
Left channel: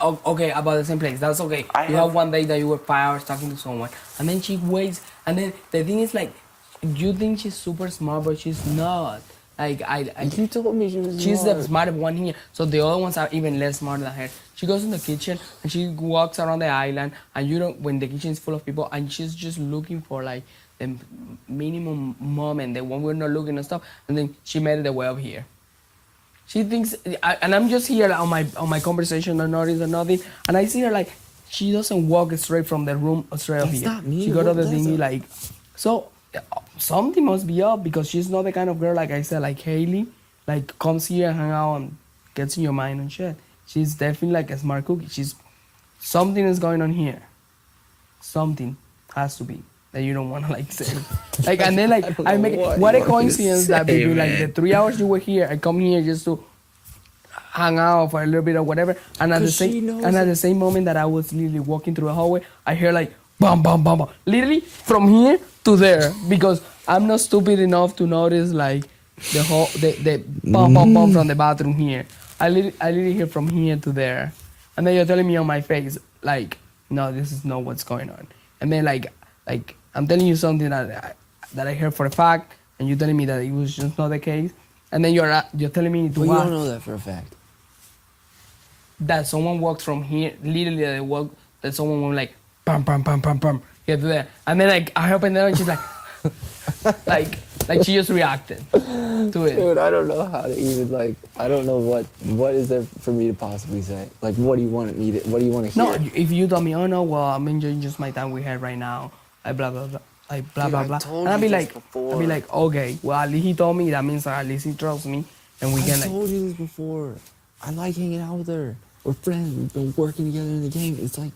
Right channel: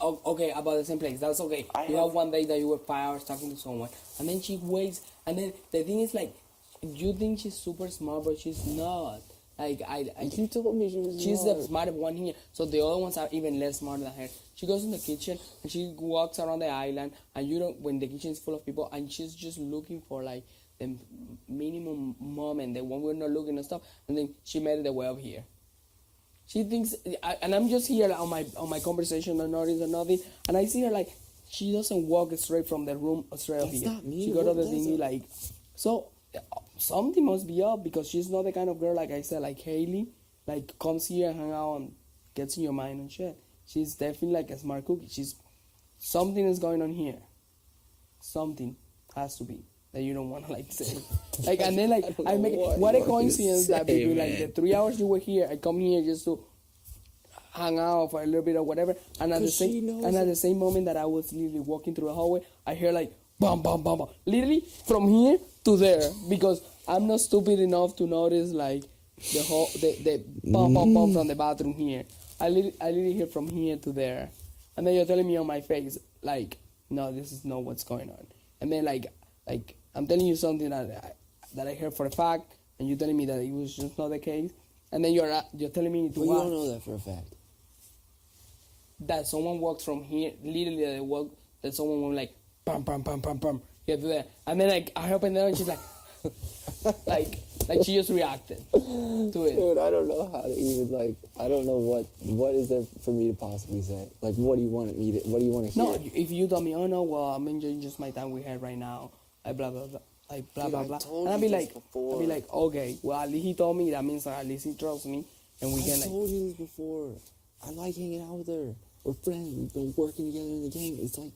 Oh, okay, about the same place. That's okay. You have one day that you were 5 hours talking to someone, and then she waits. And then the thing is like, you think she's super smart, but she's not. Like You told me she was she's smart. the smart one here. So the other ones are even less smart than her. She goes in the kitchen and she walks around the island, and you don't when the kitchen is full of people, and she's just looking for like the minimum moment, the one we're not looking and stuff, and then she made it the way up here. She thinks, and I'm just here on my conversation, or notice or nothing, and I see her like she doesn't walk straight from the room straight up That's here. not me. She go to What the does thingy it? like, so something must be up because she's not the kind of girl like I said, like Haley, like comes here and hang out and gets in your mind and shit. She's definitely like a smart cookie. Something is going on here. Something has to be that you don't want to like say. Like and then like I make what a coincidence that between like the 3 hours you were here, I come here just to hang out for a little bit or whatever, and at the same moment that I was literally walking through the hallway, I hear like bam bam bam bam, literally from here to there, because I'm not stupid enough to notice like the bam bam bam from the bathroom here. I literally hear from here to there, and then you're telling me on my face like, no, this is not what's going on, and then like I'm telling you something that I heard for a fact, and you're telling me that it was just not the case, and then you're telling me to Well, you what? don't know that for a fact. That someone walks from here, literally that someone went like pam pam pam pam pam here to there, and then like I opened it and she's like like she just reacted to it. Dude, I don't know how to even like. I don't know what is there for me to possibly say. Like, what do you want me to? What do you want to hear? No, if you tell me, oh no, well I'm enjoying just my time with her right now, like blah blah blah, like blah Dude, blah I blah, told and I'll you be this like, before. I'll be like, okay, well at least he told me, that means at least he trusts me, and we I can like. told you this before. I like hanging out with her. We're friends. We've been working together in the game. It's like,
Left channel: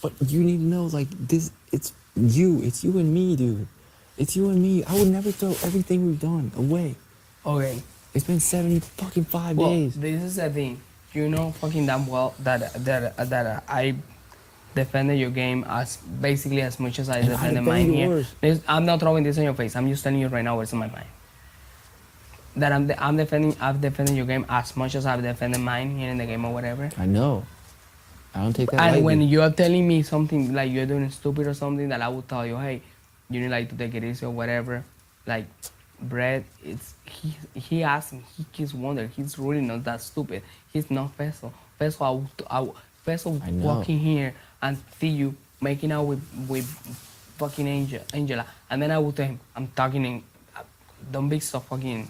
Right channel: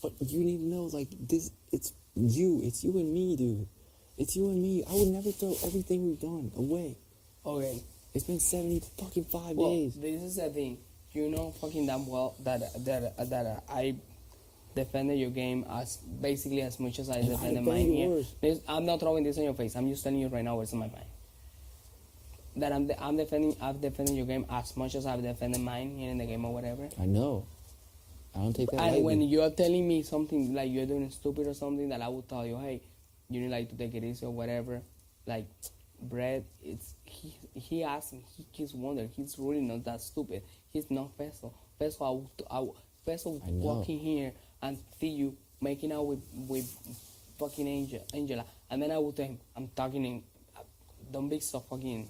but you need to know, like this. It's you and me, dude. It's you and me. I would never throw everything we've done away. Okay. It's been 75 Well, days. this is the thing. You know fucking damn well that I defended your game as basically as much as I And I defended defend mine here. yours. I'm not throwing this in your face. I'm just telling you right now what's in my mind. That I've defended your game as much as I've defended mine here in the game or whatever. I know. I don't take that And lightly. when you're telling me something like you're doing stupid or something, that I would tell you, hey, you need like to take it easy or whatever. Like, Brett, he asked him, he keeps wondering, he's really not that stupid. He's not Peso. Peso I know. walking here and see you making out with fucking Angela, and then I would tell him, I'm talking in, don't be so fucking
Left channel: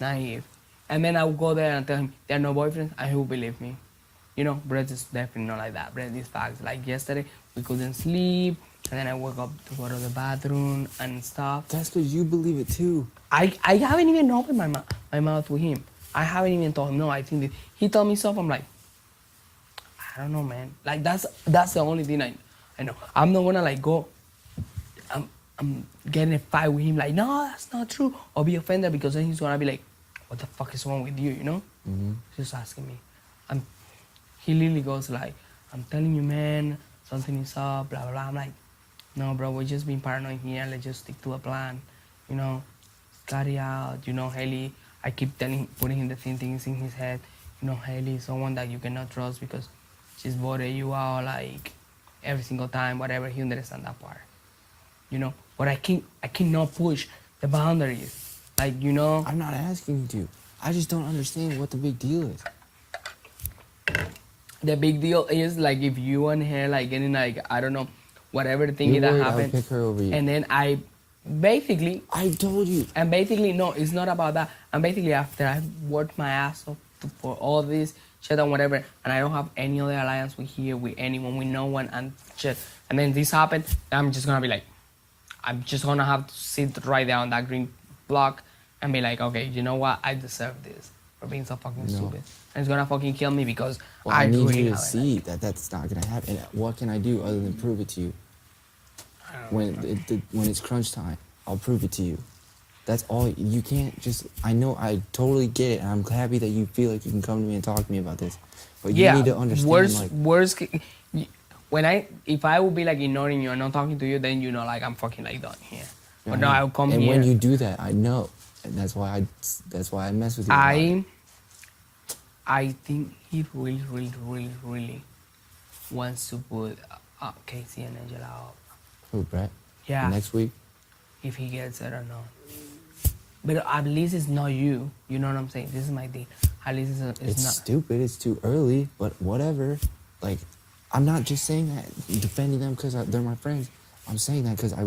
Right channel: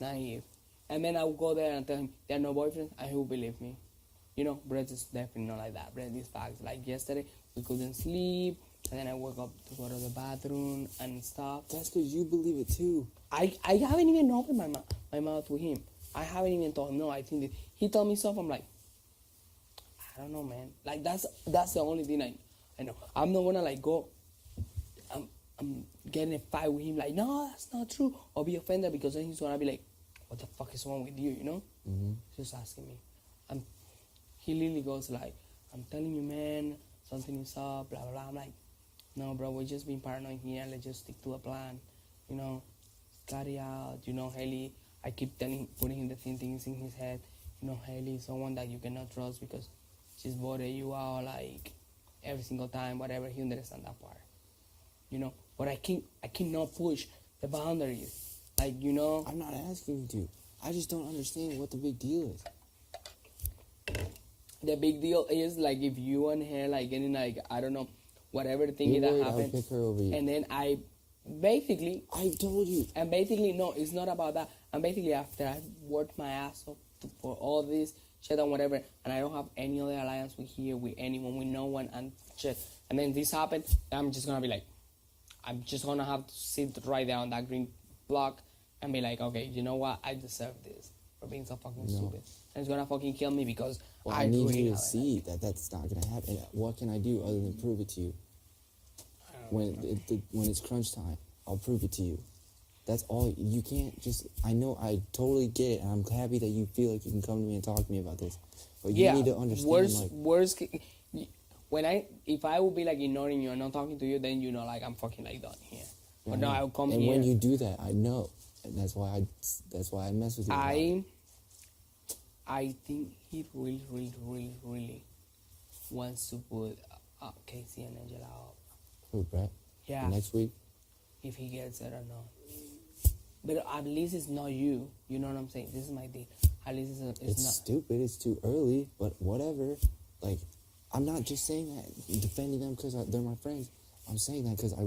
naive. And then I would go there and tell him they're no boyfriends, and he would believe me. You know, Brett is definitely not like that. Brett is facts. Like yesterday, we couldn't sleep, and then I woke up to go to the bathroom and stuff. That's because you believe it too. I haven't even opened my mouth with him. I haven't even told him, no, I think that he told me stuff, I'm like, I don't know, man. Like, that's the only thing I know. I'm not gonna, like, go, I'm getting a fight with him, like, no, that's not true, or be offended, because then he's gonna be like, what the fuck is wrong with you, you know? Mm-hmm. Just asking me. He literally goes like, I'm telling you, man, something is up, blah, blah, blah. I'm like, no, bro, we're just being paranoid here. Let's just stick to a plan, you know? Cut it out, you know, Haley. I keep putting him the same things in his head. You know, Haley is someone that you cannot trust because she's voted you out like every single time, whatever. He understands that part. You know, but I cannot push the boundaries. Like, you know. I'm not asking you to. I just don't understand what the big deal is. The big deal is like if you and her like getting like, I don't know, whatever the thing You're that worried I happened. would pick her over you. And then I told you. And basically, no, it's not about that. And basically, after I worked my ass off for all this shit and whatever, and I don't have any other alliance with anyone, with no one, and shit. And then this happened, I'm just gonna be like, I'm just gonna have to sit right there on that green block and be like, okay, you know what? I deserve this for being so fucking stupid. And it's gonna fucking kill me because Well, I need really you to have it. see that that's not gonna happen. And what can I do other than prove it to you? When it's crunch time, I'll prove it to you. That's all. You can't just. I know. I totally get it, and I'm happy that you feel like you can come to me and talk to me about this. But you need to understand. If I would be like ignoring you and not talking to you, then you know, like I'm fucking like done here. Yeah, But no, I'll come and here. when you do that, I know, and that's why I mess with you. about it. I think he really, really, really, really wants to put Casey and Angela up. Who, Brett? Yeah. Next week. If he gets it or not. But at least it's not you. You know what I'm saying? This is my thing. At least it's not. Stupid. It's too early. But whatever. Like, I'm not just saying that defending them because they're my friends. I'm saying that because I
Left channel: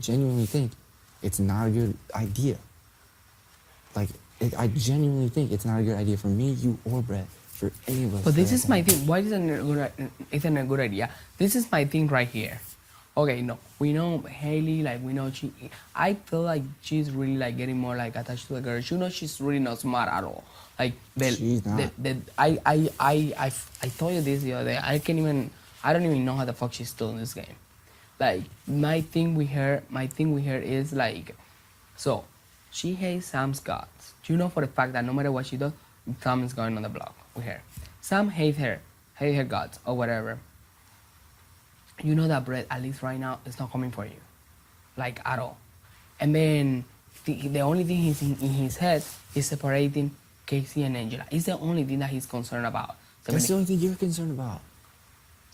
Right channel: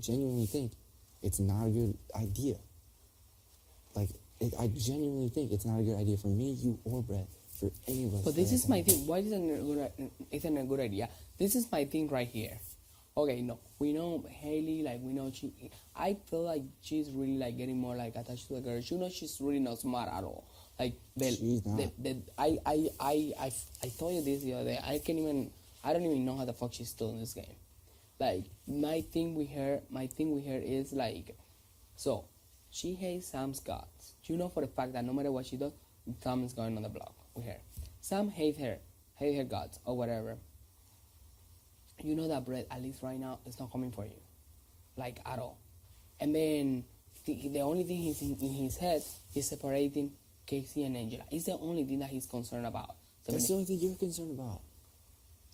genuinely think it's not a good idea. Like, I genuinely think it's not a good idea for me, you, or Brett, for any of us. But this is my thing. Why isn't it a good idea? This is my thing right here. Okay, no, we know Haley, like we know I feel like she's really like getting more like attached to the girl. You know, she's really not smart at all. Like she's not. I told you this the other day. I don't even know how the fuck she's still in this game. Like my thing with her is like, so she hates Sam's guts. You know for the fact that no matter what she does, Sam is going on the block with her. Sam hates her guts or whatever. You know that Brett, at least right now, is not coming for you. Like, at all. And then, the only thing he's in his head is separating Casey and Angela. It's the only thing that he's concerned about. That's the only thing you're concerned about.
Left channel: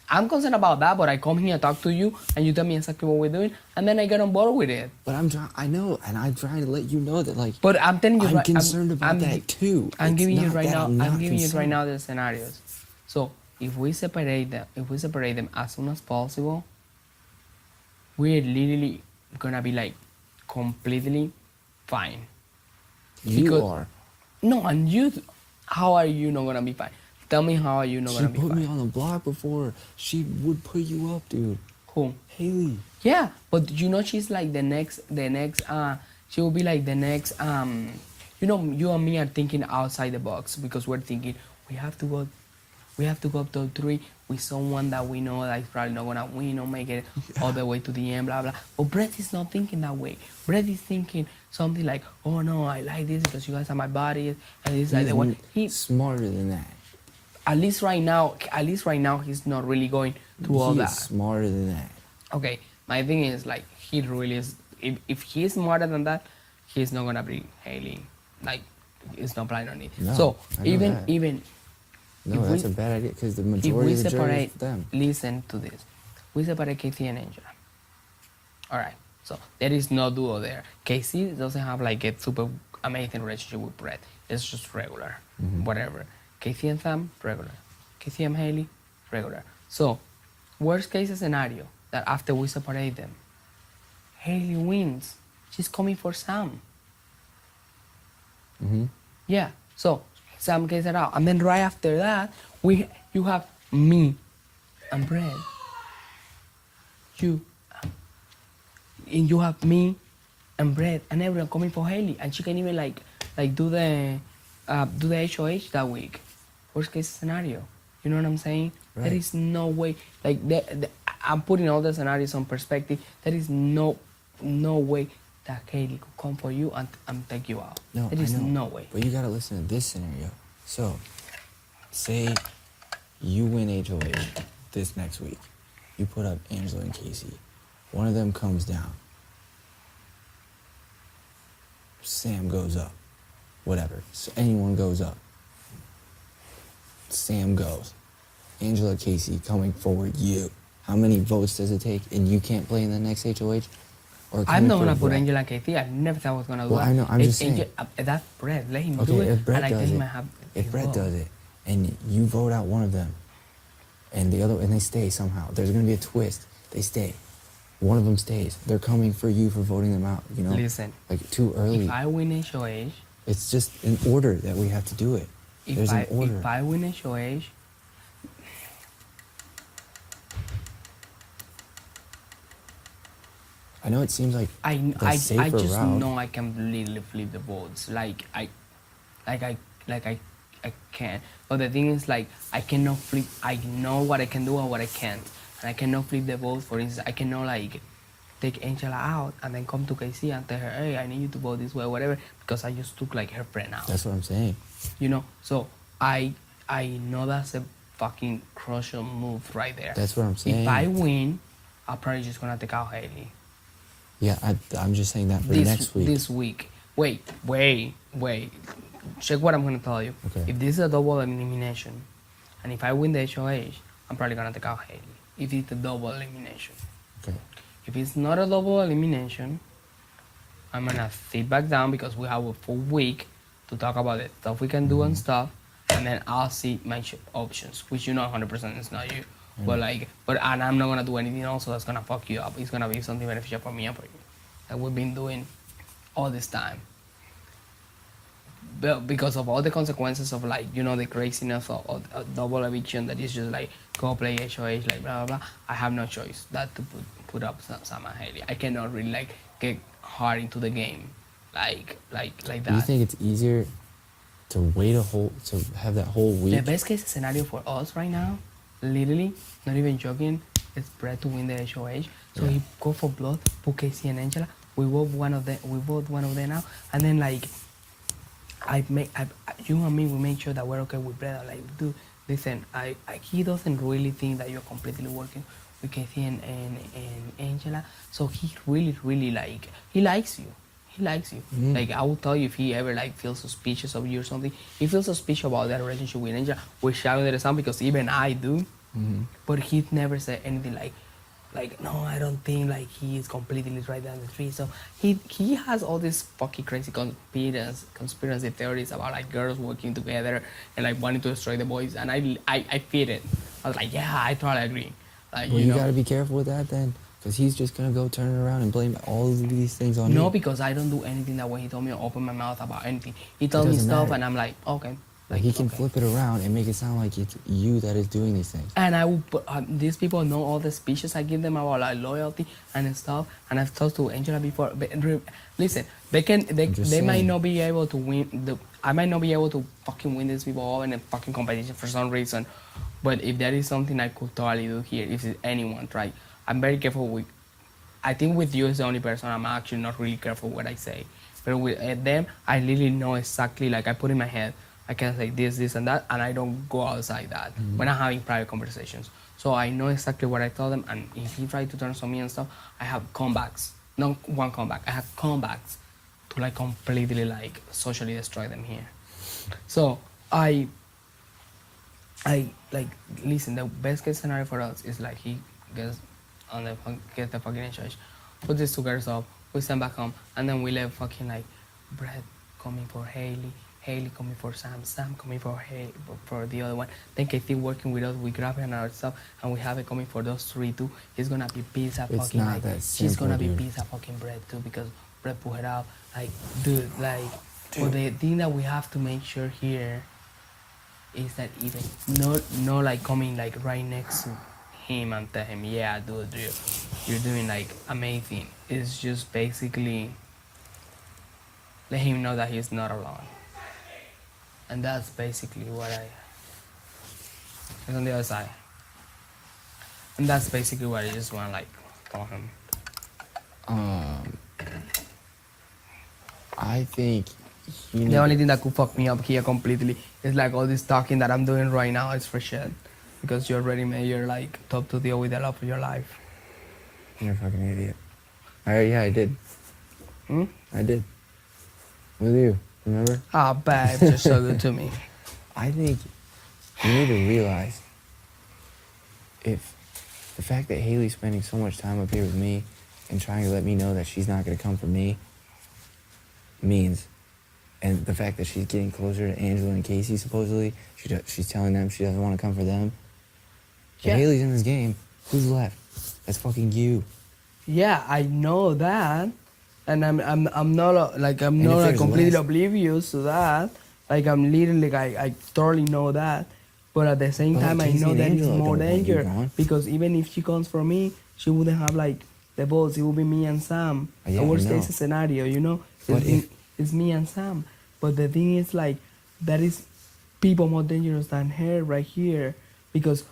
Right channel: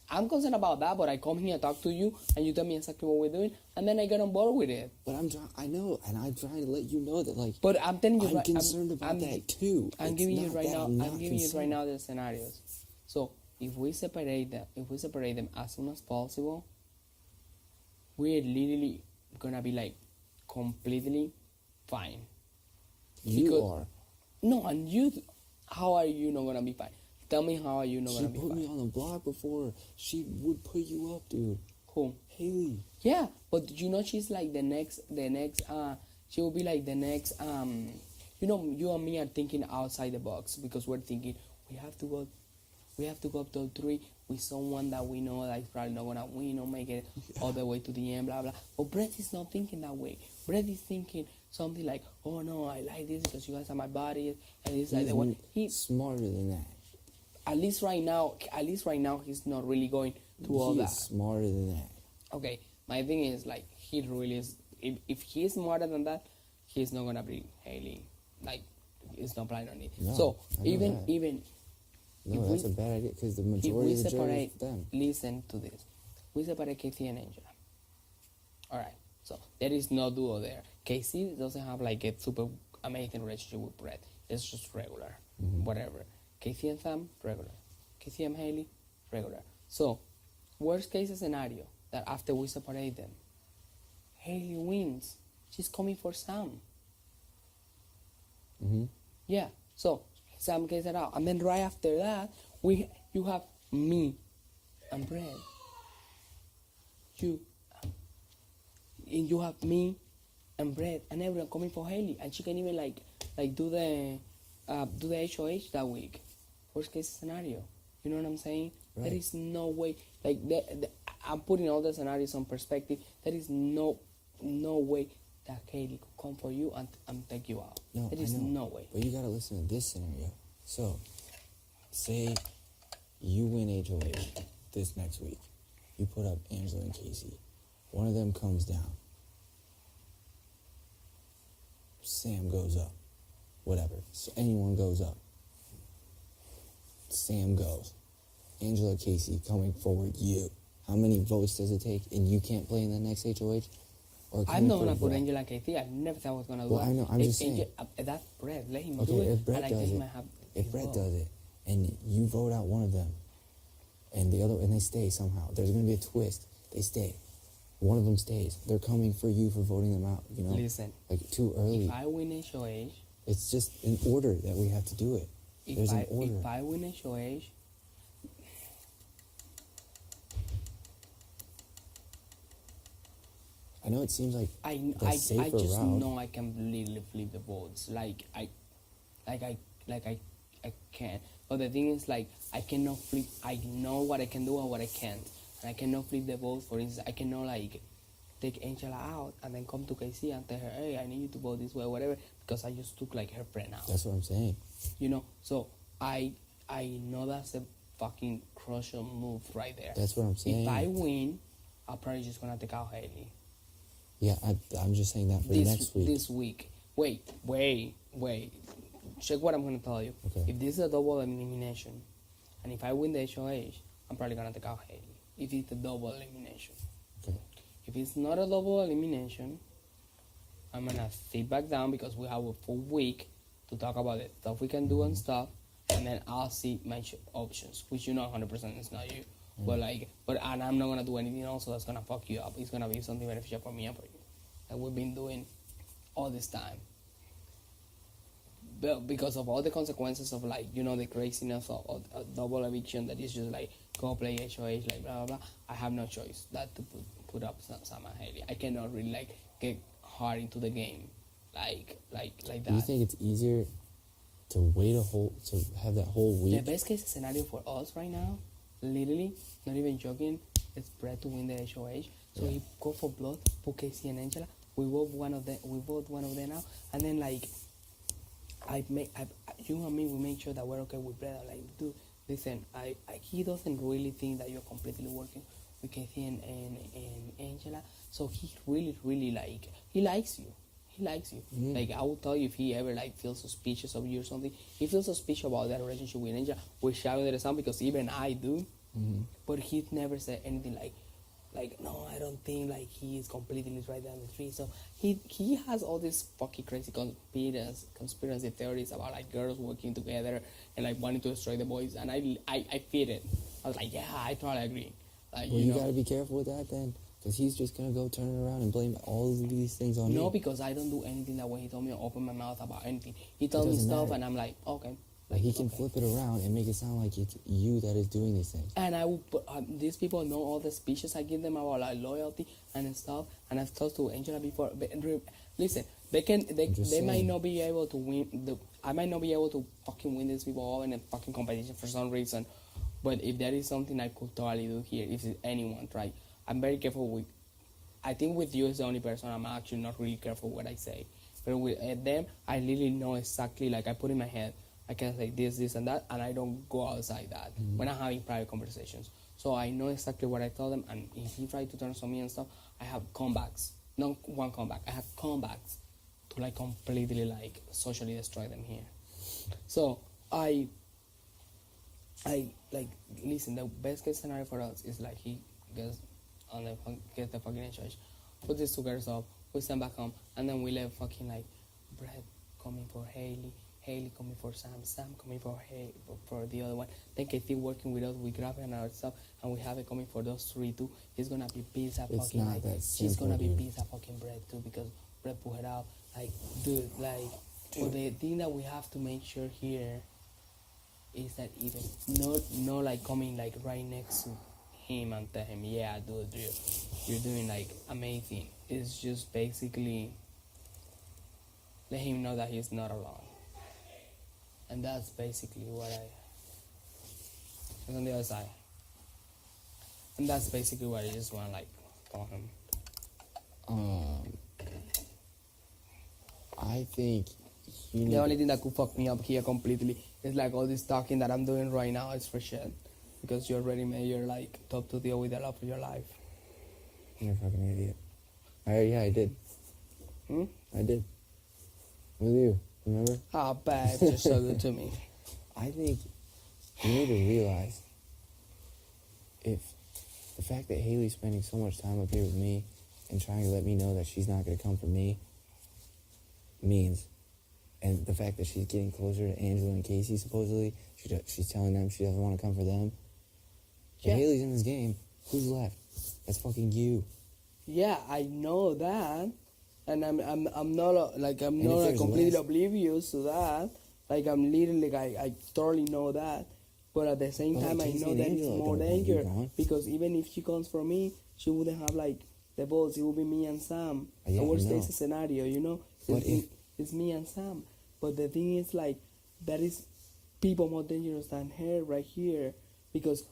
I'm concerned about that, but I come here and talk to you, and you tell me exactly what we're doing, and then I get on board with it. But I know, and I'm trying to let you know that, like, but I'm telling you, I'm concerned about that too. I'm giving you right now the scenarios. So, if we separate them as soon as possible, we're literally gonna be like completely fine. You are. No, and you, how are you not gonna be fine? Tell me how are you not gonna be fine? She put me on the block before. She would put you up, dude. Who? Haley. Yeah, but you know she's like the next, she will be like the next, you know, you and me are thinking outside the box because we're thinking we have to go top 3 with someone that we know that is probably not gonna win or make it all the way to the end, blah blah. But Brett is not thinking that way. Brett is thinking something like, oh no, I like this because you guys are my bodies, and it's like the one. He's smarter than that. At least right now, he's not really going through all that. He's smarter than that. Okay, my thing is like he really is. If he's smarter than that, he's not gonna bring Haley. Like, it's not planning on it. No, so I know even that. even. No, that's a bad idea because the majority of the jury is them. Listen to this. We separate Casey and Angela. All right. So there is no duo there. Casey doesn't have like a super amazing relationship with Brett. It's just regular, whatever. Casey and Sam, regular. Casey and Haley, regular. So, worst case scenario that after we separate them, Haley wins. She's coming for Sam. Yeah. So Sam gets it out, and then right after that, you have me and Brett. You have me and Brett and everyone coming for Haley, and she can even like do the HOH that week. Worst case scenario. You know what I'm saying? Right. There is no way. Like I'm putting all the scenarios on perspective. There is no way that Haley could come for you and take you out. No, there is no way. But you gotta listen to this scenario. So, say you win HOH this next week. You put up Angela and Casey. One of them comes down. Sam goes up. whatever. So anyone goes up. Sam goes. Angela Casey coming forward, you. How many votes does it take? And you can't play in the next HOH? Or I'm coming not for gonna put Brett? Angela Casey. I never thought I was gonna do Well, that. I know, I'm just saying. That's Brett. Let him Okay, do it. if Brett and I does think he it, might have if his Brett vote. does it, and you vote out one of them, and the other, and they stay somehow, there's gonna be a twist. They stay. One of them stays. They're coming for you for voting them out. You know, Listen, like too early. if I win HOH, It's just an order that we have to do it. There's an order. if I win HOH, I know it seems like I the safer just route. know I can literally flip the votes. I can. But the thing is, like, I cannot flip. I know what I can do and what I can't, and I cannot flip the votes. For instance, I cannot like take Angela out and then come to KC and tell her, hey, I need you to vote this way, or whatever, because I just took like her friend out. That's what I'm saying. You know. So I know that's a fucking crucial move right there. That's what I'm saying. If I win, I'm probably just gonna take out Haley. Yeah, I'm just saying that for next week. This week. Wait. Check what I'm gonna tell you. Okay. If this is a double elimination, and if I win the HOH, I'm probably gonna take out Haley. If it's a double elimination. Okay. If it's not a double elimination, I'm gonna sit back down because we have a full week to talk about the stuff we can do and stuff, and then I'll see my options, which you know 100% is not you. And I'm not gonna do anything else that's gonna fuck you up. It's gonna be something beneficial for me and for you, that we've been doing all this time. But because of all the consequences of, like, you know, the craziness of double eviction that is just like go play HOH, like blah blah blah. I have no choice that to put up Sam and Haley. I cannot really like get hard into the game, like that. Do you think it's easier to wait to have that whole week? The best case scenario for us right now, literally, not even joking, is Brett to win the HOH. So he go for blood, put Casey and Angela. We vote one of them. We vote one of them now, and then like, you and me, we make sure that we're okay with Brett. Like, dude, listen, he doesn't really think that you're completely working with Casey and Angela. So he really like, he likes you. He likes you. Mm-hmm. Like, I will tell you, if he ever like feels suspicious of you or something, he feels suspicious about that relationship with Angela, which I understand because even I do. Mm-hmm. But he never said anything like, no, I don't think like he is completely right down the street. So he has all these fucking crazy conspiracy theories about like girls working together and like wanting to destroy the boys, and I feed it. I was like, yeah, I totally agree. Like, Well, you know, gotta be careful with that then, because he's just gonna go turn around and blame all of these things on you. no, because I don't do anything that way. He told me to open my mouth about anything. He told me doesn't stuff, matter. and I'm like, okay. Like he can okay. flip it around and make it sound like it's you that is doing these things. And I will put, these people know all the speeches I give them about like loyalty and stuff. And I've talked to Angela before. But listen, they just might saying. not be able to win. I might not be able to fucking win these people all in a fucking competition for some reason. But if there is something I could totally do here, if it's anyone, right? I'm very careful with. I think with you is the only person I'm actually not really careful what I say. But with them, I really know exactly. Like I put in my head, I can say this, and that, and I don't go outside that when I'm having private conversations. So I know exactly what I tell them, and if he tries to turn on me and stuff, I have comebacks. Not one comeback, I have comebacks to like completely like socially destroy them here. So I like, listen, the best case scenario for us is like he gets the fucking HOH, put these two girls up, we send back home, and then we let fucking like Brett coming for Haley coming for Sam coming for Haley, for the other one. Then Katie working with us, we grab her and our stuff, and we have it coming for those three too. He's gonna be pissed at It's fucking not like, that she's simple, gonna be dude. pissed at fucking Brett too because Brett put her out. Like, dude, like, but the thing that we have to make sure here is that even no like coming like right next to him and tell him, yeah, dude, you're doing like amazing. It's just basically let him know that he's not alone. And that's basically what it's on the other side. And that's basically what I just want to like tell him. I think you The need only thing that could fuck me up here completely is like all this talking that I'm doing right now is for shit. Because you already made your like top to deal with the love of your life. You're a fucking idiot. I did. Hmm? I did. With you. Remember? Ah, babe, you're so good to me. I think you need to realize if the fact that Haley's spending so much time up here with me and trying to let me know that she's not going to come for me means, and the fact that she's getting closer to Angela and Casey, supposedly, she's telling them she doesn't want to come for them. Yeah. If Haley's in this game, who's left? That's fucking you. Yeah, I know that, and I'm not like I'm And not if like, there's completely less- oblivious to that. Like I'm literally like I thoroughly know that, but at the same But time I Casey know and that it's Angela more don't want you danger gone. because even if she comes for me, she wouldn't have like the boss. It would be me and Sam. Yeah, The I worst know. case scenario, you know, But it's me and Sam. But the thing is like that is people more dangerous than her right here because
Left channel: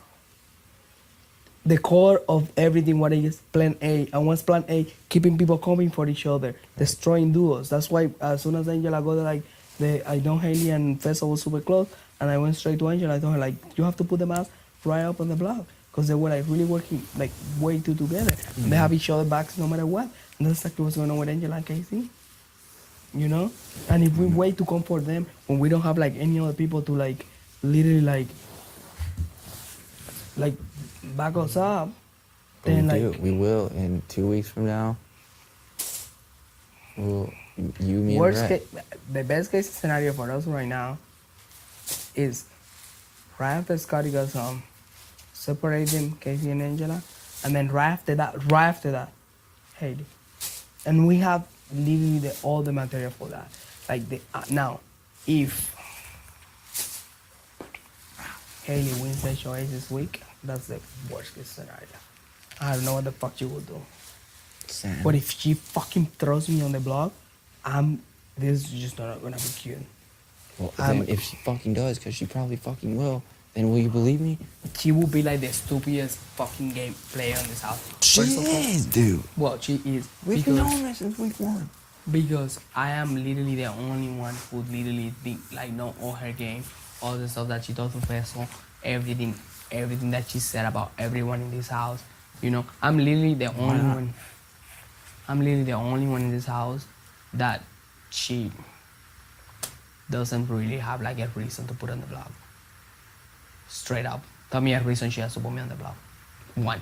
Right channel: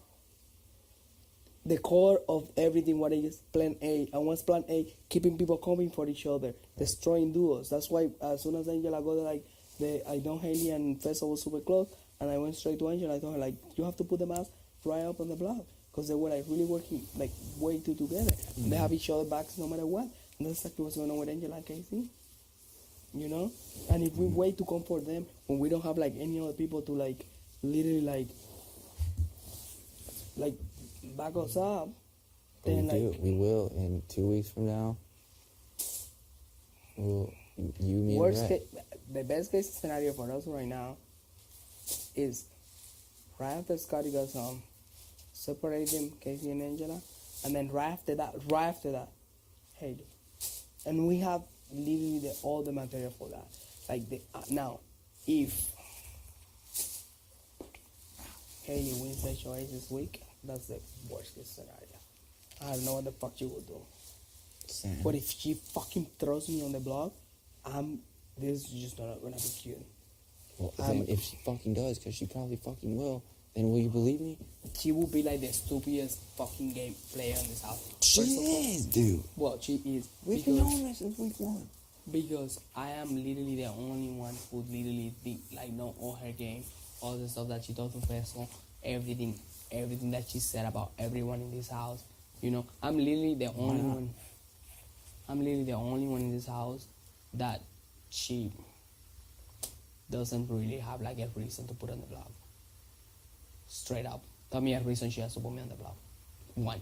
the core of everything what is plan A and what's plan A, keeping people coming for each other, destroying duos. That's why as soon as Angela got like I know Haley and Fessa was super close and I went straight to Angela. I told her like you have to put them out right up on the block because they were like really working like way too together. And they have each other backs no matter what. And that's exactly what's going on with Angela and Casey. You know? And if we wait to come for them when we don't have like any other people to like literally like back us up, But then we like do. We will in 2 weeks from now. We'll, you, me, and worst Brett. case, the best case scenario for us right now is right after Scotty goes home, separate them, Casey and Angela, and then right after that, Haley. And we have literally all the material for that. Like now, if Haley wins the choice this week, that's the worst case scenario. I don't know what the fuck you will do. Sam. But if she fucking throws me on the block, this is just not gonna be cute. Well, then if she fucking does, because she probably fucking will, then will you believe me? She will be like the stupidest fucking game player in this house. She First of all- is, dude. Well, she is. We've because, known that since week 1. because I am literally the only one who literally think, like know all her game, all the stuff that she does with Vessel, everything that she said about everyone in this house. You know, I'm literally the only not? one. I'm literally the only one in this house that she doesn't really have like a reason to put on the block. Straight up. Tell me a reason she has to put me on the block. One.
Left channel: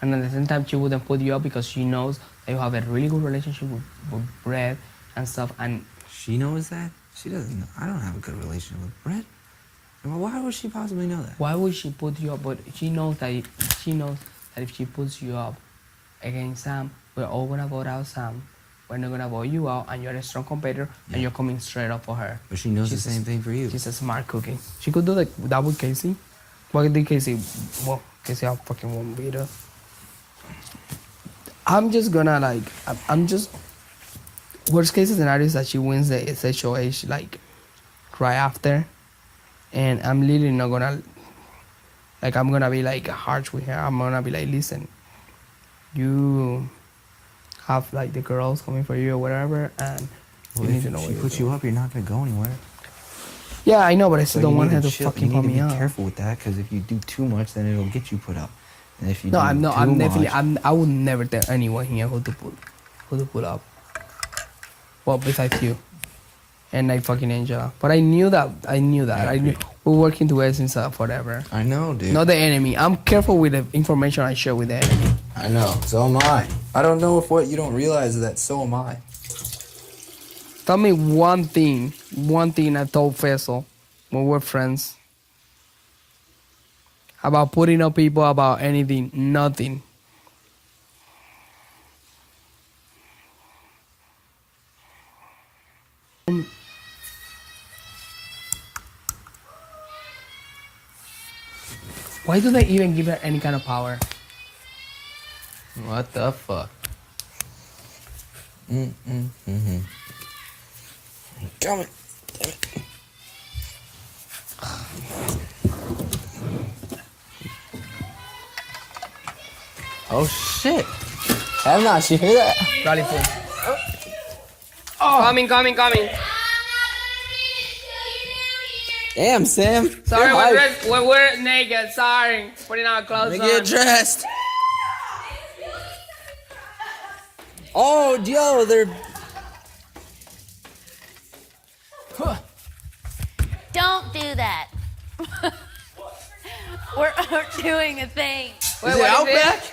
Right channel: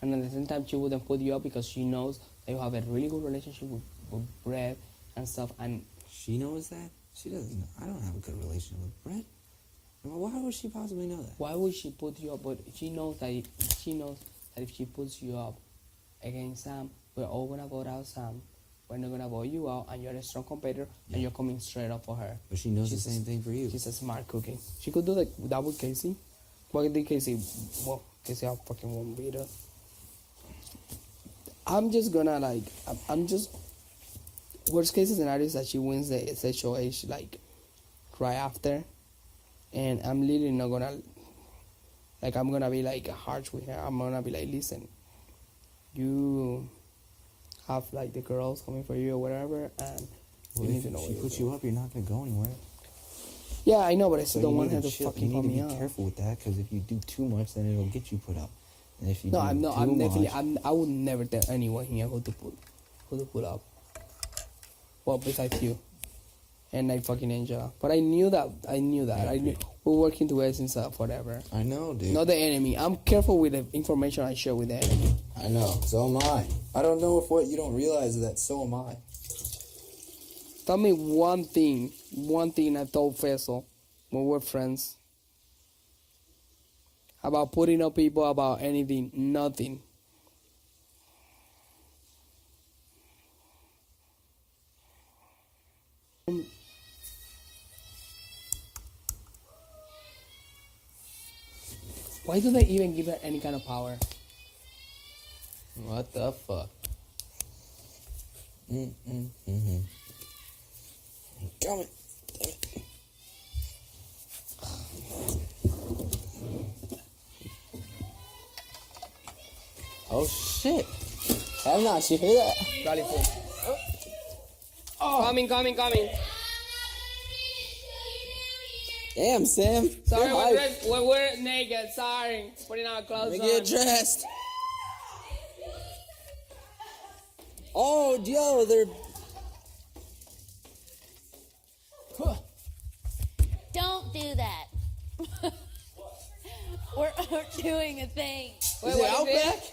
And at the same time, she wouldn't put you up because she knows that you have a really good relationship with Brett and stuff. And She knows that? She doesn't know. I don't have a good relationship with Brett. Well, why would she possibly know that? why would she put you up? But she knows that if she puts you up against Sam, we're all gonna vote out Sam. We're not gonna vote you out, and you're a strong competitor, and you're coming straight up for her. But she knows She's the same thing for you. She's a smart cookie. She could do that with Casey. What did Casey? Well, Casey, I fucking won't beat her. I'm just gonna like. I'm just. Worst case scenario is that she wins the SHOH like right after, and I'm literally not gonna. Like I'm gonna be like harsh with her. I'm gonna be like, listen, you have like the girls coming for you or whatever, and Well, you need if to know she what you're puts doing. you up, you're not going to go anywhere. Yeah, I know, but I still So don't you want need her to chill- fucking you put need me to be up. careful with that, because if you do too much, then it'll get you put up. And if you No, do I'm too definitely. much, I would never tell anyone here who to put up. Well, besides you, and like fucking Angela. But I knew that. I knew we're working together since forever. I know, dude. Not the enemy. I'm careful with the information I share with the enemy. I know. So am I. I don't know if what you don't realize is that so am I. Tell me one thing I told Faisal when we're friends about putting up people about anything. Nothing. Why do they even give her any kind of power? What the fuck? Come on. Oh shit! I'm not. You hear that? Rally full. Oh. Coming. Damn, Sam. Sorry, You're hype. we're naked. Sorry, putting our clothes Let me get dressed. Oh, yo, they're We're doing a thing. Is it Outback?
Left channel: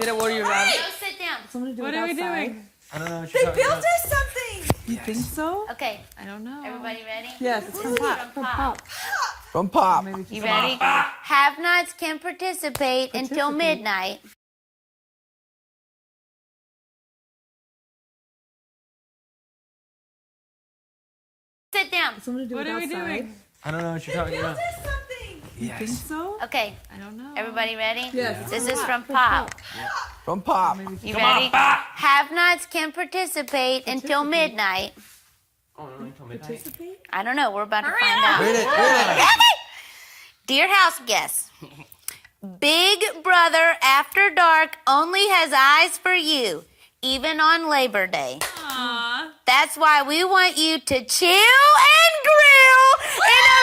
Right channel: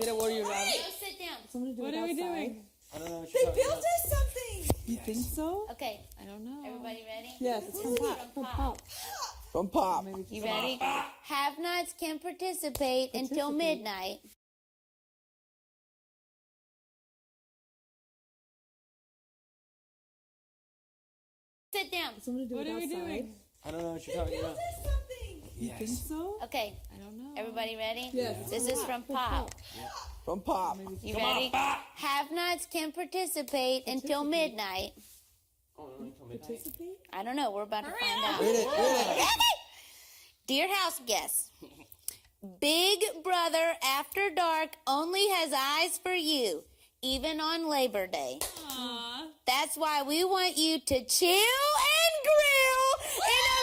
Get what are you rather? Go sit down. What are we doing? I don't know. They built us something. You think so? Okay, I don't know. everybody ready? Yes, it's from Pop. From Pop. You ready? Have-nots can participate until midnight. Sit down. What are we doing? I don't know what you're talking about. You think so? Okay, I don't know. everybody ready? Yes. This is from Pop. From Pop. You ready? Have-nots can participate until midnight. Oh, no, until midnight. I don't know. We're about to find out. Read it. Dear house guests, Big Brother After Dark only has eyes for you, even on Labor Day. That's why we want you to chill and grill in a